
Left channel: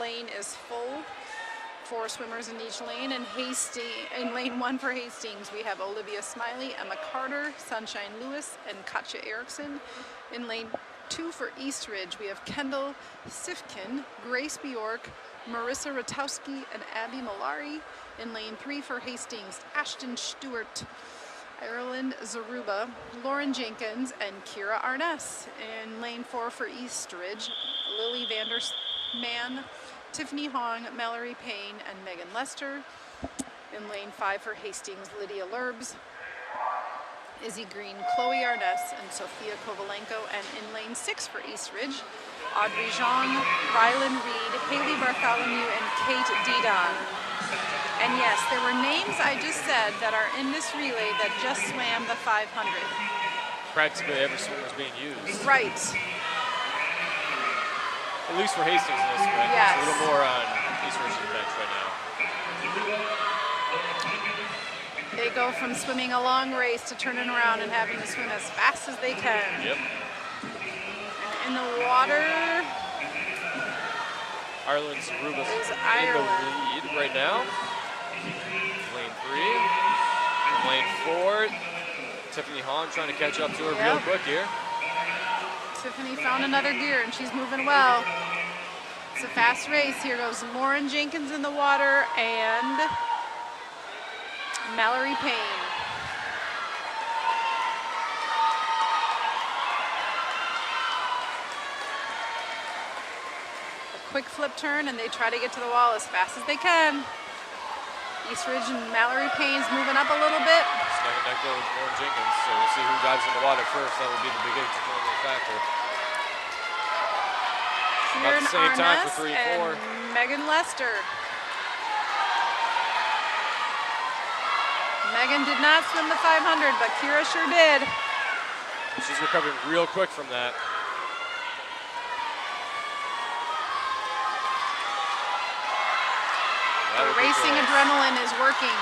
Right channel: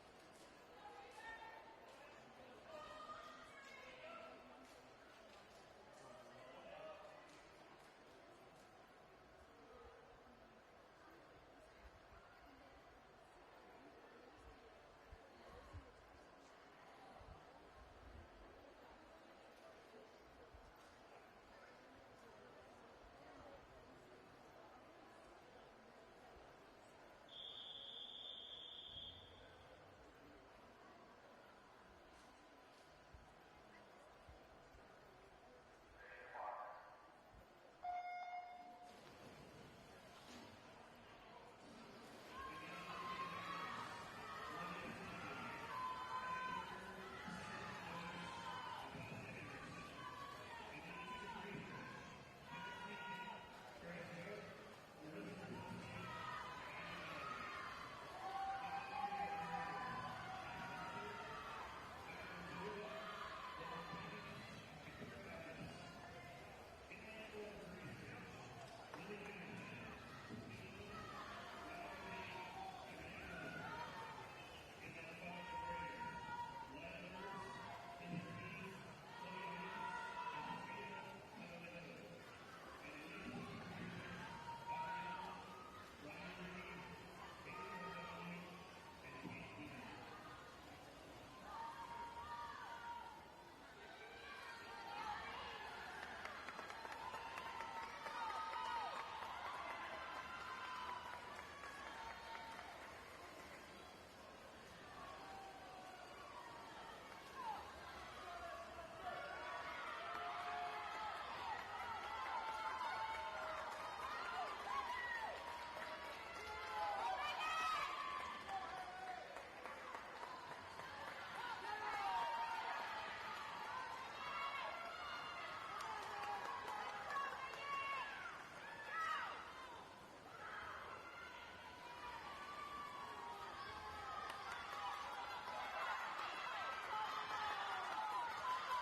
lane is full. 4 swimmers in each lane. And in lane 1 for Hastings, we have Olivia Smiley, Emma Carter, Sunshine Lewis, and Katja Erickson. In lane 2 for East Ridge, we have Kendall Sifkin, Grace Bjork, Marissa Ratowski, and Abby Malari. In lane 3 for Hastings, Ashton Stewart, Ireland Zaruba, Lauren Jenkins, and Kira Arness. In lane 4 for East Ridge, Lily Vandersman, Tiffany Hong, Mallory Payne, and Megan Lester. In lane 5 for Hastings, Lydia Lurbs, Izzy Green, Chloe Arness, and Sophia Kovalenko. And in lane 6 for East Ridge, Audrey Jean, Rylan Reed, Haley Bartholomew, and Kate Didon. And yes, there were names I just said that are in this relay that just swam the 500. practically every swimmer is being used. Right. At least for Hastings in this event. Yes. It's a little more on East Ridge's bench right now. They go from swimming a long race to turning around and having to swim as fast as they can. Yep. And in the water, Ireland's Rubas is in Ireland. the lead right now. Lane 3. Lane 4. Tiffany Hahn trying to catch up to her real quick here. Tiffany found another gear and she's moving well. It's a fast race. Here goes Lauren Jenkins in the water and Mallory Payne. A quick flip turn and they try to get to the wall as fast as they can. East Ridge and Mallory Payne's moving up a little bit. Neck and neck there with Lauren Jenkins, so we'll see who dives in the water first. That will be the big determining factor. About the same time for 3 and 4. Megan Lester. Megan did not swim the 500, but Kira sure did. She's recovering real quick from that. The racing adrenaline is working.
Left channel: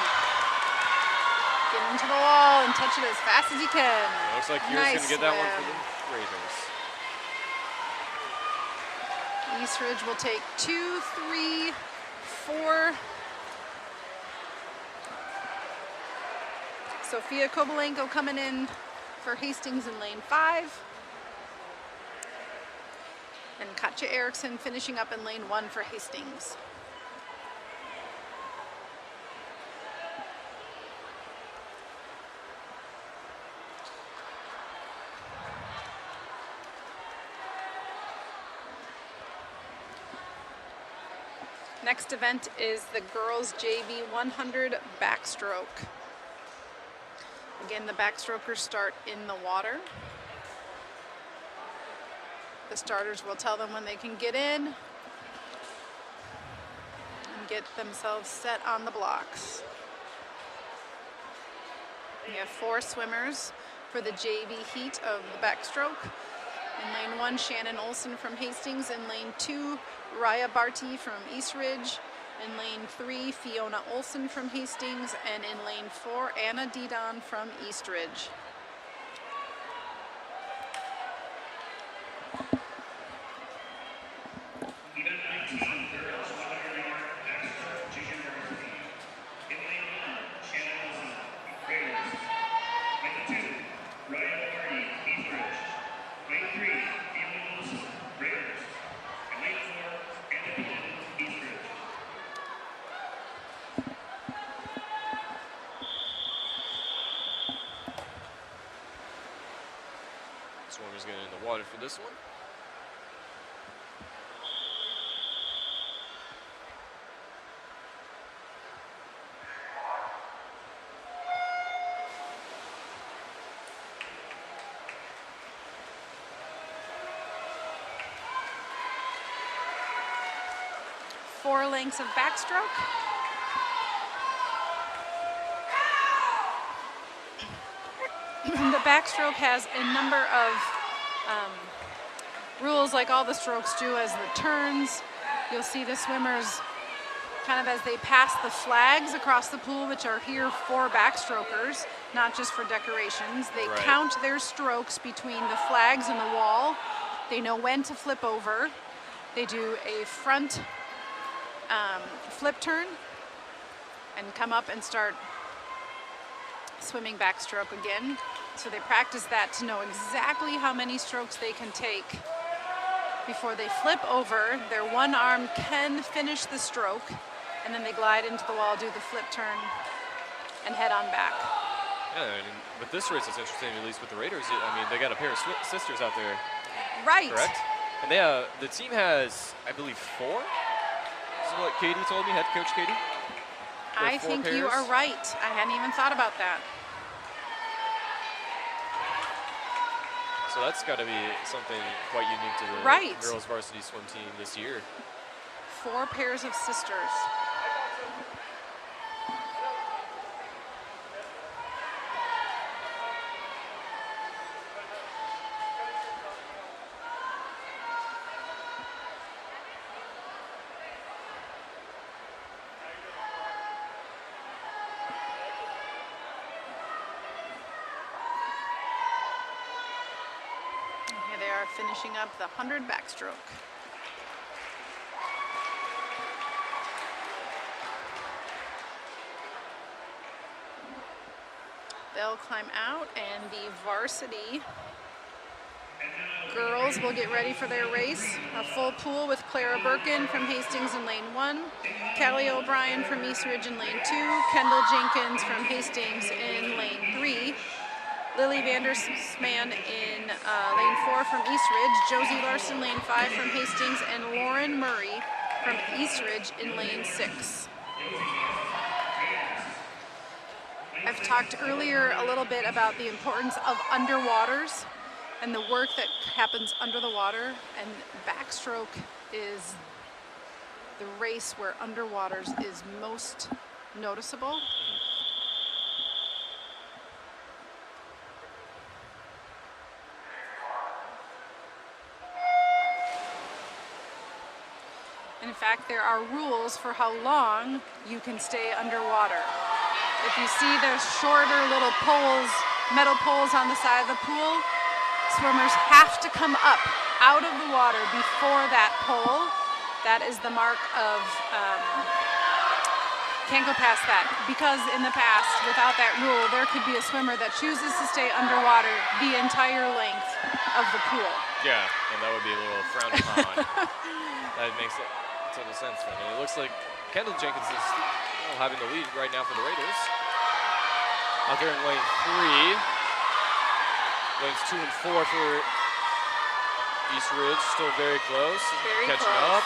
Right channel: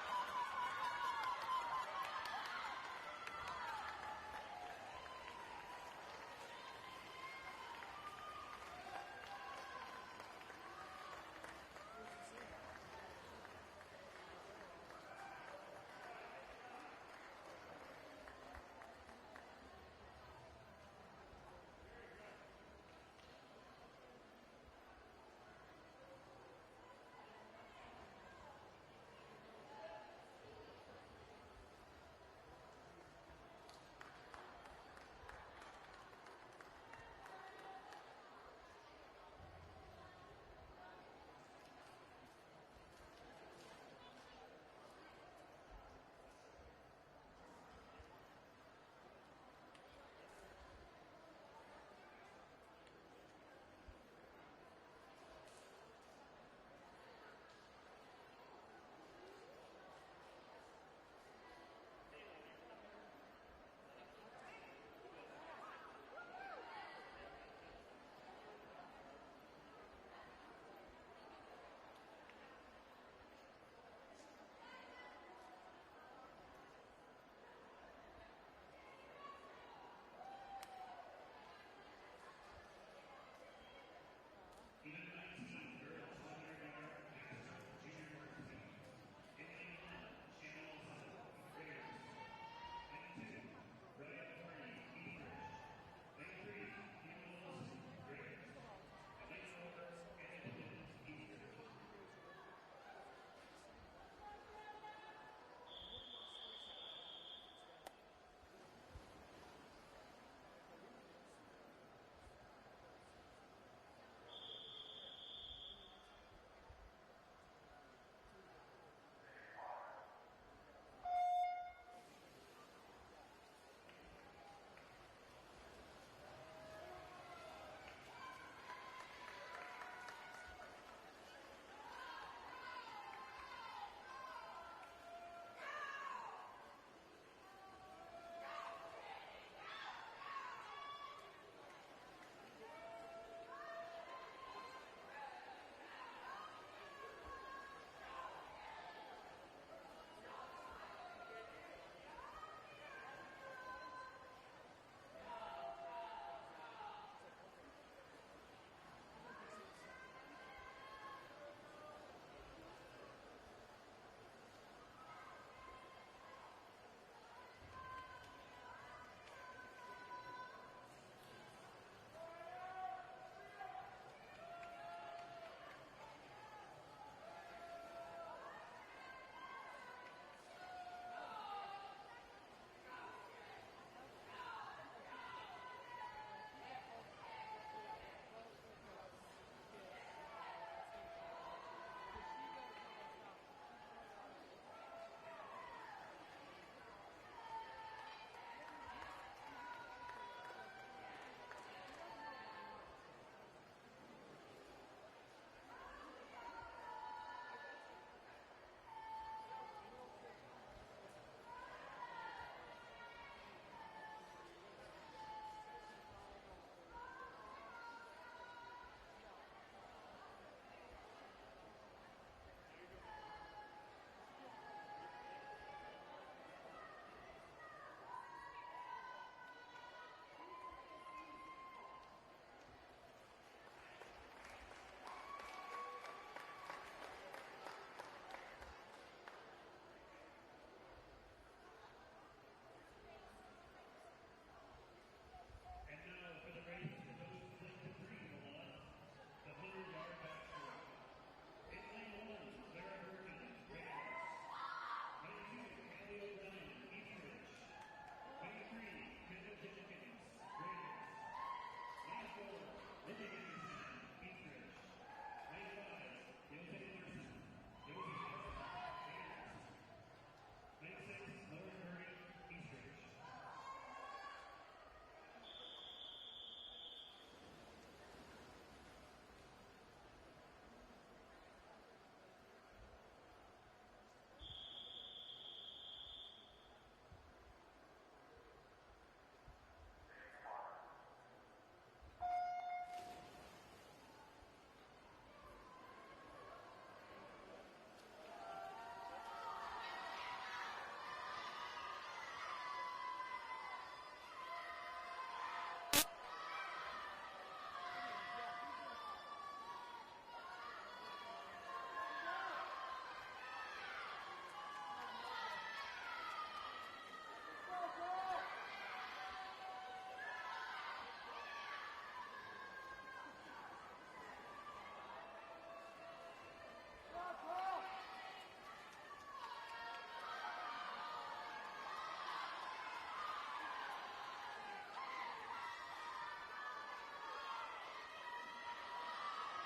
Get into the wall and touch it as fast as you can. Looks like Kira's Nice going to get that one for swim. the Raiders. East Ridge will take 2, 3, 4. Sophia Kovalenko coming in for Hastings in lane 5. And Katja Eriksson finishing up in lane 1 for Hastings. Next event is the girls JV 100 backstroke. Again, the backstrokers start in the water. The starters will tell them when they can get in and get themselves set on the blocks. We have 4 swimmers for the JV heat of the backstroke. In lane 1, Shannon Olson from Hastings. In lane 2, Raya Barty from East Ridge. In lane 3, Fiona Olson from Hastings. And in lane 4, Anna Didon from East Ridge. Swimmers getting in the water for this one. Four lengths of backstroke. The backstroke has a number of rules like all the strokes do as the turns. You'll see the swimmers kind of as they pass the flags across the pool, which are here for backstrokers, not just for decorations. They Right. count their strokes between the flags and the wall. They know when to flip over. They do a front flip turn and come up and start swimming backstroke again. So they practice that to know exactly how many strokes they can take before they flip over. Their one arm can finish the stroke, and then they glide into the wall, do the flip turn, and head on back. Yeah, and with this race, it's interesting, at least with the Raiders. I mean, they got a pair of sisters out there, Right. correct? And they, the team has, I believe, 4. This is what Katie told me, head coach Katie. I 4 think you pairs. are right. I hadn't even thought about that. So that's got to be something quite unique to the Right. girls varsity swim team this year. 4 pairs of sisters. finishing up the 100 backstroke. They'll climb out, and the varsity girls will get ready for their race. A full pool with Clara Birkin from Hastings in lane 1, Callie O'Brien from East Ridge in lane 2, Kendall Jenkins from Hastings in lane 3, Lily Vandersman in lane 4 from East Ridge, Josie Larson lane 5 from Hastings, and Lauren Murray from East Ridge in lane 6. I've talked earlier a little bit about the importance of underwaters and the work that happens under the water, and backstroke is the race where underwaters is most noticeable. In fact, there are rules for how long you can stay underwater. If you see those shorter little poles, metal poles on the side of the pool, swimmers have to come up out of the water before that pole. That is the mark of, can't go past that. Because in the past, without that rule, there could be a swimmer that chooses to stay underwater the entire length of the pool. Yeah, and that would be a little frowned upon. That makes total sense for me. It looks like Kendall Jenkins is having the lead right now for the Raiders. Out there in lane 3. Lanes 2 and 4 for East Ridge, still very close. Catching up.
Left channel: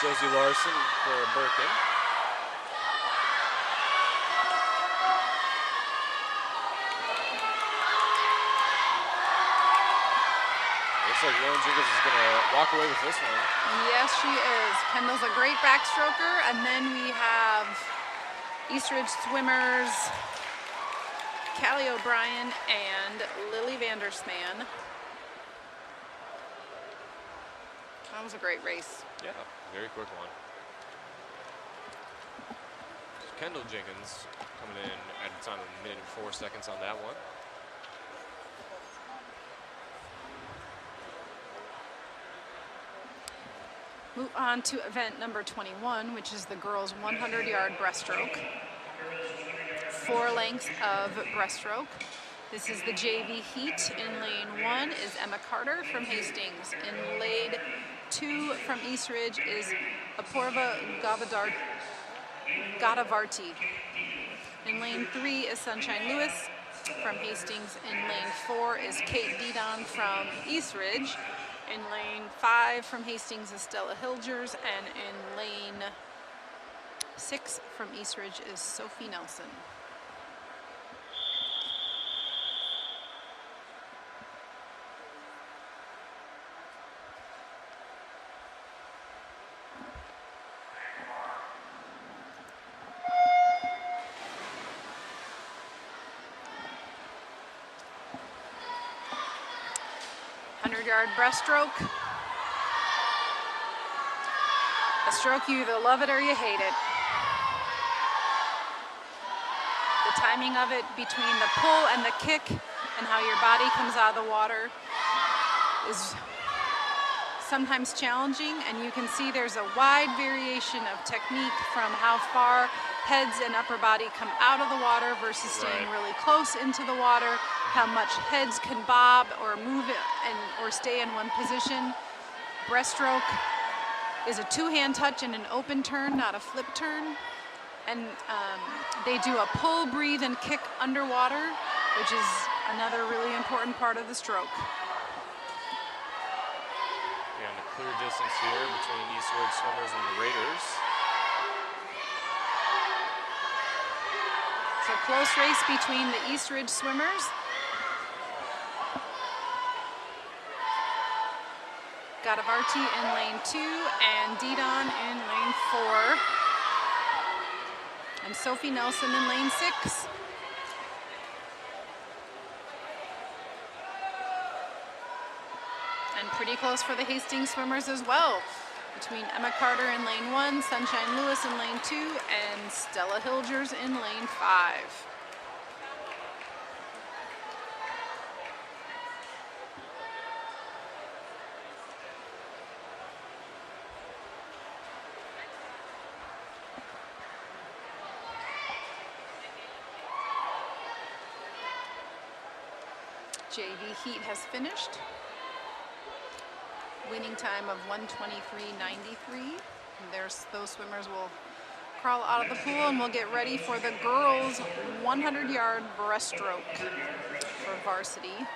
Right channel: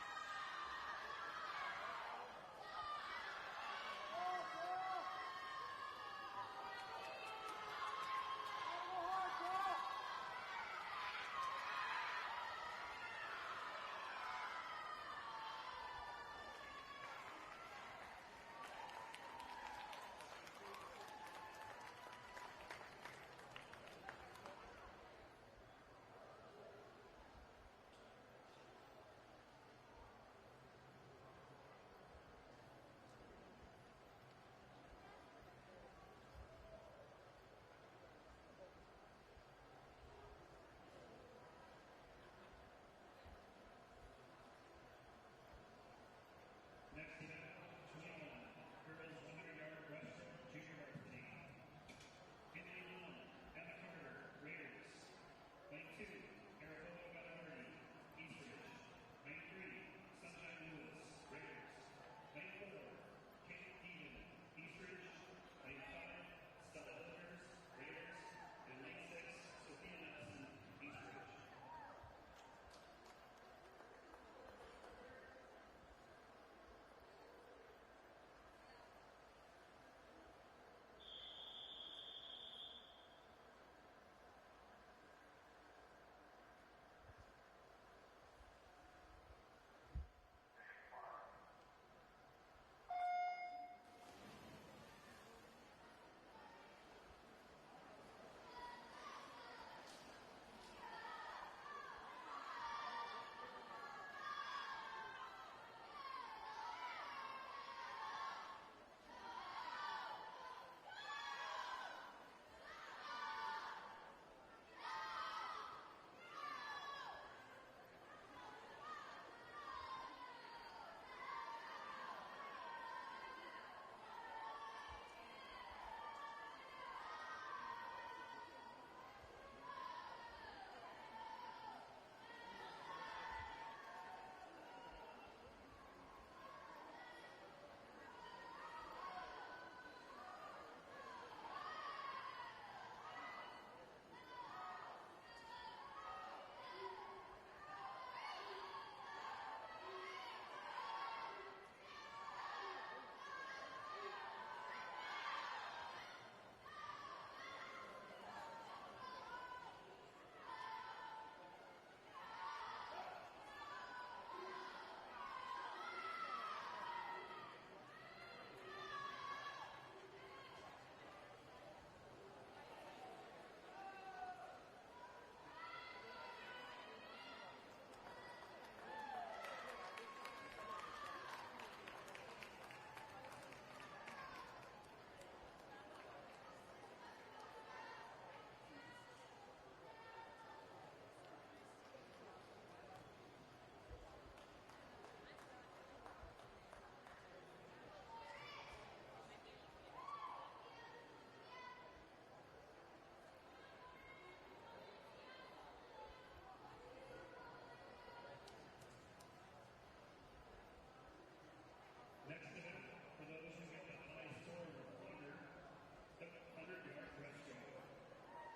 Josie Larson for Birkin. Looks like Lauren Jenkins is going to walk away with this one. Yes, she is. Kendall's a great backstroker, and then we have East Ridge swimmers Callie O'Brien and Lily Vandersman. That was a great race. Yeah, very quick one. Kendall Jenkins coming in at a time of 1 minute and 4 seconds on that one. Move on to event number 21, which is the girls' 100-yard breaststroke. 4 lengths of breaststroke. This is the JV heat. In lane 1 is Emma Carter from Hastings. In lane 2 from East Ridge is Apoorva Gadavarti. In lane 3 is Sunshine Lewis from Hastings. In lane 4 is Kate Didon from East Ridge. In lane 5 from Hastings is Stella Hilgers, and in lane 6 from East Ridge is Sophie Nelson. Yard breaststroke. A stroke you either love it or you hate it. The timing of it between the pull and the kick and how your body comes out of the water is sometimes challenging, and you can see there's a wide variation of technique from how far heads and upper body come out of the water versus staying really close into the water, how much heads can bob or move it or stay in one position. Breaststroke is a 2-hand touch and an open turn, not a flip turn. And they do a pull, breathe, and kick underwater, which is another really important part of the stroke. And a clear distance here between East Ridge swimmers and the Raiders. So close race between the East Ridge swimmers. Gadavarti in lane 2 and Didon in lane 4. And Sophie Nelson in lane 6. And pretty close for the Hastings swimmers as well, between Emma Carter in lane 1, Sunshine Lewis in lane 2, and Stella Hilgers in lane 5. JV heat has finished. Winning time of 1:23.93. Those swimmers will crawl out of the pool, and we'll get ready for the girls' 100-yard breaststroke for Varsity.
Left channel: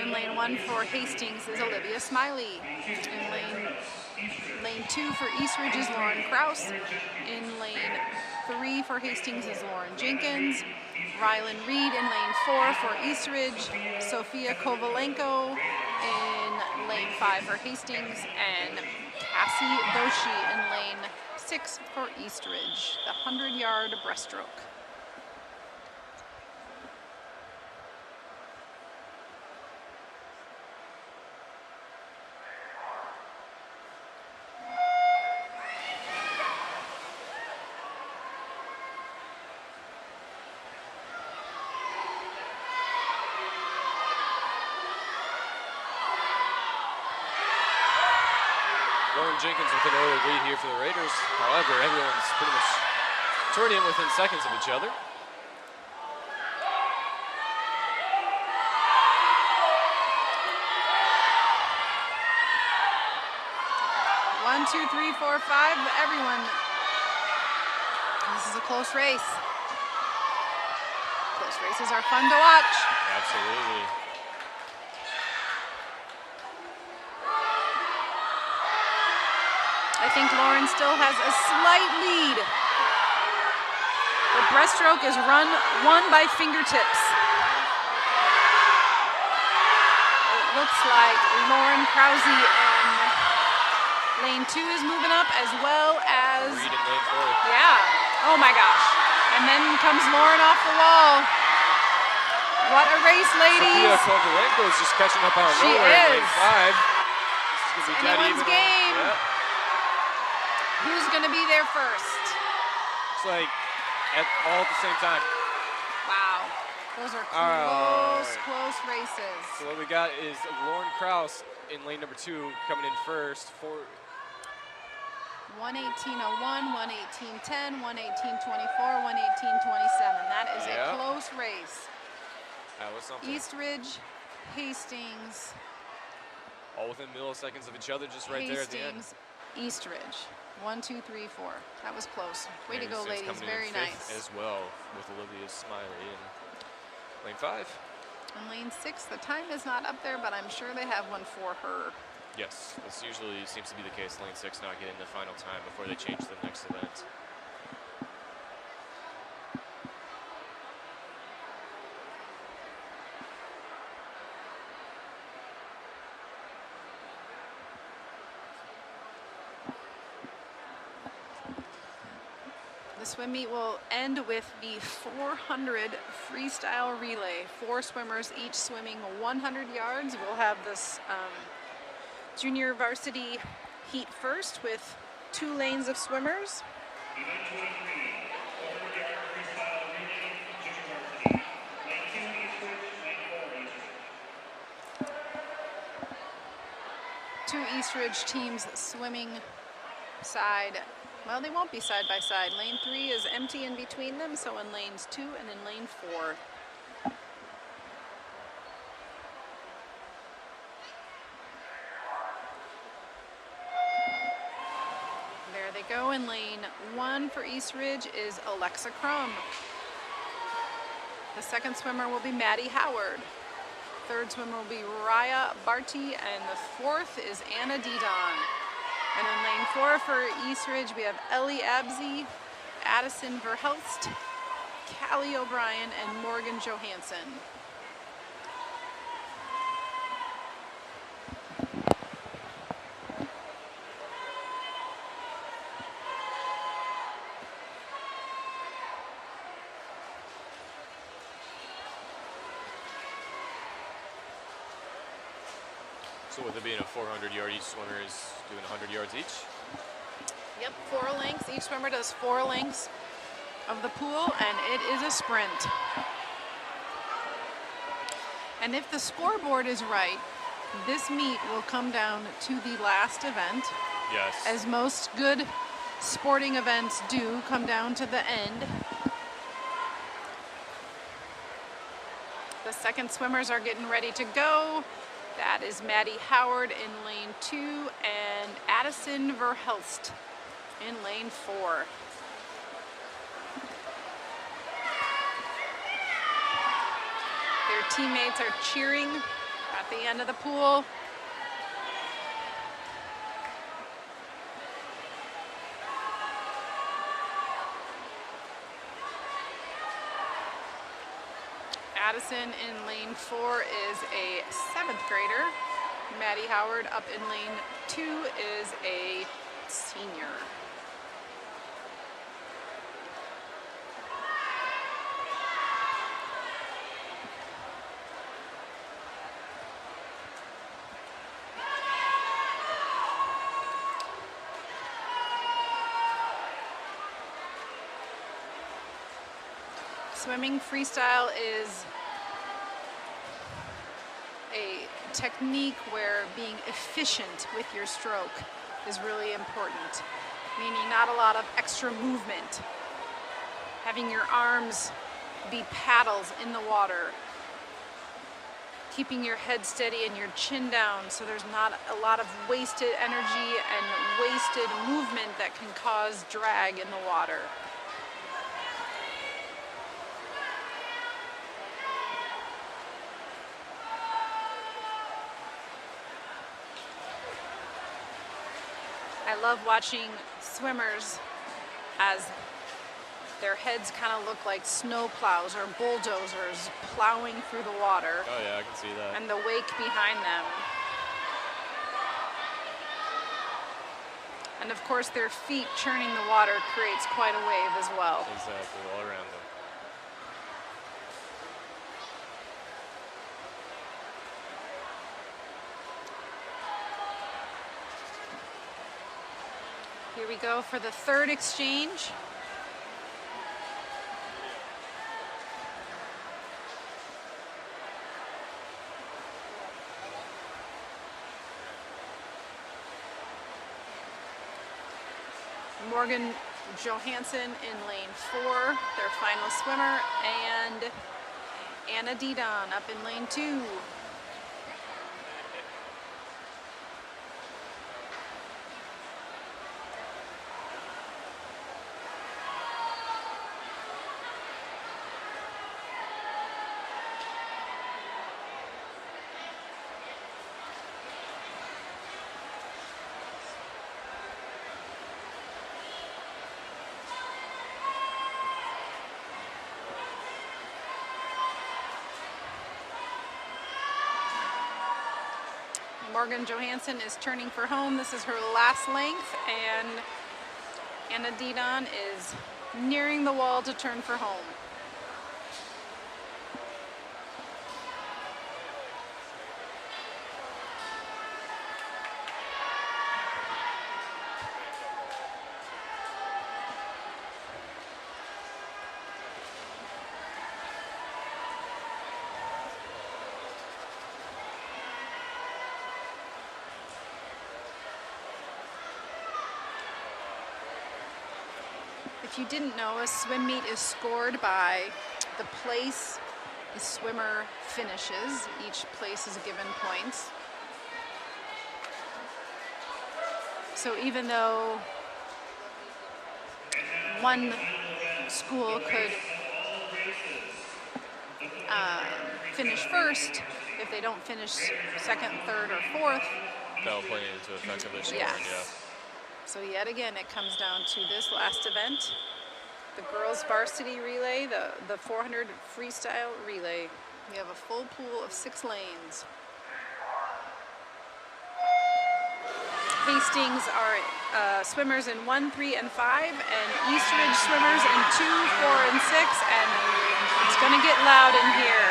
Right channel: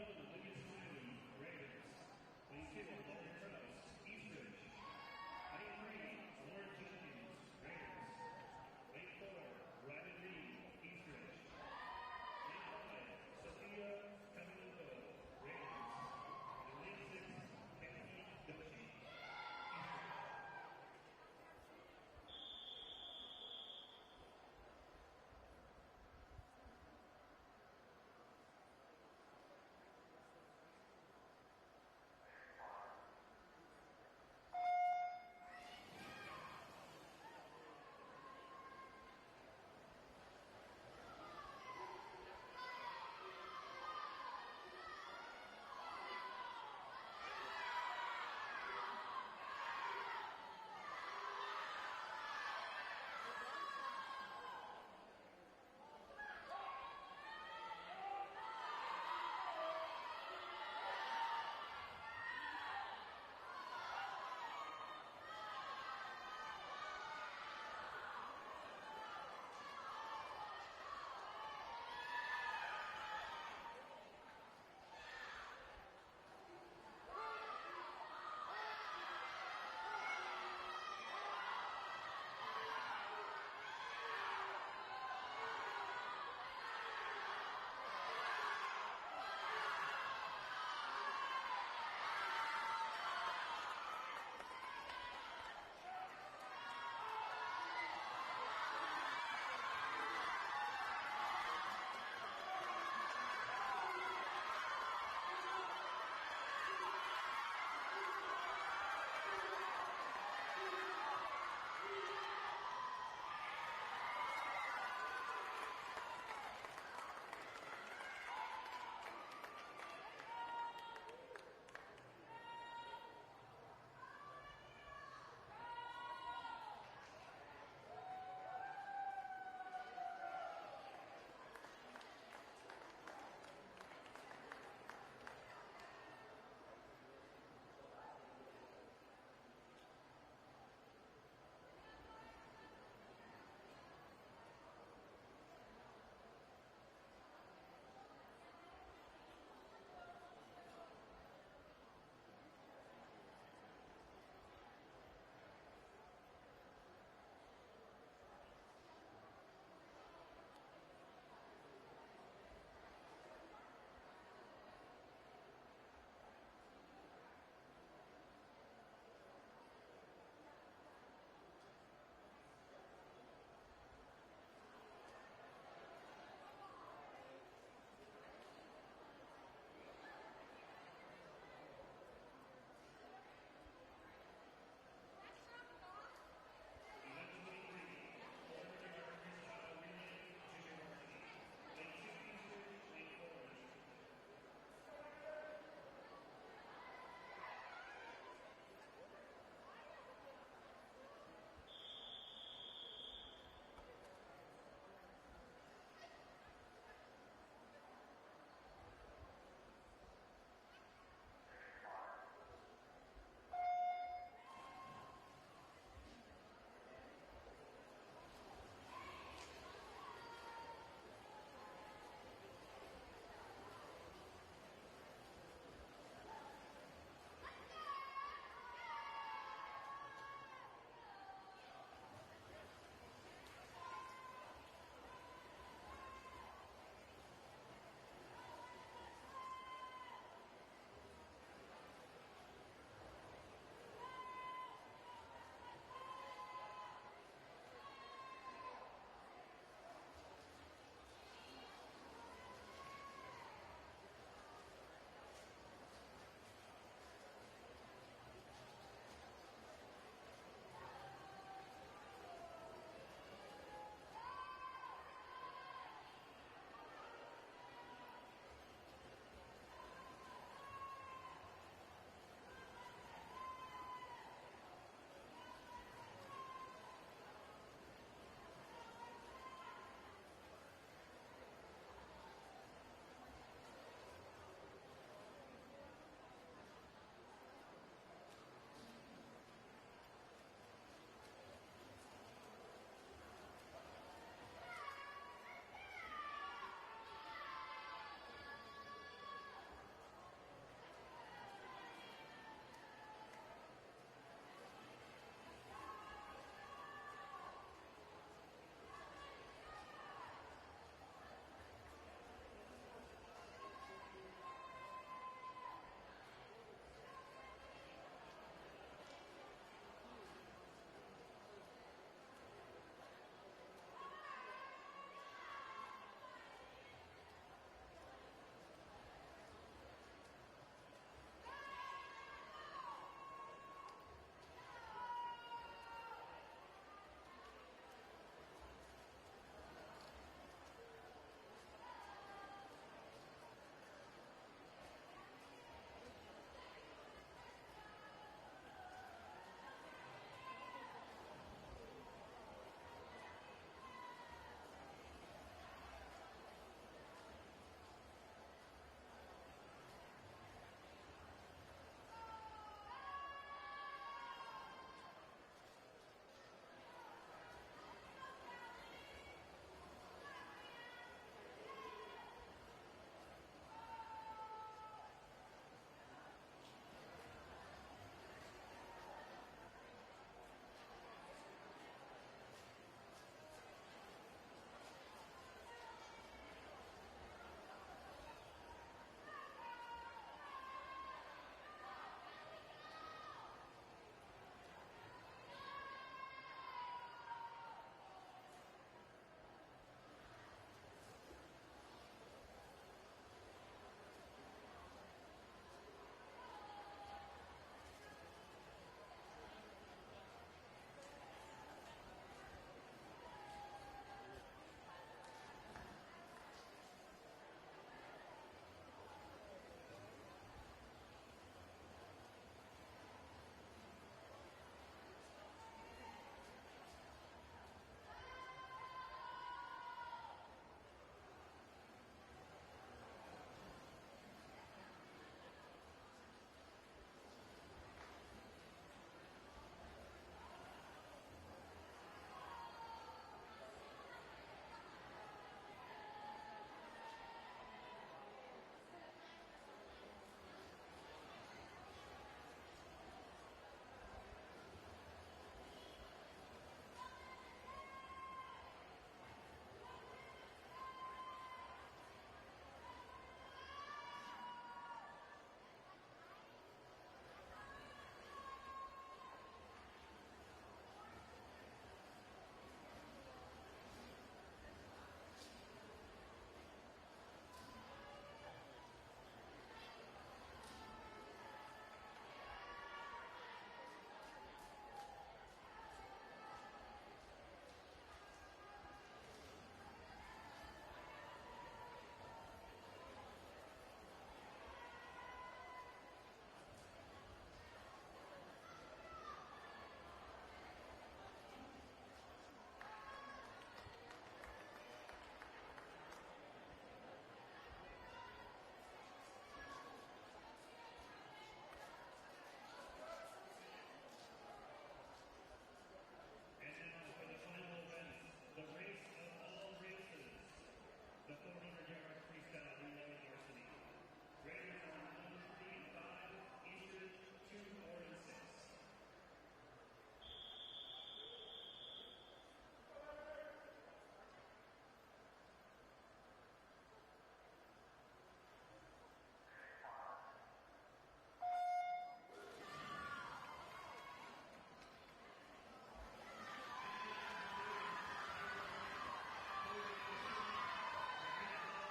In lane 1 for Hastings is Olivia Smiley. In lane 2 for Eastridge is Lauren Kraus. In lane 3 for Hastings is Lauren Jenkins. Rylan Reed in lane 4 for Eastridge. Sophia Kovalenko in lane 5 for Hastings. And Cassie Boshi in lane 6 for Eastridge. The 100-yard breaststroke. Jenkins with an early lead here for the Raiders. However, everyone's pretty much turning within seconds of each other. One, two, three, four, five. Everyone. This is a close race. Close races are fun to watch. Absolutely. I think Lauren still has a slight lead. The breaststroke is won by fingertips. It looks like Lauren Krause in lane 2 is moving up, as well as Reed in lane 4. Yeah. Oh my gosh. And then comes Lauren off the wall. What a race, ladies. Sophia Kovalenko is just catching up on She nowhere in is. lane 5. This is gonna be dead Anyone's even. game. Yeah. Who's going to be there first? It's like all at the same time. Wow. Those are close races. So what we got is Lauren Kraus in lane number 2 coming in first for 1:18:01, 1:18:10, 1:18:24, 1:18:27. That is a close race. That was something. Eastridge, Hastings. All within milliseconds of each other, just right there at the end. Hastings, Eastridge. 1, 2, 3, 4. That was close. Way to go, Hastings ladies. coming in Very fifth nice. as well, with Olivia Smiley in lane 5. In lane 6, the time is not up there, but I'm sure they have one for her. Yes, this usually seems to be the case. Lane 6 not getting the final time before they change the next event. The swim meet will end with the 400 freestyle relay. 4 swimmers each swimming 100 yards. We'll have this junior varsity heat first with 2 lanes of swimmers. Two Eastridge teams swimming side. Well, they won't be side by side. Lane 3 is empty in between them, so in lanes 2 and in lane 4. There they go. In lane 1 for Eastridge is Alexa Crum. The second swimmer will be Maddie Howard. Third swimmer will be Raya Barty, and the fourth is Anna Didon. And in lane 4 for Eastridge, we have Ellie Absey, Addison Verhelst, Callie O'Brien, and Morgan Johansson. So with it being a 400-yard, each swimmer is doing 100 yards each. Yep, 4 lengths. Each swimmer does 4 lengths of the pool, and it is a sprint. And if the scoreboard is right, this meet will come down to the last event. Yes. As most good sporting events do, come down to the end. The second swimmers are getting ready to go. That is Maddie Howard in lane 2 and Addison Verhelst in lane 4. Their teammates are cheering at the end of the pool. Addison in lane 4 is a 7th grader. Maddie Howard up in lane 2 is a senior. Swimming freestyle is a technique where being efficient with your stroke is really important, meaning not a lot of extra movement. Having your arms be paddles in the water, keeping your head steady and your chin down so there's not a lot of wasted energy and wasted movement that can cause drag in the water. I love watching swimmers as their heads kind of look like snow plows or bulldozers plowing through the water. Oh yeah, I can see that. And the wake behind them. And of course their feet churning the water creates quite a wave as well. Exactly, all around them. Here we go for the third exchange. Morgan Johansson in lane 4, their final swimmer, and Anna Didon up in lane 2. Morgan Johansson is turning for home. This is her last length, and Anna Didon is nearing the wall to turn for home. If you didn't know, a swim meet is scored by the place the swimmer finishes. Each place is given points. So even though one school could finish first, if they don't finish second, third, or fourth, That'll play into effect of their scoring, yes. yeah. So yet again, it comes down to this last event, the girls varsity relay, the 400 freestyle relay. We have a full pool of 6 lanes. Hastings are swimmers in 1, 3, and 5, and East Ridge swimmers in 2, 4, and 6, and it's gonna get loud in here.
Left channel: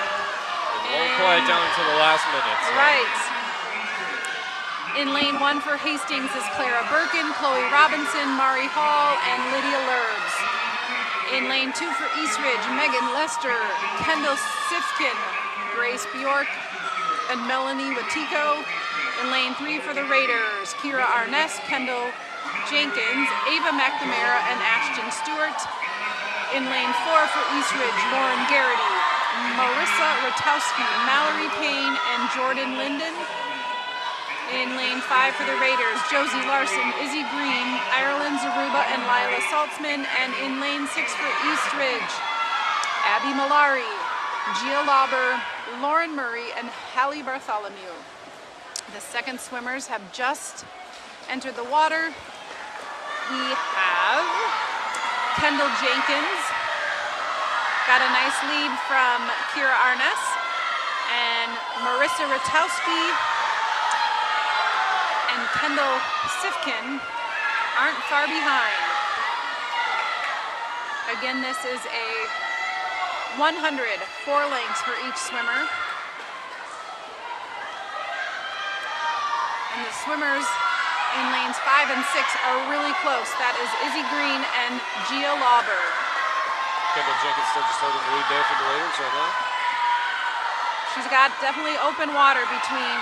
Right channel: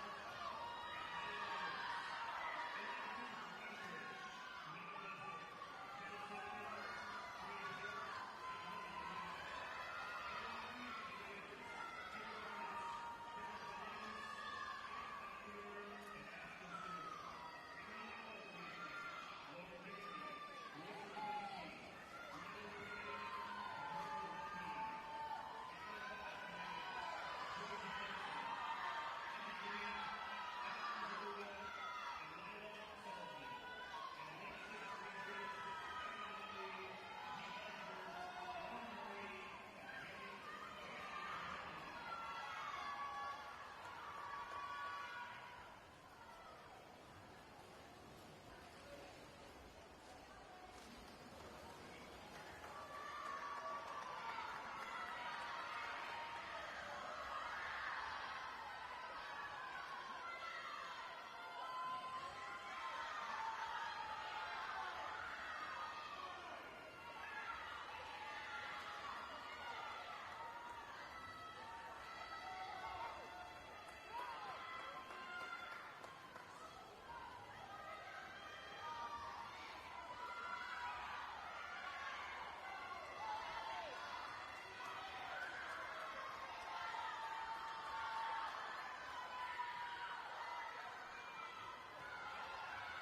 It won't quiet down until the last minute. So. Right. In lane 1 for Hastings is Clara Birkin, Chloe Robinson, Mari Hall, and Lydia Lurbs. In lane 2 for East Ridge, Megan Lester, Kendall Sifkin, Grace Bjork, and Melanie Watiko. In lane 3 for the Raiders, Kira Arness, Kendall Jenkins, Ava McNamara, and Ashton Stewart. In lane 4 for East Ridge, Lauren Garrity, Marissa Ratowski, Mallory Payne, and Jordan Linden. In lane 5 for the Raiders, Josie Larson, Izzy Green, Ireland Zaruba, and Lila Saltzman. And in lane 6 for East Ridge, Abby Malari, Gia Lauber, Lauren Murray, and Hallie Bartholomew. The second swimmers have just entered the water. We have Kendall Jenkins, got a nice lead from Kira Arness, and Marissa Ratowski and Kendall Sifkin aren't far behind. Again, this is a 100, 4 lengths for each swimmer. And the swimmers in lanes 5 and 6 are really close. That is Izzy Green and Gia Lauber. Kendall Jenkins still just holding the lead there for the Raiders right now. She's got definitely open water between.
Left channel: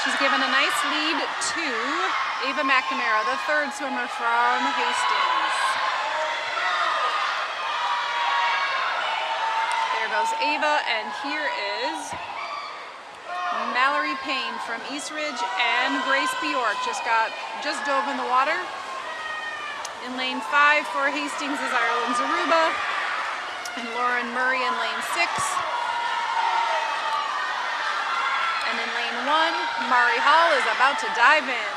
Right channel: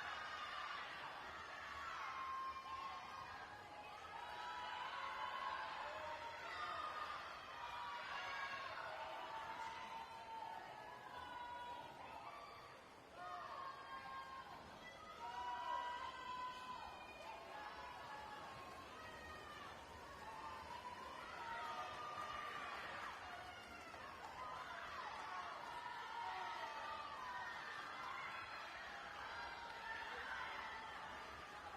She's given a nice lead to Ava McNamara, the third swimmer from Hastings. There goes Ava, and here is Mallory Payne from East Ridge, and Grace Bjork just dove in the water. In lane 5 for Hastings is Ireland Zaruba and Lauren Murray in lane 6. And in lane 1, Mari Hall is about to dive in.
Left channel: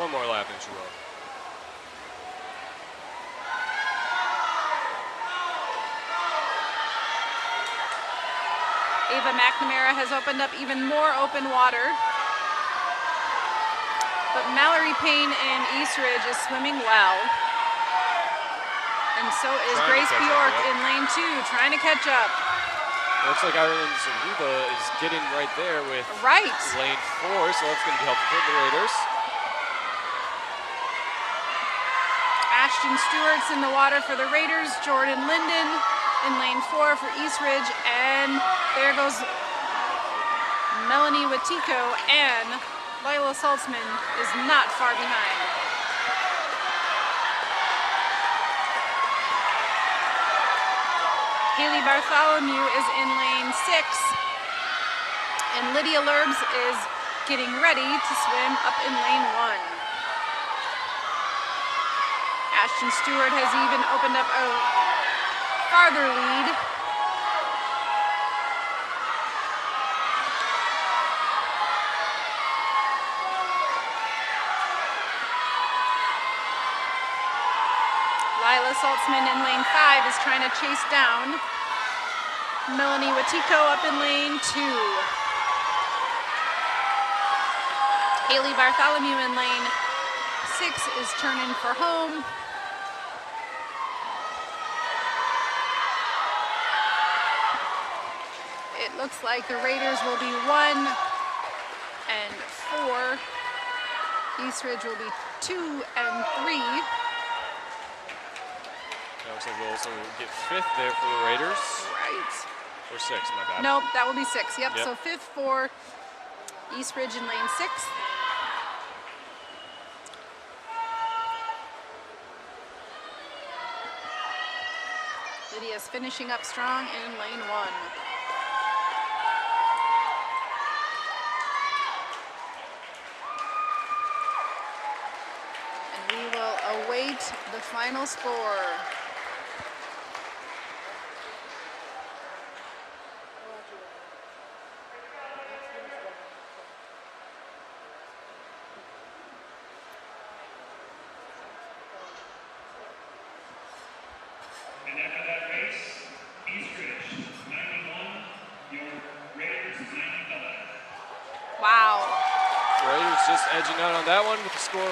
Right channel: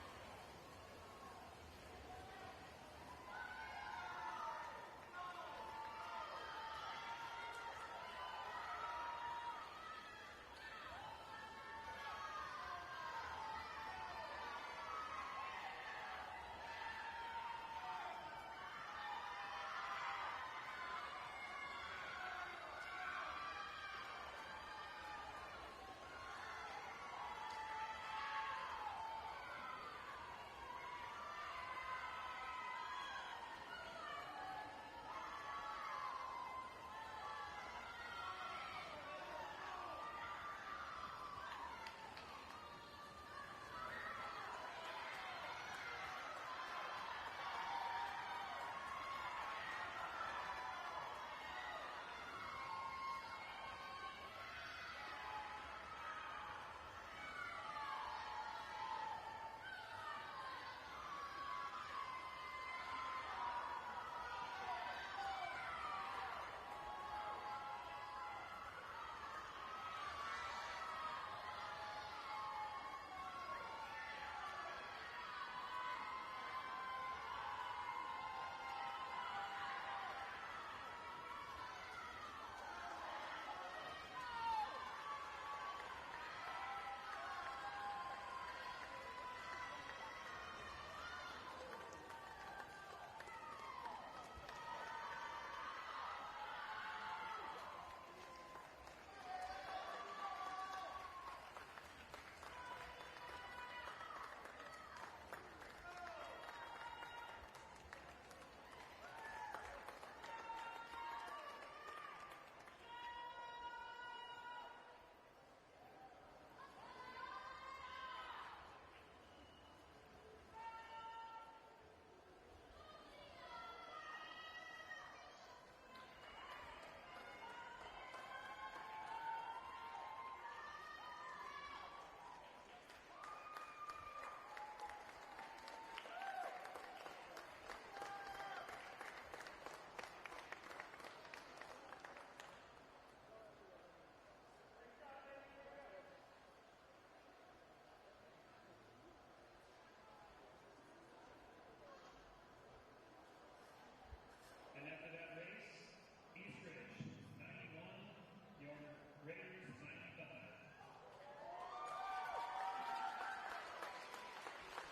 One more lap and she will. Ava McNamara has opened up even more open water. But Mallory Payne in East Ridge is swimming well. And so is Grace Bjork in lane 2, trying to catch up. Looks like Ireland Zaruba is getting right there with lane 4, so that's going to be helpful for the Raiders. Ashton Stewart's in the water for the Raiders. Jordan Linden in lane 4 for East Ridge. And there goes Melanie Watiko, and Lila Saltzman is not far behind. Haley Bartholomew is in lane 6, and Lydia Lurbs is getting ready to swim up in lane 1. Ashton Stewart has even opened up a farther lead. Lila Saltzman in lane 5 is trying to chase down Melanie Watiko up in lane 2. Haley Bartholomew in lane 6 is turning for home. It looks like the Raiders will be 1 and 4. East Ridge will be 2 and 3. Looks like we'll also get 5th there for the Raiders. Right. Or 6th, my bad. Nope, that will be 6. Yep. So 5th for East Ridge in lane 6. Lydia's finishing up strong in lane 1. And we will await the final score. Edging out on that one with the score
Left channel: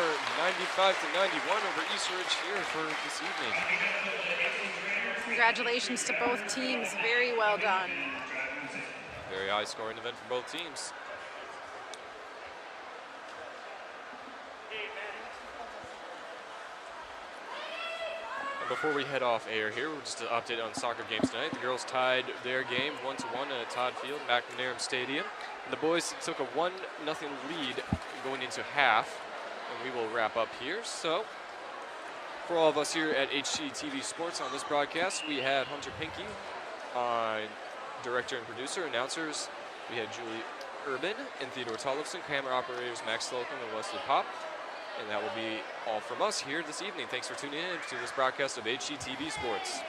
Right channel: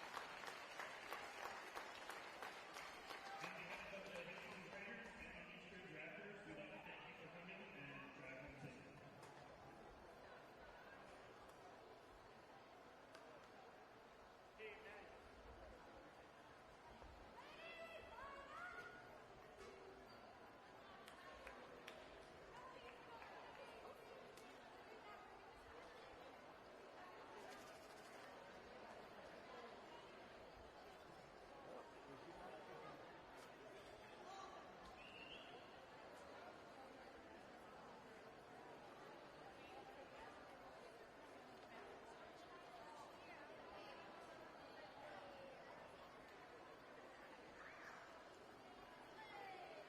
95-91 over East Ridge here for this evening. Congratulations to both teams. Very well done. Very high scoring event for both teams. And before we head off air here, just an update on soccer games tonight. The girls tied their game 1-1 at Todd Field, McNair Stadium. And the boys took a 1-0 lead going into half, and we will wrap up here. So For all of us here at HCTV Sports on this broadcast, we had Hunter Pinky, director and producer, announcers. We had Julie Urban and Theodore Tollefson, camera operators Max Slocum and Wesley Pop. And that will be all from us here this evening. Thanks for tuning in to this broadcast of HCTV Sports.